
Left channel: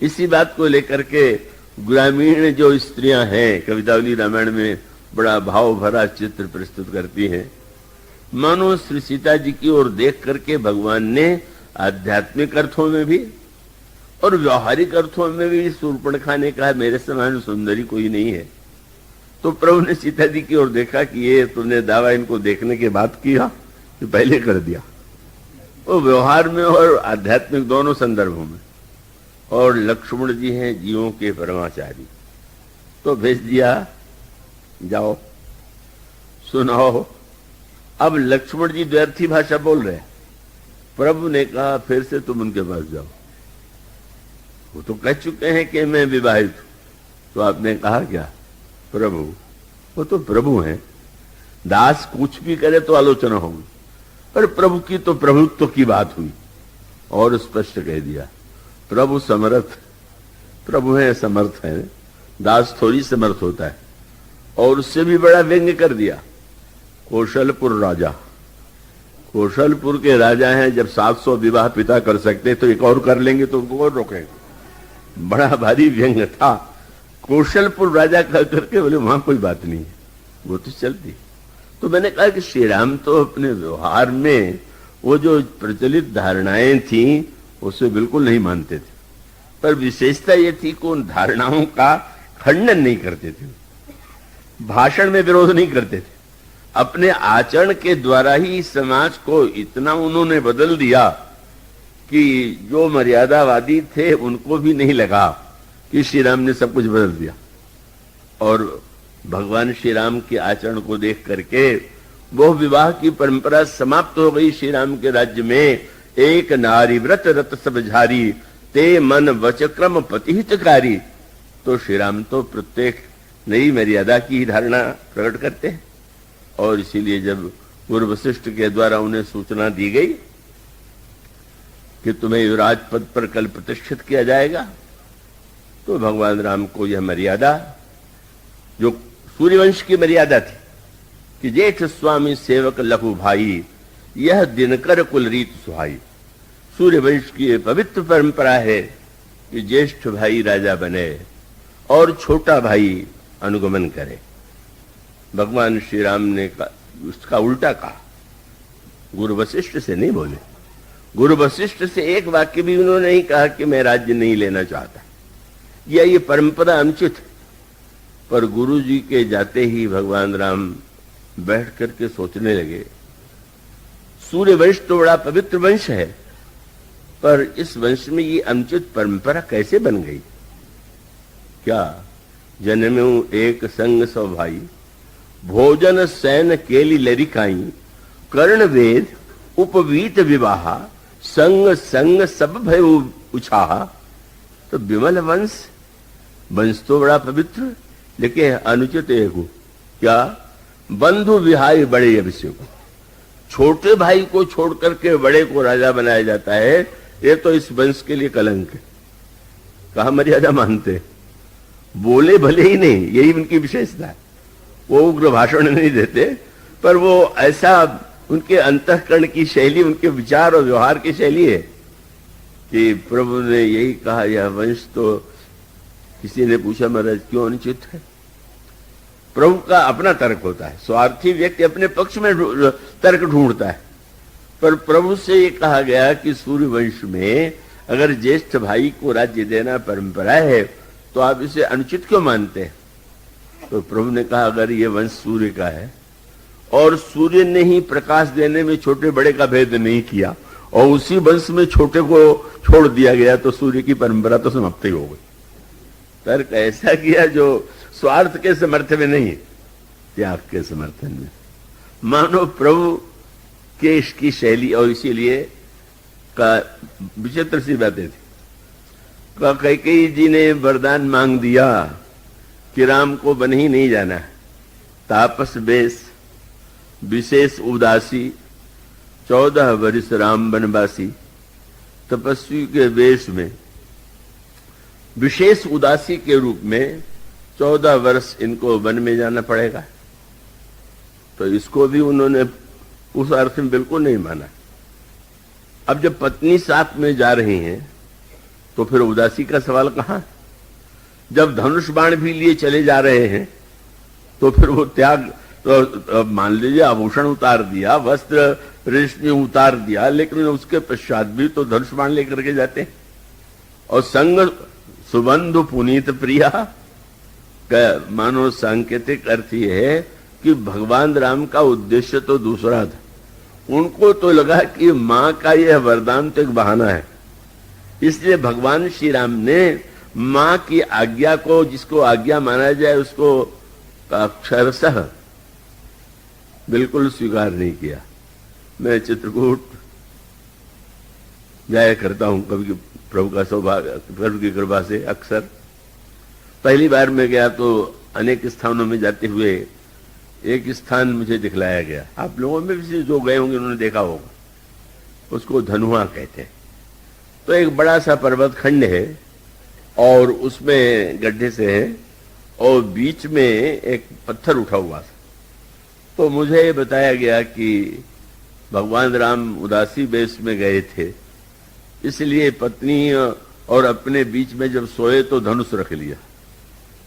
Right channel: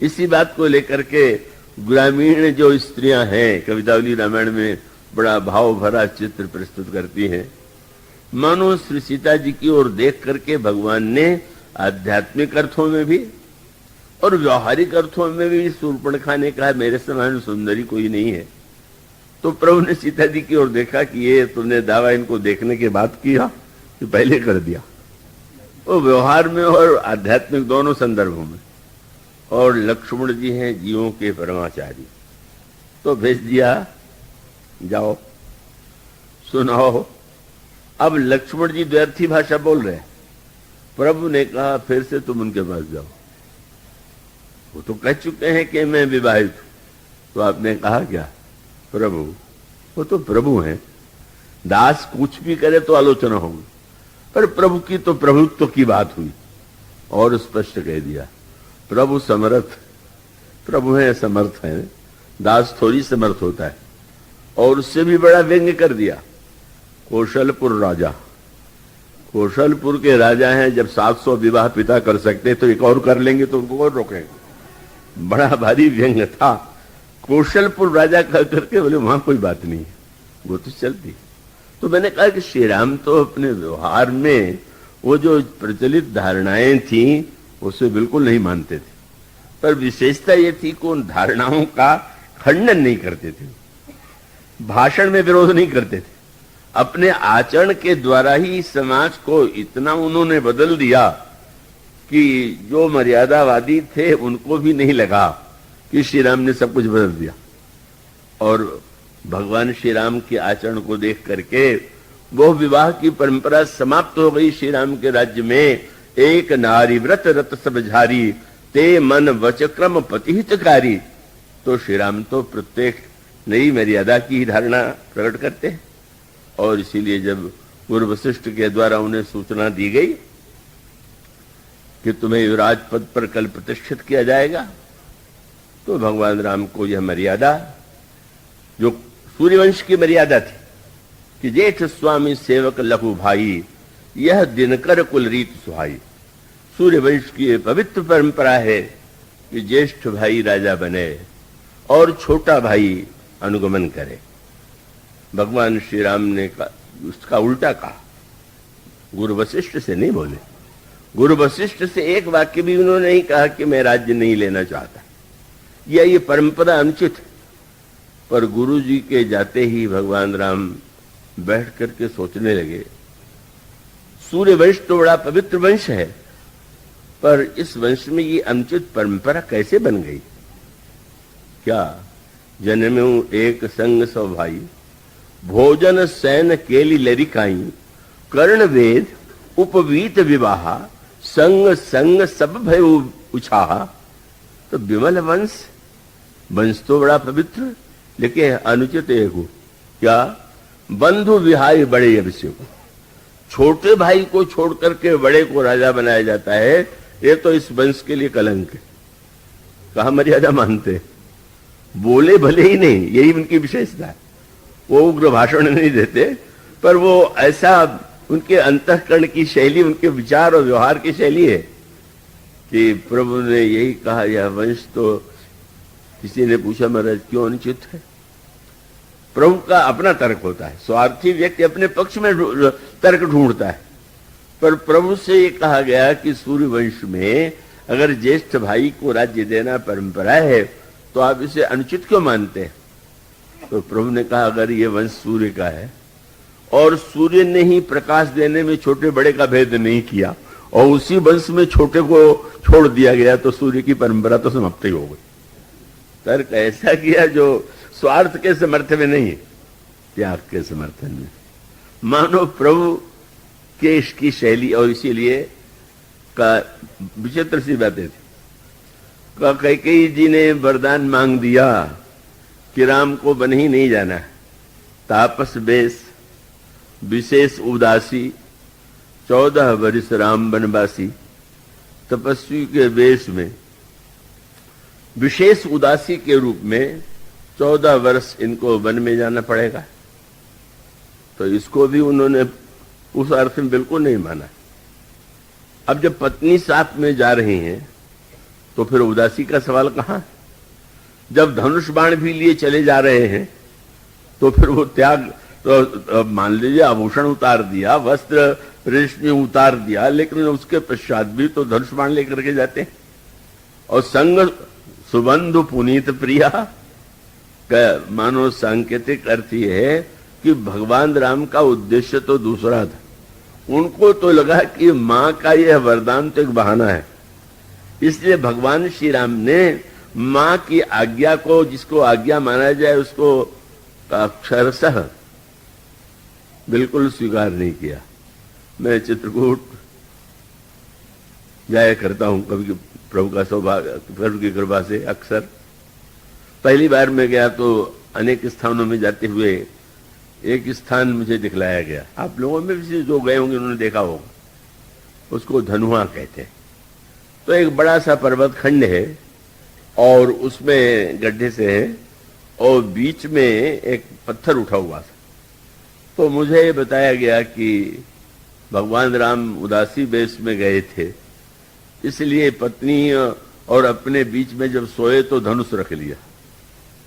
इसी बात को लेकर के ग्रामीण जो स्त्रियां हैं कवितावली रामायण में बड़ा भाव भरा चित्र प्रस्तुत करती हैं। मानो श्री सीता जी की ओर देख करके भगवान ने आध्यात्मिक अर्थों में भी और व्यवहारिक अर्थों में भी शूर्पणखा ने कहा मेरे समान सुंदरी कोई नहीं है, तो प्रभु ने सीता जी की ओर देखा कि ये तुमने दावा इनको देखने के बाद किया कि पहले कर दिया। वो व्यवहार में और आध्यात्मिक दोनों संदर्भों में। और लक्ष्मण जी हैं जीवों के परमाचारी, तो भेज दिया, जाओ सुनाओ। अब लक्ष्मण जी द्व्यर्थी भाषा बोल रहे हैं। प्रभु ने कहा फिर से तुम उनके पास जाओ, वो तो कह चुके हैं कि मैं विवाहित। तो आपने कहा क्या? प्रभु, वो तो प्रभु है, दास कुछ भी करे तो आलोचना होगी, पर प्रभु की तो प्रभुत्व की बात हुई। और स्पष्ट कह दिया, प्रभु समर्थ, प्रभु है समर्थ है, दास थोड़ी समर्थ होता है। और उससे भी बड़ा व्यंग्य कर दिया, कौशलपुर राजा, कौशलपुर के राजा हैं, जब 700 विवाह पिता कर सकते तो एक और कर लेंगे तो उनको कौन रोकेगा। बड़ा भारी व्यंग्य था। कौशलपुर राजा कह करके बोले वहां कोई बात नहीं है, वो तो चलती। तो मैंने कहा कि श्री राम तो अपने व्यवहार में वो जो प्रचलित धारणाएं थी उसमें बिल्कुल नहीं मानते थे, पर विशेषता ये थी कि उन धारणाओं का खंडन नहीं करते थे, भाषण में विरोध नहीं करते थे। अपने आचरण के द्वारा ही समाज को इतना उन्होंने बदल दिया कि जो मर्यादावादी थे उनको भी नहीं लगा कि श्री राम ने सब कुछ बदल दिया। और भगवान श्री राम के आचरण को देख करके वो विवाह की परंपरा समाप्त हो गई श्री राम के राज्य में। एक नारी व्रत रत सब झारी, ते मन वच क्रम पतिहितकारी। तो श्री राम तो प्रत्येक नई मर्यादा की धारणा प्रकट करते हैं। और इसीलिए जब गुरु वशिष्ठ के द्वारा उन्हें सूचना दी गई कि तुम्हें युवराज पद पर कल प्रतिष्ठित किया जाएगा, तो भगवान राम को यह मर्यादा, जो सूर्यवंश की मर्यादा थी कि जेठ स्वामी सेवक लघु भाई, यह दिनकर कुल रीत सुहाई। सूर्यवंश की पवित्र परंपरा है कि ज्येष्ठ भाई राजा बने और छोटा भाई अनुगमन करे। भगवान श्री राम ने उसका उल्टा कहा, गुरु वशिष्ठ से नहीं बोले। गुरु वशिष्ठ से एक वाक्य भी उन्होंने नहीं कहा कि मैं राज्य नहीं लेना चाहता, या ये परंपरा अनुचित है। पर गुरु जी के जाते ही भगवान राम बैठ करके सोचने लगे, सूर्य वंश तो बड़ा पवित्र वंश है, पर इस वंश में ये अनुचित परंपरा कैसे बन गई? क्या जन्मो एक संग सौ भाई, भोजन सैन केली लरिकाई, कर्ण वेद उपवीत विवाह, संग संग सब भय उछाहा। तो विमल वंश, वंश तो बड़ा पवित्र, लेकिन अनुचित एक हो क्या? बंधु विहारी बड़े विषय को, छोटे भाई को छोड़ करके बड़े को राजा बनाया जाता है, ये तो इस वंश के लिए कलंक है। कहा मर्यादा मानते, बोले भले ही नहीं, यही उनकी विशेषता है। वो उग्र भाषण नहीं देते, पर वो ऐसा उनके अंतःकरण की शैली, उनके विचार और व्यवहार की शैली है कि प्रभु ने यही कहा, यह वंश तो, किसी ने पूछा महाराज क्यों अनुचित है? प्रभु का अपना तर्क होता है, स्वार्थी व्यक्ति अपने पक्ष में तर्क ढूंढता है। पर प्रभु से ये कहा गया कि सूर्य वंश में अगर ज्येष्ठ भाई को राज्य देना परंपरा है, तो आप इसे अनुचित क्यों मानते हैं? तो प्रभु ने कहा, अगर ये वंश सूर्य का है और सूर्य ने ही प्रकाश देने में छोटे बड़े का भेद नहीं किया और उसी वंश में छोटे को छोड़ दिया गया, तो सूर्य की परंपरा तो समाप्त ही हो गई। तर्क ऐसा किया जो स्वार्थ के समर्थन में नहीं है, त्याग के समर्थन में। मानो प्रभु के इसकी शैली, और इसीलिए का विचित्र सी बातें थी। कैकेयी जी ने वरदान मांग दिया कि राम को वन ही नहीं जाना, तापस बेस विशेष उदासी, 14 वर्ष राम वनवासी। तपस्वी के वेश में विशेष उदासी के रूप में 14 वर्ष इनको वन में जाना पड़ेगा। तो इसको भी उन्होंने उस अर्थ में बिल्कुल नहीं माना। अब जब पत्नी साथ में जा रही हैं, तो फिर उदासी का सवाल कहां? जब धनुष बाण भी लिए चले जा रहे हैं, तो फिर वो त्याग, तो मान लीजिए आभूषण उतार दिया, वस्त्र रेशमी उतार दिया, लेकिन उसके पश्चात भी तो धनुष बाण लेकर के जाते हैं। और संग सुबंधु पुनीत प्रिया, मानो सांकेतिक अर्थ ये है कि भगवान राम का उद्देश्य तो दूसरा था। उनको तो लगा कि माँ का यह वरदान तो एक बहाना है, इसलिए भगवान श्री राम ने माँ की आज्ञा को, जिसको आज्ञा माना जाए, उसको अक्षरशः बिल्कुल स्वीकार नहीं किया। मैं चित्रकूट जाया करता हूं कभी, प्रभु का सौभाग्य, प्रभु की कृपा से अक्सर। पहली बार मैं गया तो अनेक स्थानों में जाते हुए एक स्थान मुझे दिखलाया गया, आप लोगों में से जो गए होंगे उन्होंने देखा होगा, उसको धनुआ कहते हैं। तो एक बड़ा सा पर्वत खंड है और उसमें गड्ढे से है और बीच में एक पत्थर उठा हुआ था। तो मुझे बताया गया कि भगवान राम उदासी वेश में गए थे, इसलिए पत्नी और अपने बीच में जब सोए तो धनुष रख लिया।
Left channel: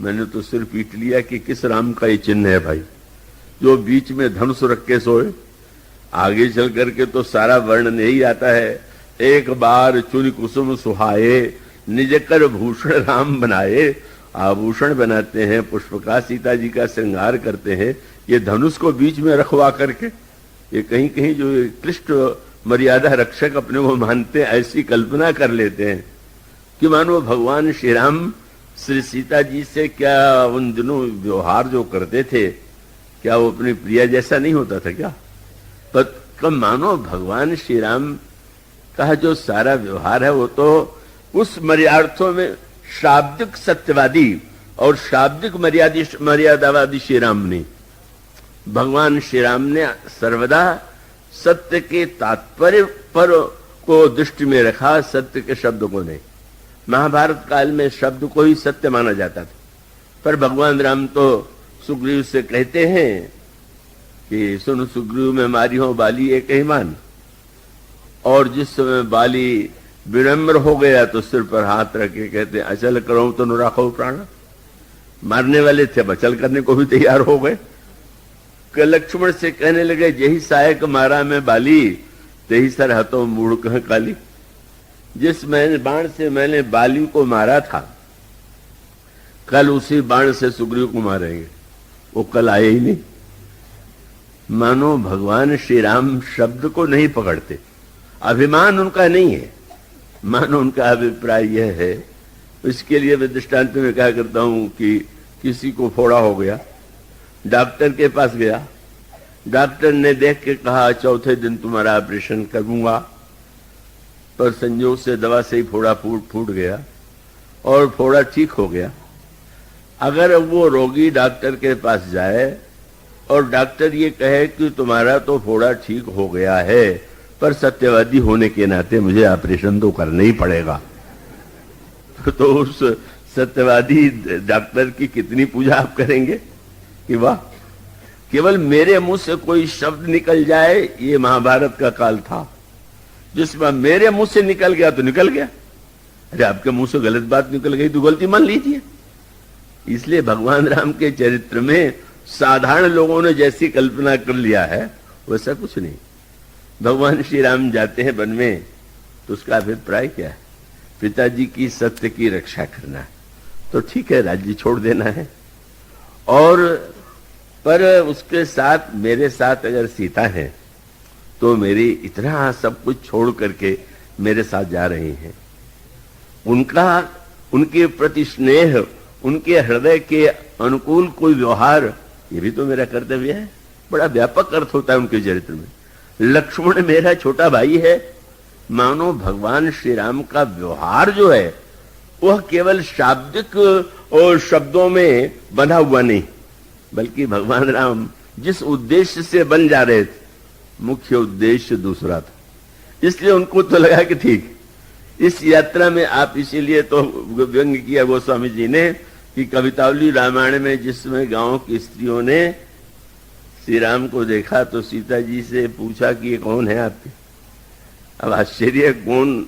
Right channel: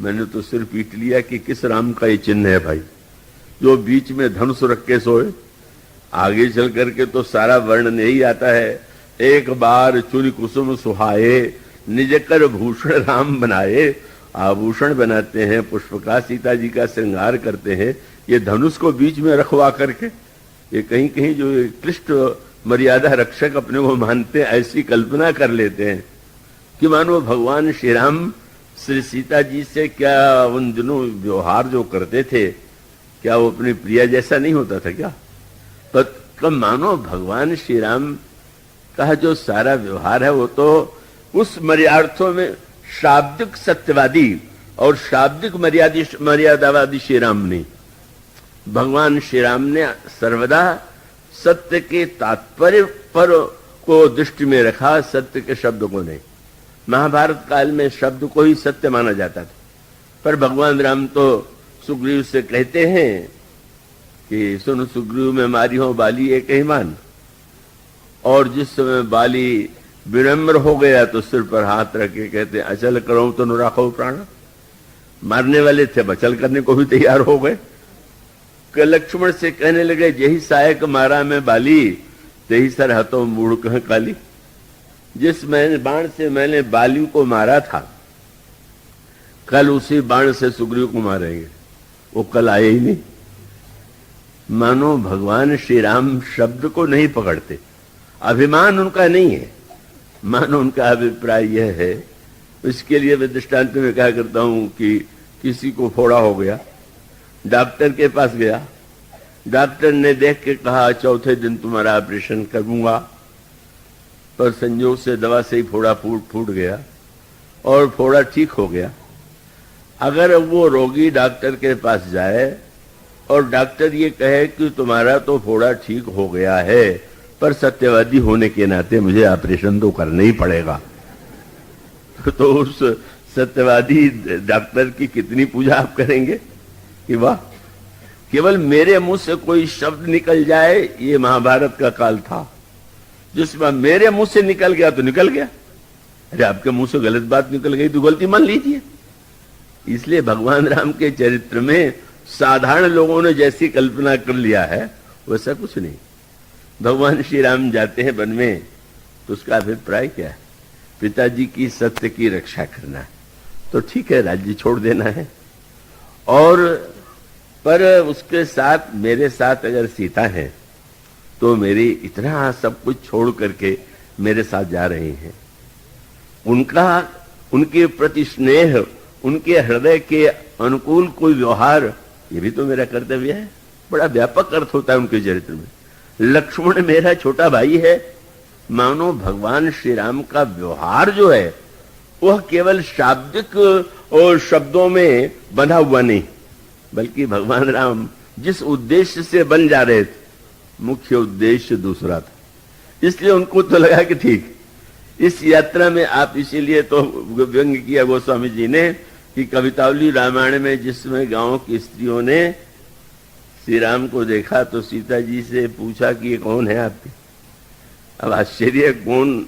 मैंने तो सिर पीट लिया कि किस राम का ये चिन्ह है भाई, जो बीच में धनुष रख के सोए। आगे चल करके तो सारा वर्णन यही आता है, एक बार चुरी कुसुम सुहाए, निज कर भूषण राम बनाए। आभूषण बनाते हैं, पुष्प का सीता जी का श्रृंगार करते हैं, ये धनुष को बीच में रखवा करके, ये कहीं कहीं जो क्लिष्ट मर्यादा रक्षक अपने को मानते हैं, ऐसी कल्पना कर लेते हैं कि मानो भगवान श्री राम श्री सीता जी से क्या उन दिनों व्यवहार जो करते थे, क्या वो अपने प्रिया जैसा नहीं होता था क्या? तो मानो भगवान श्री राम का जो सारा व्यवहार है वो तो उस मर्यादार्थों में शाब्दिक सत्यवादी और शाब्दिक मर्यादावादी श्री राम नहीं। भगवान श्री राम ने सर्वदा सत्य के तात्पर्य पर को दृष्टि में रखा, सत्य के शब्द को नहीं। महाभारत काल में शब्द को ही सत्य माना जाता था, पर भगवान राम तो सुग्रीव से कहते हैं कि सुन सुग्रीव में मारी हो बाली एक ही मान। और जिस समय बाली विनम्र हो गया तो सिर पर हाथ रख के कहते अचल करो तो न राखो प्राण। मारने वाले थे, बचल करने को भी तैयार हो गए। लक्ष्मण से कहने लगे यही सहायक मारा मैं बाली, तेही सर हतो मूढ़ कह काली। जिस बाण से मैंने बाली को मारा था, कल उसी बाण से सुग्रीव को मारेंगे, वो कल आए ही नहीं। मानो भगवान श्री राम शब्द को नहीं पकड़ते, अभिमान उनका नहीं है। मानो उनका अभिप्राय यह है, इसके लिए मैं दृष्टांत में कहा करता हूं कि किसी को फोड़ा हो गया, डॉक्टर के पास गया, डॉक्टर ने देख के कहा चौथे दिन तुम्हारा ऑपरेशन करूंगा, पर संयोग से दवा से ही फोड़ा फूट गया और फोड़ा ठीक हो गया। अगर वो रोगी डॉक्टर के पास जाए और डॉक्टर ये कहे कि तुम्हारा तो फोड़ा ठीक हो गया है, पर सत्यवादी होने के नाते मुझे ऑपरेशन तो करना ही पड़ेगा, तो उस सत्यवादी डॉक्टर की कितनी पूजा आप करेंगे कि वाह, केवल मेरे मुंह से कोई शब्द निकल जाए। ये महाभारत का काल था जिसमें मेरे मुंह से निकल गया तो निकल गया। अरे आपके मुंह से गलत बात निकल गई तो गलती मान लीजिए। इसलिए भगवान राम के चरित्र में साधारण लोगों ने जैसी कल्पना कर लिया है वैसा कुछ नहीं। भगवान श्री राम जाते हैं वन में तो उसका अभिप्राय क्या है? पिताजी की सत्य की रक्षा करना है, तो ठीक है राज्य छोड़ देना है। और पर उसके साथ मेरे साथ अगर सीता है तो मेरे इतना सब कुछ छोड़ करके मेरे साथ जा रहे हैं, उनके प्रति स्नेह, उनके हृदय के अनुकूल कोई व्यवहार, ये भी तो मेरा कर्तव्य है। बड़ा व्यापक अर्थ होता है उनके चरित्र में। लक्ष्मण मेरा छोटा भाई है। मानो भगवान श्री राम का व्यवहार जो है वह केवल शाब्दिक और शब्दों में बंधा हुआ नहीं, बल्कि भगवान राम जिस उद्देश्य से बन जा रहे थे, मुख्य उद्देश्य दूसरा था। इसलिए उनको तो लगा कि ठीक इस यात्रा में आप, इसीलिए तो व्यंग्य किया गोस्वामी जी ने कि कवितावली रामायण में जिसमें गांव की स्त्रियों ने श्री राम को देखा तो सीता जी से पूछा कि ये कौन है आपके। अब आश्चर्य कौन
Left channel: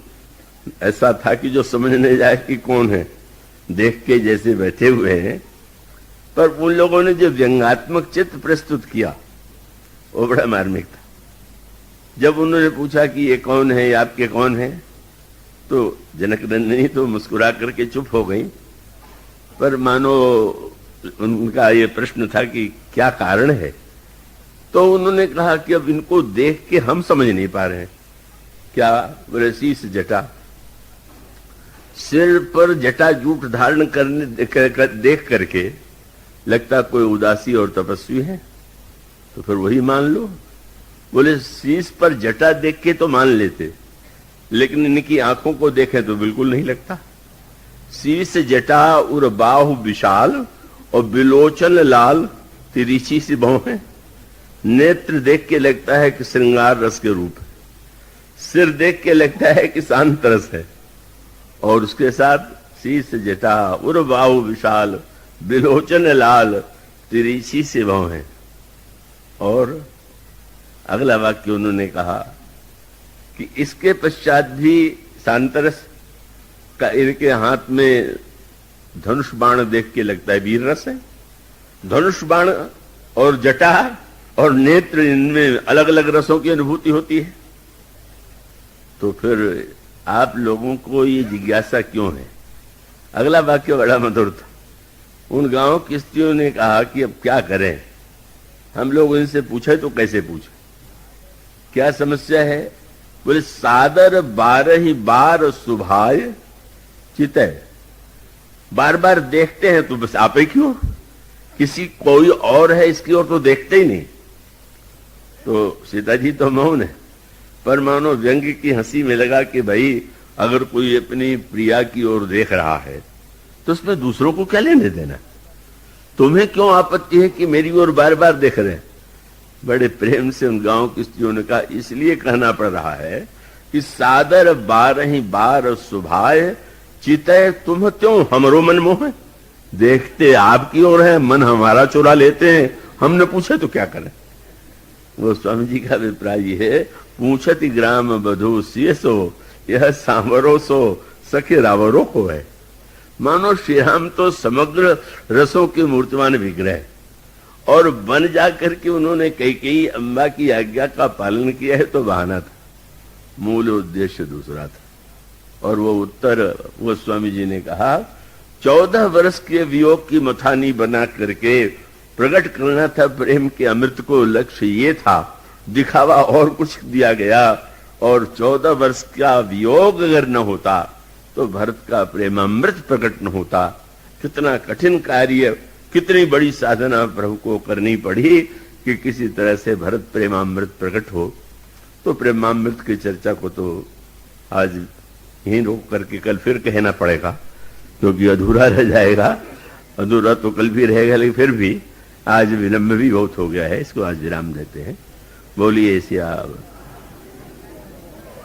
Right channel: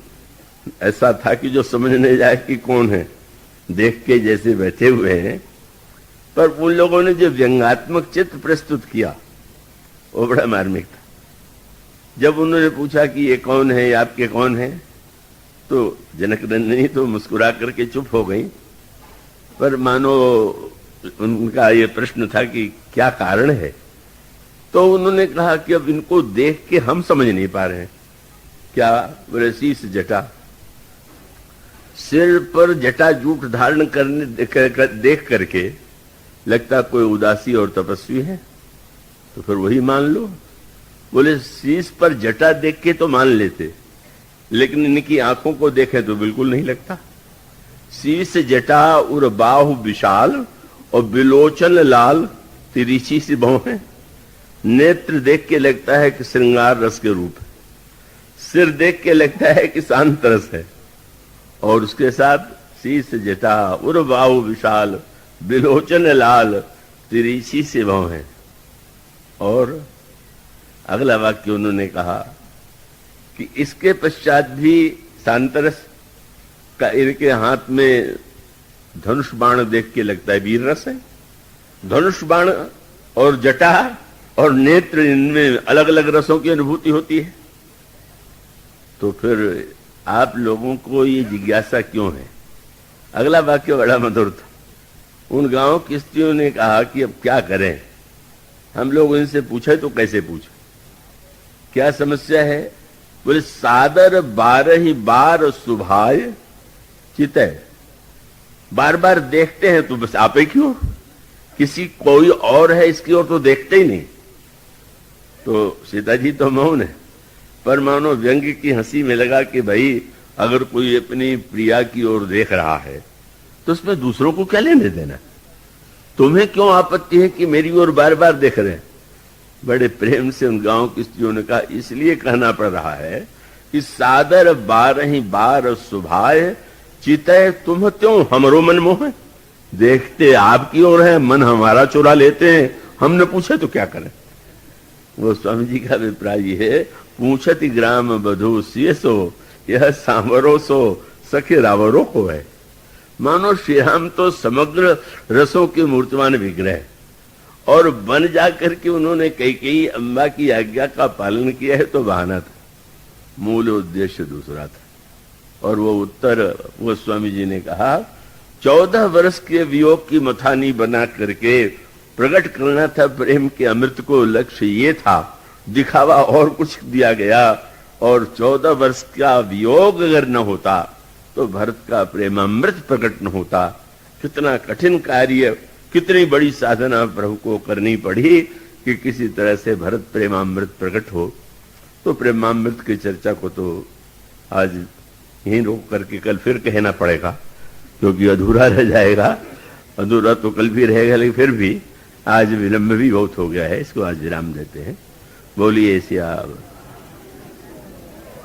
ऐसा था कि जो समझ नहीं जाए कि कौन है, देख के जैसे बैठे हुए हैं, पर उन लोगों ने जो व्यंग्यात्मक चित्र प्रस्तुत किया वो बड़ा मार्मिक था। जब उन्होंने पूछा कि ये कौन है, आपके कौन है, तो जनक नंदिनी तो मुस्कुरा करके चुप हो गई, पर मानो उनका ये प्रश्न था कि क्या कारण है। तो उन्होंने कहा कि अब इनको देख के हम समझ नहीं पा रहे हैं। क्या? बोले शीश जटा, सिर पर जटा जूट धारण करने देख करके लगता कोई उदासी और तपस्वी है, तो फिर वही मान लो। बोले शीश पर जटा देख के तो मान लेते, लेकिन इनकी आंखों को देखे तो बिल्कुल नहीं लगता। शीश जटा उर बाहु विशाल और बिलोचन लाल तिरछी सी भौं है। नेत्र देख के लगता है कि श्रृंगार रस के रूप है, सिर देख के लगता है कि शांत रस है, और उसके साथ शीश जटा उर बाहु विशाल बिलोचन लाल तिरछी से भौं है। और अगला वाक्य उन्होंने कहा कि इसके पश्चात भी शांतरस का इनके हाथ में धनुष बाण देख के लगता है वीर रस है। धनुष बाण और जटा और नेत्र, इनमें अलग अलग रसों की अनुभूति होती है। तो फिर आप लोगों को ये जिज्ञासा क्यों है? अगला वाक्य बड़ा मधुर था। उन गांव की स्त्रियों ने कहा कि अब क्या करें, हम लोग उनसे पूछे तो कैसे पूछे, क्या समस्या है? बोले सादर 12 बार सुभाय चितय, बार बार देखते हैं तो बस आप ही क्यों, किसी कोई और है इसकी ओर तो देखते ही नहीं। तो सीता जी तो मौन है, पर मानो व्यंग्य की हंसी में लगा कि भाई अगर कोई अपनी प्रिया की ओर देख रहा है तो उसमें दूसरों को क्या लेने देना, तुम्हें क्यों आपत्ति है कि मेरी ओर बार बार देख रहे हैं। बड़े प्रेम से उन गांव की स्त्रियों ने कहा इसलिए कहना पड़ रहा है कि सादर 12 बार सुभाय चितय तुम त्यों हमरो मन मोह, देखते आपकी ओर है मन हमारा चुरा लेते हैं, हमने पूछे तो क्या करें। वो स्वामी जी का अभिप्राय है पूछती ग्राम बधो शेषो यह सांवरो सो सखे रावरो को है। मानो श्री राम तो समग्र रसों के मूर्तिमान विग्रह, और बन जाकर के उन्होंने कई अम्बा की आज्ञा का पालन किया है तो बहाना था, मूल उद्देश्य दूसरा था। और वो उत्तर वो स्वामी जी ने कहा 14 वर्ष के वियोग की मथानी बना करके प्रकट करना था प्रेम के अमृत को, लक्ष्य ये था, दिखावा और कुछ दिया गया। और 14 वर्ष का वियोग अगर न होता तो भरत का प्रेम अमृत प्रकट न होता। कितना कठिन कार्य, कितनी बड़ी साधना प्रभु को करनी पड़ी कि किसी तरह से भरत प्रेमामृत प्रकट हो। तो प्रेमामृत की चर्चा को तो आज यहीं रोक करके कल फिर कहना पड़ेगा, क्योंकि अधूरा रह जाएगा। अधूरा तो कल भी रहेगा, लेकिन फिर भी आज विलंब भी बहुत हो गया है, इसको आज विराम देते हैं। बोलिए श्याम।